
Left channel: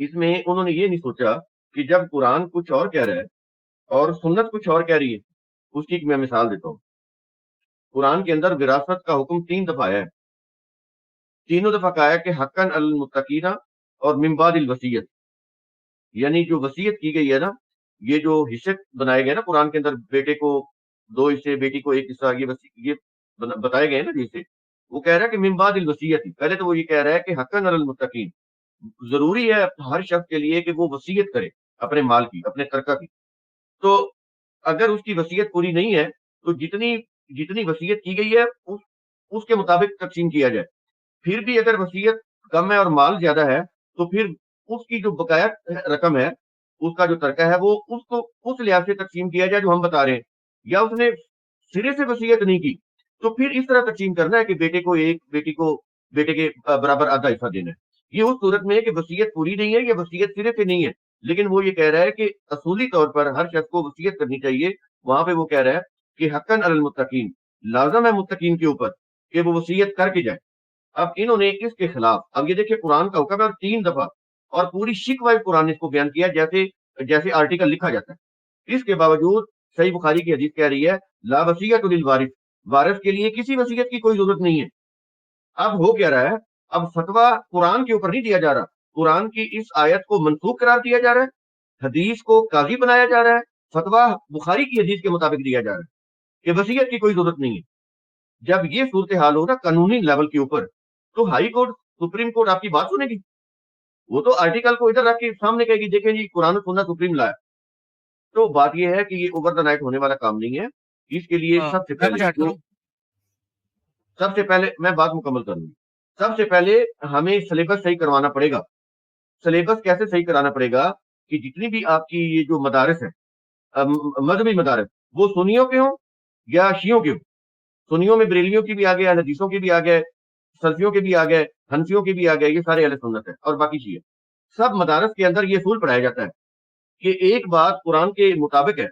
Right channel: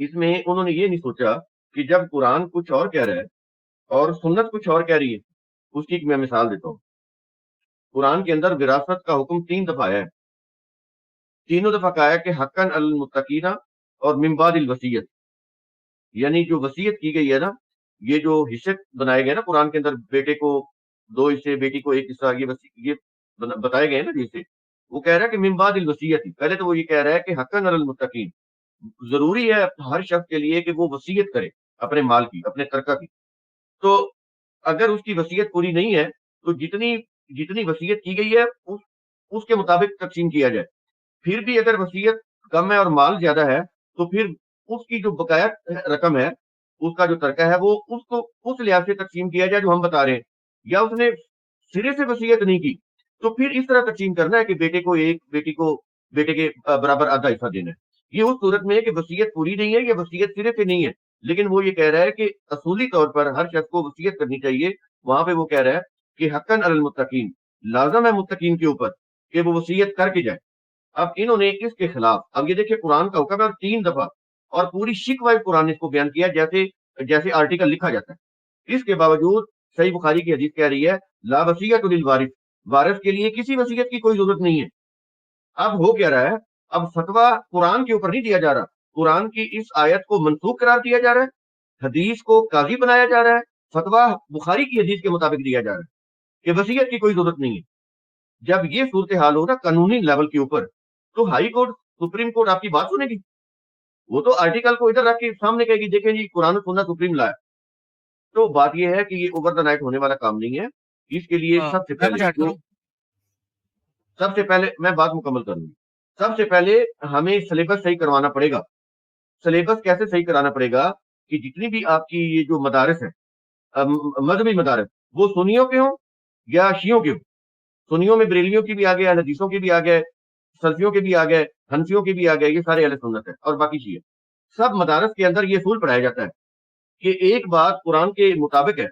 اس میں انہوں نے یہ نہیں سوچا کہ جب قرآن کچھ اور کہہ رہا ہے اور سنت کچھ اور کہہ رہی ہے. اس کی میں مثال دیتا ہوں. قرآن کے اندر وراثت کا حکم 3 دفعہ ہے. تینوں دفعہ کہا ہے کہ حقاً علی المتقین اور من بعد الوصیت, یعنی جو وصیت کی گئی ہے نا, یہ جو حصے بنائے گئے نا قرآن کے اندر, بیٹے کو 2 حصے, بیٹی کو 1 حصہ, یہ بتائے گئے نا حصے. وہ کہہ رہا ہے کہ من بعد الوصیت, پہلے تو وہ یہ کہہ رہا ہے کہ حقاً علی المتقین, ضروری ہے ہر شخص کے لیے کہ وہ وصیت کرے اپنے مال کی, اپنے ترکہ کی. تو اگر اس کی وصیت پوری نہیں ہے تو جتنی وصیت کی گئی ہے اس کے مطابق تقسیم کیا جائے. پھر بھی اگر وصیت کم ہے اور مال زیادہ ہے تو پھر اس کی جو بقایا رقم ہے, اس کا جو ترکہ ہے, وہ اس کو اس لحاظ سے تقسیم کیا جائے جو ہم بتا رہے ہیں. یا اس نے سرے سے وصیت نہیں کی تو پھر اس طرح تقسیم کرنا ہے کہ بیٹے کو 1, بیٹی کو بیٹے کے برابر آدھا حصہ دینا ہے. یہ اس صورت میں ہے کہ وصیت پوری نہیں ہے یا وصیت سرے سے نہیں ہے. لیکن وہ یہ کہہ رہا ہے کہ اصولی طور پر ہر شخص کو وصیت کرنی چاہیے. وہاں پہ وہ کہہ رہا ہے کہ حقاً علی المتقین, لازم ہے متقین کے اوپر کہ وہ وصیت کر کے جائے. اب انہوں نے اس کے خلاف, اب یہ دیکھیں قرآن کا حکم ہے 3 دفعہ, اور پوری شک وائز قرآن اس کو بیان کیا جیسے آرٹیکل لکھا جاتا ہے. اس کے باوجود صحیح بخاری کی حدیث کہہ رہی ہے لا وصیت للوارث, وارث کے لیے کسی وصیت کی کوئی ضرورت نہیں ہے. اب ہو کیا رہا ہے, اب فتویٰ قرآن کے اوپر نہیں دیا جا رہا, قرآن کی اس آیت کو منسوخ قرار دیا جا رہا ہے, حدیث کو قاضی بنایا جا رہا ہے, فتویٰ بخاری کی حدیث کے مطابق دیا جا رہا ہے کہ وصیت کی کوئی ضرورت نہیں ہے. جب یہ صورتحال ہو نا قانونی لیول کے اوپر, تو ہائی کورٹ, سپریم کورٹ آپ کی بات سنے گی؟ وہ تو آرٹیکل کو ادھر رکھ کے سامنے کہے گی دیکھیں جی قرآن سننا سپریم لا ہے. تو بات یہ ہے کہ یہ اوور دا نائٹ ہونے والا کام نہیں ہے. اس کے لیے سب سے پہلے میں بات مکمل کروں گی. سب سے پہلے ہمیں سلیبس صحیح کروانا پڑے گا. سلیبس کیسے صحیح کرانا پڑے گا کہ جتنی بھی آپ کی یہ جو مدارس ہے, مذہبی مدارس, وہ سنیوں کے ہوں یا شیعوں کے ہوں. سنیوں میں بریلیوں کی بھی آ گئے, حدیثوں کے بھی آ گئے, سلفیوں کے بھی آ گئے, حنفیوں کے بھی آ گئے, یہ سارے اہل سنت ہے. اور باقی شیعہ, سب مدارس کے اندر یہ اصول پڑھایا جاتا ہے کہ ایک بات قرآن کے مطابق ہے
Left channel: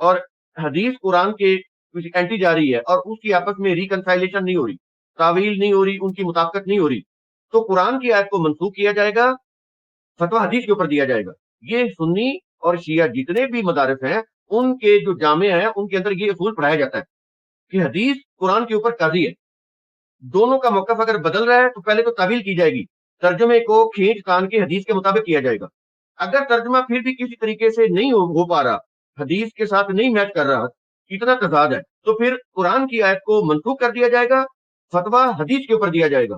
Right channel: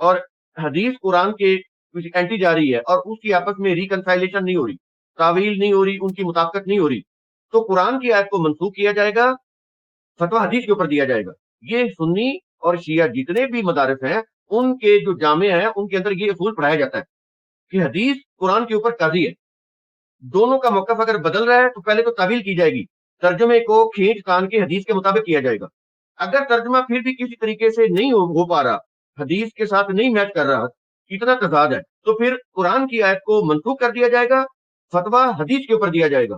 اور حدیث قرآن کے کچھ اینٹی جا رہی ہے اور اس کی آپس میں ریکنسائلیشن نہیں ہو رہی, تعویل نہیں ہو رہی, ان کی مطابقت نہیں ہو رہی, تو قرآن کی آیت کو منسوخ کیا جائے گا, فتویٰ حدیث کے اوپر دیا جائے گا. یہ سنی اور شیعہ جتنے بھی مدارس ہیں ان کے جو جامع ہیں ان کے اندر یہ اصول پڑھایا جاتا ہے کہ حدیث قرآن کے اوپر قاضی ہے. دونوں کا موقف اگر بدل رہے ہیں تو پہلے تو تعویل کی جائے گی, ترجمے کو کھینچ تان کے حدیث کے مطابق کیا جائے گا. اگر ترجمہ پھر بھی کسی طریقے سے نہیں ہو پا رہا, حدیث کے ساتھ نہیں میچ کر رہا, اتنا تضاد ہے, تو پھر قرآن کی آیت کو منسوخ کر دیا جائے گا, فتویٰ حدیث کے اوپر دیا جائے گا.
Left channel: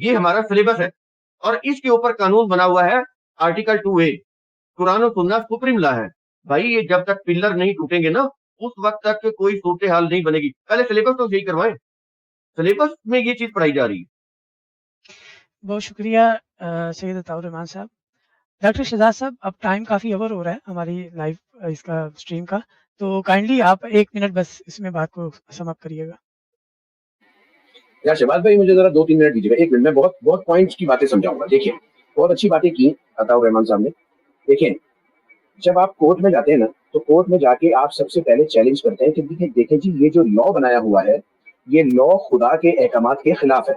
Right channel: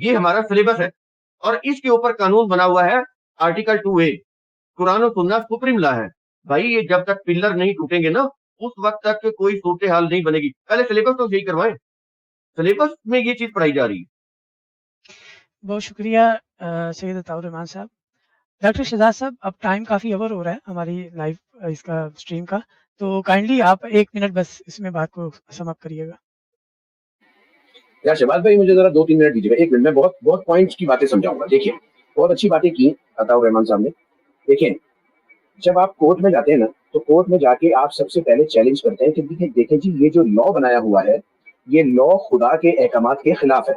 یہ ہمارا سلیبس ہے. और इसके ऊपर कानून बना हुआ है आर्टिकल 2A, कुरान सुन्नत सुप्रीम लॉ है। भाई ये जब तक पिलर नहीं टूटेंगे ना, उस वक्त तक के कोई सूरत हाल नहीं बनेगी। पहले सिलेबस तो यही करवाएं, सिलेबस में ये चीज पढ़ाई जा रही है। बहुत शुक्रिया सैयद अताउर रहमान साहब। डॉक्टर शहजाद साहब, अब टाइम काफ़ी ओवर हो रहा है हमारी लाइव इसका स्ट्रीम का, तो काइंडली आप 1 मिनट बस इसमें बात को समाप्त करिएगा। यार शहबाज भाई, मुझे जरा 2-3 मिनट दीजिए। 1 मिनट में बहुत बहुत पॉइंट्स की बातें समझाऊंगा। देखिए, बहुत अच्छी बातें की हैं अताउर रहमान साहब ने। देखिए, जब आप कोर्ट में जाते हैं ना, तो कोर्ट में जाके आप सबसे पहले चैलेंज करते हैं कि देखिए जी, ये जो लॉ बनाया हुआ है, ये लॉ खुदा के अहकामात के खिलाफ है।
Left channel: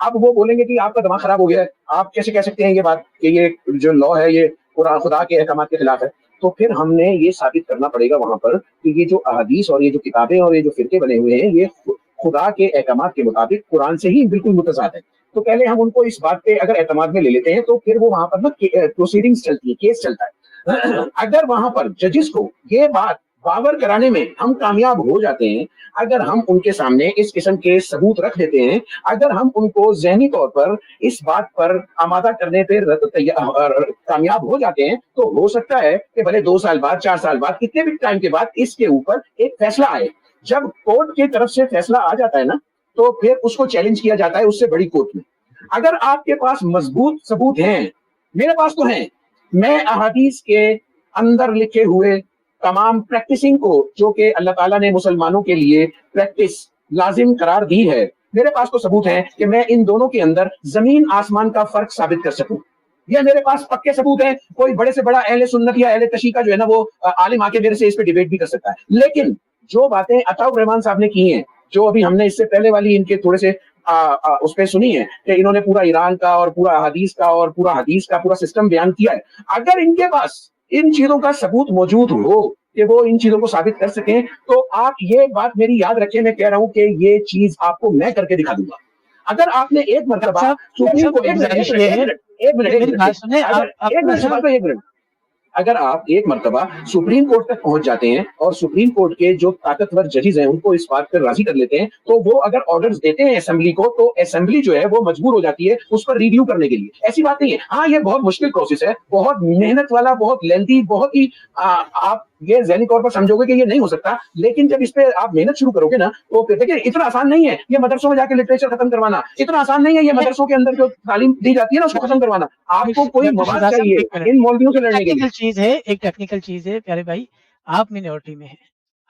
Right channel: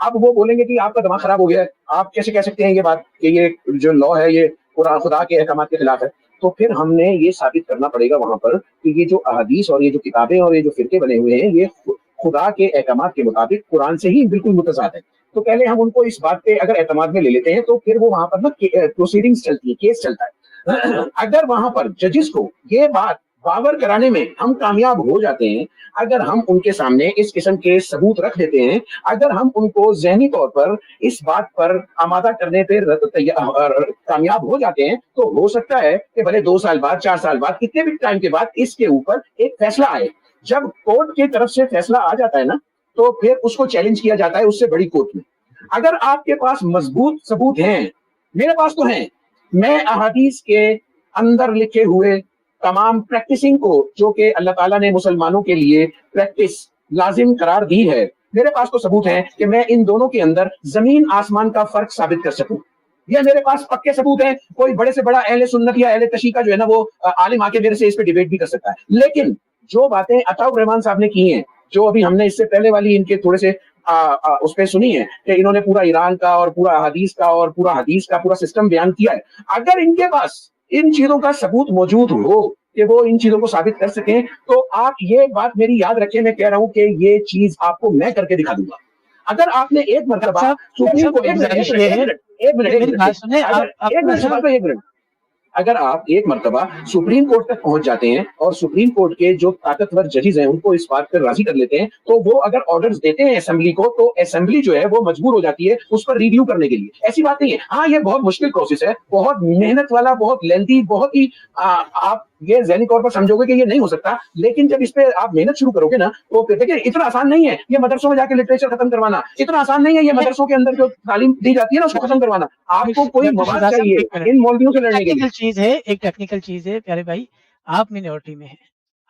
अब वो बोलेंगे कि आपका दिमाग खराब हो गया है, आप कैसे कह सकते हैं ये बात कि ये जो लॉ है ये पूरा खुदा के अहकामात के खिलाफ है। तो फिर हमने ये साबित करना पड़ेगा वहां पर कि ये जो अहादीस और ये जो किताबें और ये जो फिरके बने हुए हैं, ये खुदा के अहकामात के मुताबिक कुरान से ही बिल्कुल मुतज़ाद है। तो पहले हम उनको इस बात पे अगर एतमाद में ले लेते हैं, तो फिर वो वहां पर ना प्रोसीडिंग्स चलती है, केस चलता है। अगर वहां पर जजेस को ये बात बावर कराने में हम कामयाब हो जाते हैं, अगर हम उनके सामने इस किस्म के सबूत रख देते हैं, अगर हम उनको ज़हनी तौर पर इस बात पर आमादा करने पे कामयाब हो जाते हैं, तो हो सकता है कि भले 2 साल बाद, 4 साल बाद, कितने भी टाइम के बाद इसके ऊपर एक फैसला आए। जब कोर्ट की तरफ से फैसला आ जाता है ना, तो फिर उसको चैलेंज किया जाता है उससे बड़ी कोर्ट में। अगर आपके पास मजबूत सबूत हैं, मेरे पास तो है, मैं अहादीस के अंदर लिखे हुए तमाम प्रैक्टिसिंग को, जो कि अल्लाह ताला ने मुसलमानों के लिए प्रैक्टिस लाजिम करार दी है, मेरे पास तो सबूत है कि मैं इन दोनों के अंदर जमीन आसमान का फर्क साबित कर सकूं। ये मेरे पास पक्के सबूत है। कोई बड़े से बड़ा अहले सुन्नत या अहले तशी का जो है ना, वो आलिम आके मेरे से इस पे डिबेट भी कर सकता है। लेकिन जो बातें अताउर रहमान साहब ने की हैं, जो अभी हमने इससे पहले वाली इनके थोड़े से उसमें सुनी है कि इन्होंने पूरा ईरान का और पूरा हदीस का और पूरा हदीस का पूरा सिस्टम बयान किया है, अगर इनके पास इन चीजों का सबूत मौजूद हो कि वो इन चीजों को साबित कर सके, तो आप ये बात मेरी याद रखें, मैं कह रहा हूँ कि ये चीज आपको मैं करके दिखा दूंगा। अगर आपने एक मरतबा सुप्रीम कोर्ट अगर आप एक मरतबा सुप्रीम कोर्ट तक पहुंच जाते हैं और सुप्रीम कोर्ट के जो ताकतवर जजेस हैं उनको इस बात पर राजी कर लेते हैं, तो वो अगर ऑर्डर्स देते हैं असेंबली को, तो असेंबली जो है वो मजबूर हो जाती है उस पर रिव्यू करने के लिए। ऐसी बात नहीं है। हाँ, ये बहुत मुश्किल प्रोसेस है, बहुत मेहनत वाला, बहुत लेंथी, बहुत ही आप ये ज़हनी तौर पर समझोगे कि ये नहीं हो सकता, लेकिन जब इस पे आप मेहनत शुरू करोगे ना, तो फिर देखिए इतना आसान नहीं है ये मदरसों में जाके लिटरेचर खत्म करवाना, इतना आसान नहीं है ये मदरसों के अंदर जो तालीम दी जाती है ना उसको खत्म करवाना। आपको कोई मवाद चाहिए इन मौलवियों से लड़ने के लिए। एक टेक्निकल चीज़ है प्यारे भाई, आप मिनॉरिटी में हैं।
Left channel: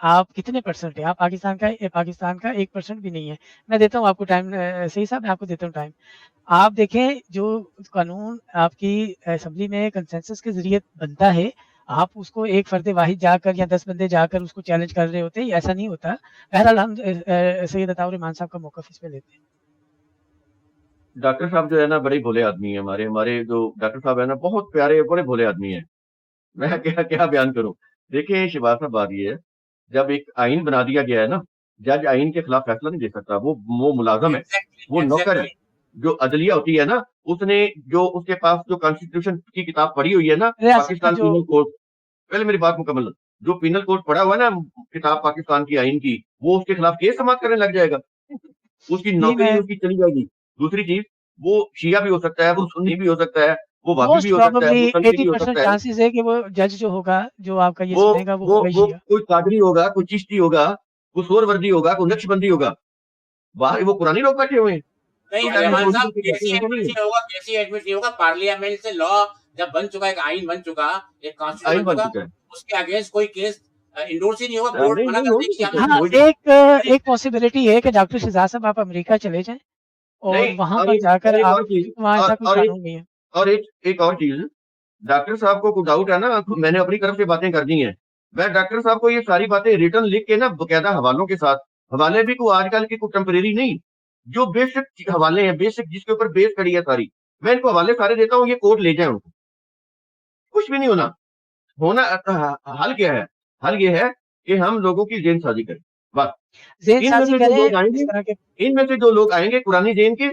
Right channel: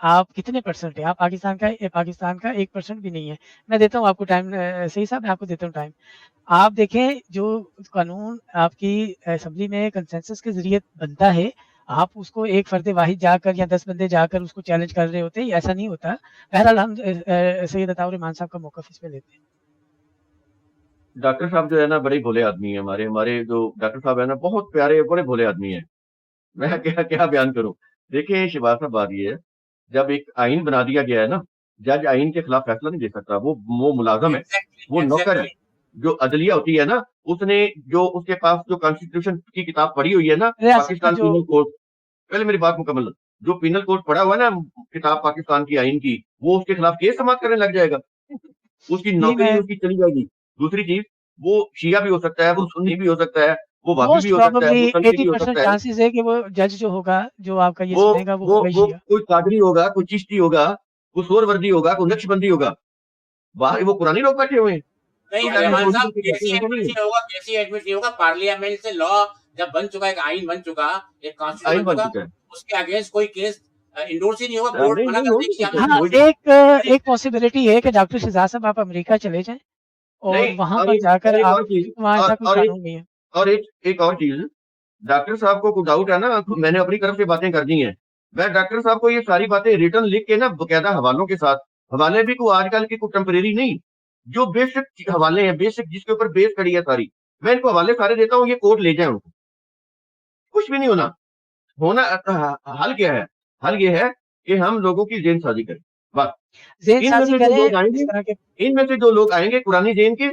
आप कितने परसेंट हैं? आप पाकिस्तान का 1% भी नहीं है। मैं देता हूँ आपको टाइम, सही साहब, मैं आपको देता हूँ टाइम। आप देखें, जो कानून आपकी असेंबली में कंसेंसस के ज़रिए बनता है, आप उसको एक फर्द वाहिद जाकर या 10 बंदे जाकर उसको चैलेंज कर रहे होते हैं, ऐसा नहीं होता। बहरहाल हम सैयद अताउर रहमान साहब का मौक़िफ़ इस पे लेते हैं। डॉक्टर साहब जो है ना बड़े भोले आदमी है। हमारे जो डॉक्टर साहब है ना बहुत प्यारे, बड़े भोले आदमी है। मैं क्या क्या बयान करूं। देखिए शिवाज में बात ये है, जब एक आइन बना दिया गया है ना, जज आइन के खिलाफ फैसला नहीं दे सकता। वो मुलाजम है, वो नौकर है। जो अदलिया होती है ना, उसने जो उसके पास जो कॉन्स्टिट्यूशन की किताब पढ़ी हुई है ना, पाकिस्तान पीनल कोड, पहले मेरी बात मुकम्मल, जो पीनल कोड पढ़ा हुआ है ना किताब पाकिस्तान की आइन की, वो उसके खिलाफ केस समाप्त करने लग जाएगा, उसकी नौकरी उसकी चली जाएगी। दूसरी चीज, वो शिया भी हो सकता है, वो सुन्नी भी हो सकता है, वो वादी भी हो सकता है, वो सनफी भी हो सकता है, चांसेस है कि वो जज जो होगा, जो आपका ये वो सुनेगा, वो वो होगा ही वो शिया। कोई कादरी होगा, कोई चिश्ती होगा, कोई सोरवर्दी होगा, कोई नक्शबंदी होगा। बाहर वो पुरानी लोग बैठे हुए हैं। नहीं तो रहमान मोदी साहब, को कहते कैसी हैं कि एडमिट नहीं, नहीं होगा, कैसी एडमिट नहीं होगा। पार्लियामेंट से लॉ जब बन चुका, एक आइन बन चुका, एक कॉन्स्टिट्यूशन आइन बन बन चुका, चुका है। उसके अगेंस्ट कोई केस इंडोर्स ही नहीं होगा। हाँ, बोर्ड नहीं मना नहीं कर हो नहीं देगी कि सकता, हमें हो ही हाँ, एक पॉसिबिलिटी है कि डॉक्टर शहजाद साहब आप अमेरिका चले जाएं और नहीं। वहाँ और पर एक जाकर एक आप, और चीज, वहाँ और ऐसा कोई और एक कानून नहीं है। और एक और चीज, डॉक्टर साहब को कुछ डाउट है ना, मैंने अपनी तरफ से बातें कर दी हैं। मैं डॉक्टर साहब को ये सारी बातें रिटर्न लिख के ना बकायदा हवालों के साथ, हवाले भी कोई आजकल की कोई टेम्परेरी नहीं, जो बेसिक हवाले हैं, बेसिक जिसके ऊपर बेस करी है सारी, मैं इनको हवाले सारे देता हूँ, ये कोड ले जाओ, कुछ भी नहीं होना। हल क्या है? हल ये है कि हम लोगों की जेन साजी करें, बस। इनमें से जो लोग आएंगे, इनमें से जो लोग आएंगे पुरानी जेन के,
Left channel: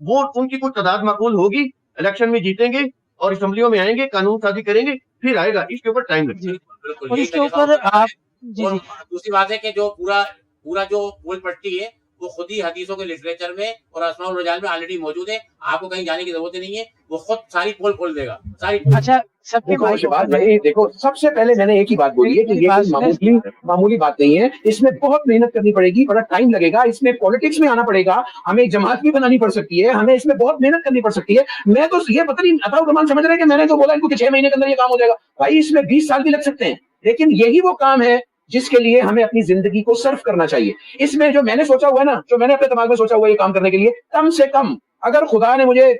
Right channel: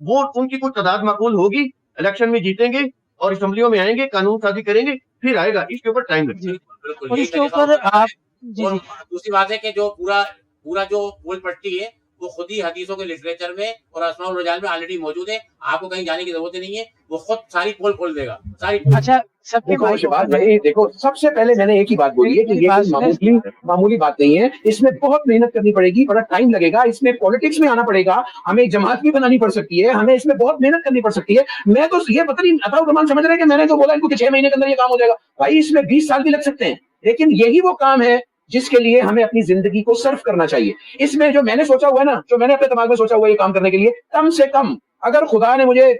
वो उनकी कुछ तादाद माकूल होगी, इलेक्शन में जीतेंगे और असेंबलियों में आएंगे, कानून साजी करेंगे, फिर आएगा। इसके ऊपर टाइम लगेगा। बिल्कुल और यही इसके मैं कहता ऊपर हूँ। आप और दूसरी बात है कि जो पूरा पूरा जो गोल पट्टी है, वो खुद ही हदीसों के लिटरेचर में और अस्माउल रिजाल में ऑलरेडी मौजूद है, आपको कहीं जाने की जरूरत ही नहीं है, उसको सारी खोल देगा सारी। अच्छा सबके देखो भाई शहबाज भाई, देखो सबसे पहले मैंने एक ही बात बोली है कि मेरी ये बात कोई मामूली बात नहीं है। इसमें बहुत मेहनत करनी पड़ेगी, बड़ा टाइम लगेगा, इसमें पॉलिटिक्स में आना पड़ेगा, हमें एक जमात भी बनानी पड़ सकती है, हमें इसमें बहुत मेहनत करनी पड़ सकती है। मैं तो ये पता नहीं अताउर रहमान समझ रहे हैं कि मैंने तो बोला इनको कि 6 महीने के अंदर ये काम हो जाएगा। भाई इसमें 20 साल भी लग सकते हैं, लेकिन यही वो काम है जिसके लिए हमें अपनी जिंदगी को सर्व करना चाहिए। इसमें जो मैंने सोचा हुआ ना, जो मैंने अपने दिमाग में सोचा हुआ ये काम करने के लिए, कम से कम अगर खुदा ने मुझे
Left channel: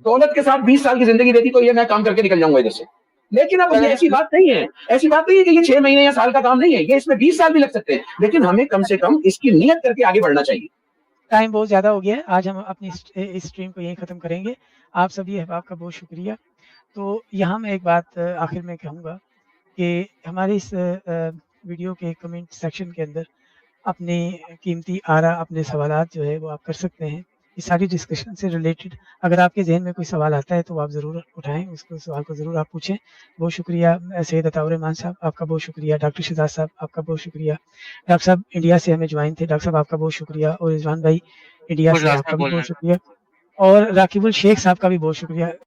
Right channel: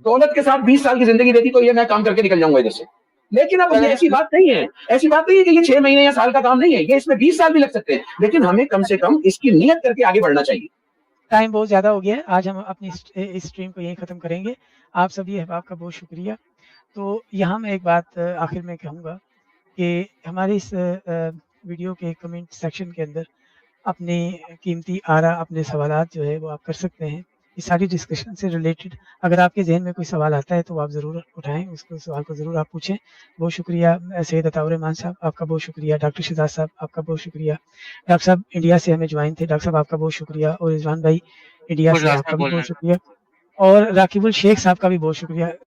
दौलत के साथ 20 साल की जिंदगी देती तो ये मैं काम करके निकल जाऊंगा इधर से। लेकिन अब ये ऐसी बात नहीं है, ऐसी बात नहीं है कि ये 6 महीने या साल का काम नहीं है, ये इसमें 20 साल भी लग सकते हैं, लेकिन हमें कम से कम इसकी नियत करके आगे बढ़ना चाहिए। टाइम बहुत ज़्यादा हो गया है, आज हम अपनी इस स्ट्रीम को यहीं ख़त्म करेंगे। आप सभी अहबाब का बहुत शुक्रिया। तो यहाँ मैं एक बात आखिर में कहूँगा कि हमारे इस वीडियो के कमेंट सेक्शन के अंदर अपने कीमती आरा, अपने सवालात जो है वो आप कर सकते हैं। इस सारी डिस्कशन से रिलेटेड अगर आपके जहन में कोई सवाल आता है तो आप ज़रूर उठाएँ, उसको सवाल को ज़रूर आप पूछें। बहुत शुक्रिया सैयद अताउर रहमान साहब, आपका बहुत शुक्रिया। डॉक्टर शहजाद साहब, आपका बहुत शुक्रिया। डॉक्टर साहब इंडिया से हमें ज्वाइन थे, डॉक्टर साहब आपका बहुत शुक्रिया। और रिजवान भाई इंडिया से, आपका भी बहुत शुक्रिया। और राकिबुल शेख साहब का भी बहुत शुक्रिया।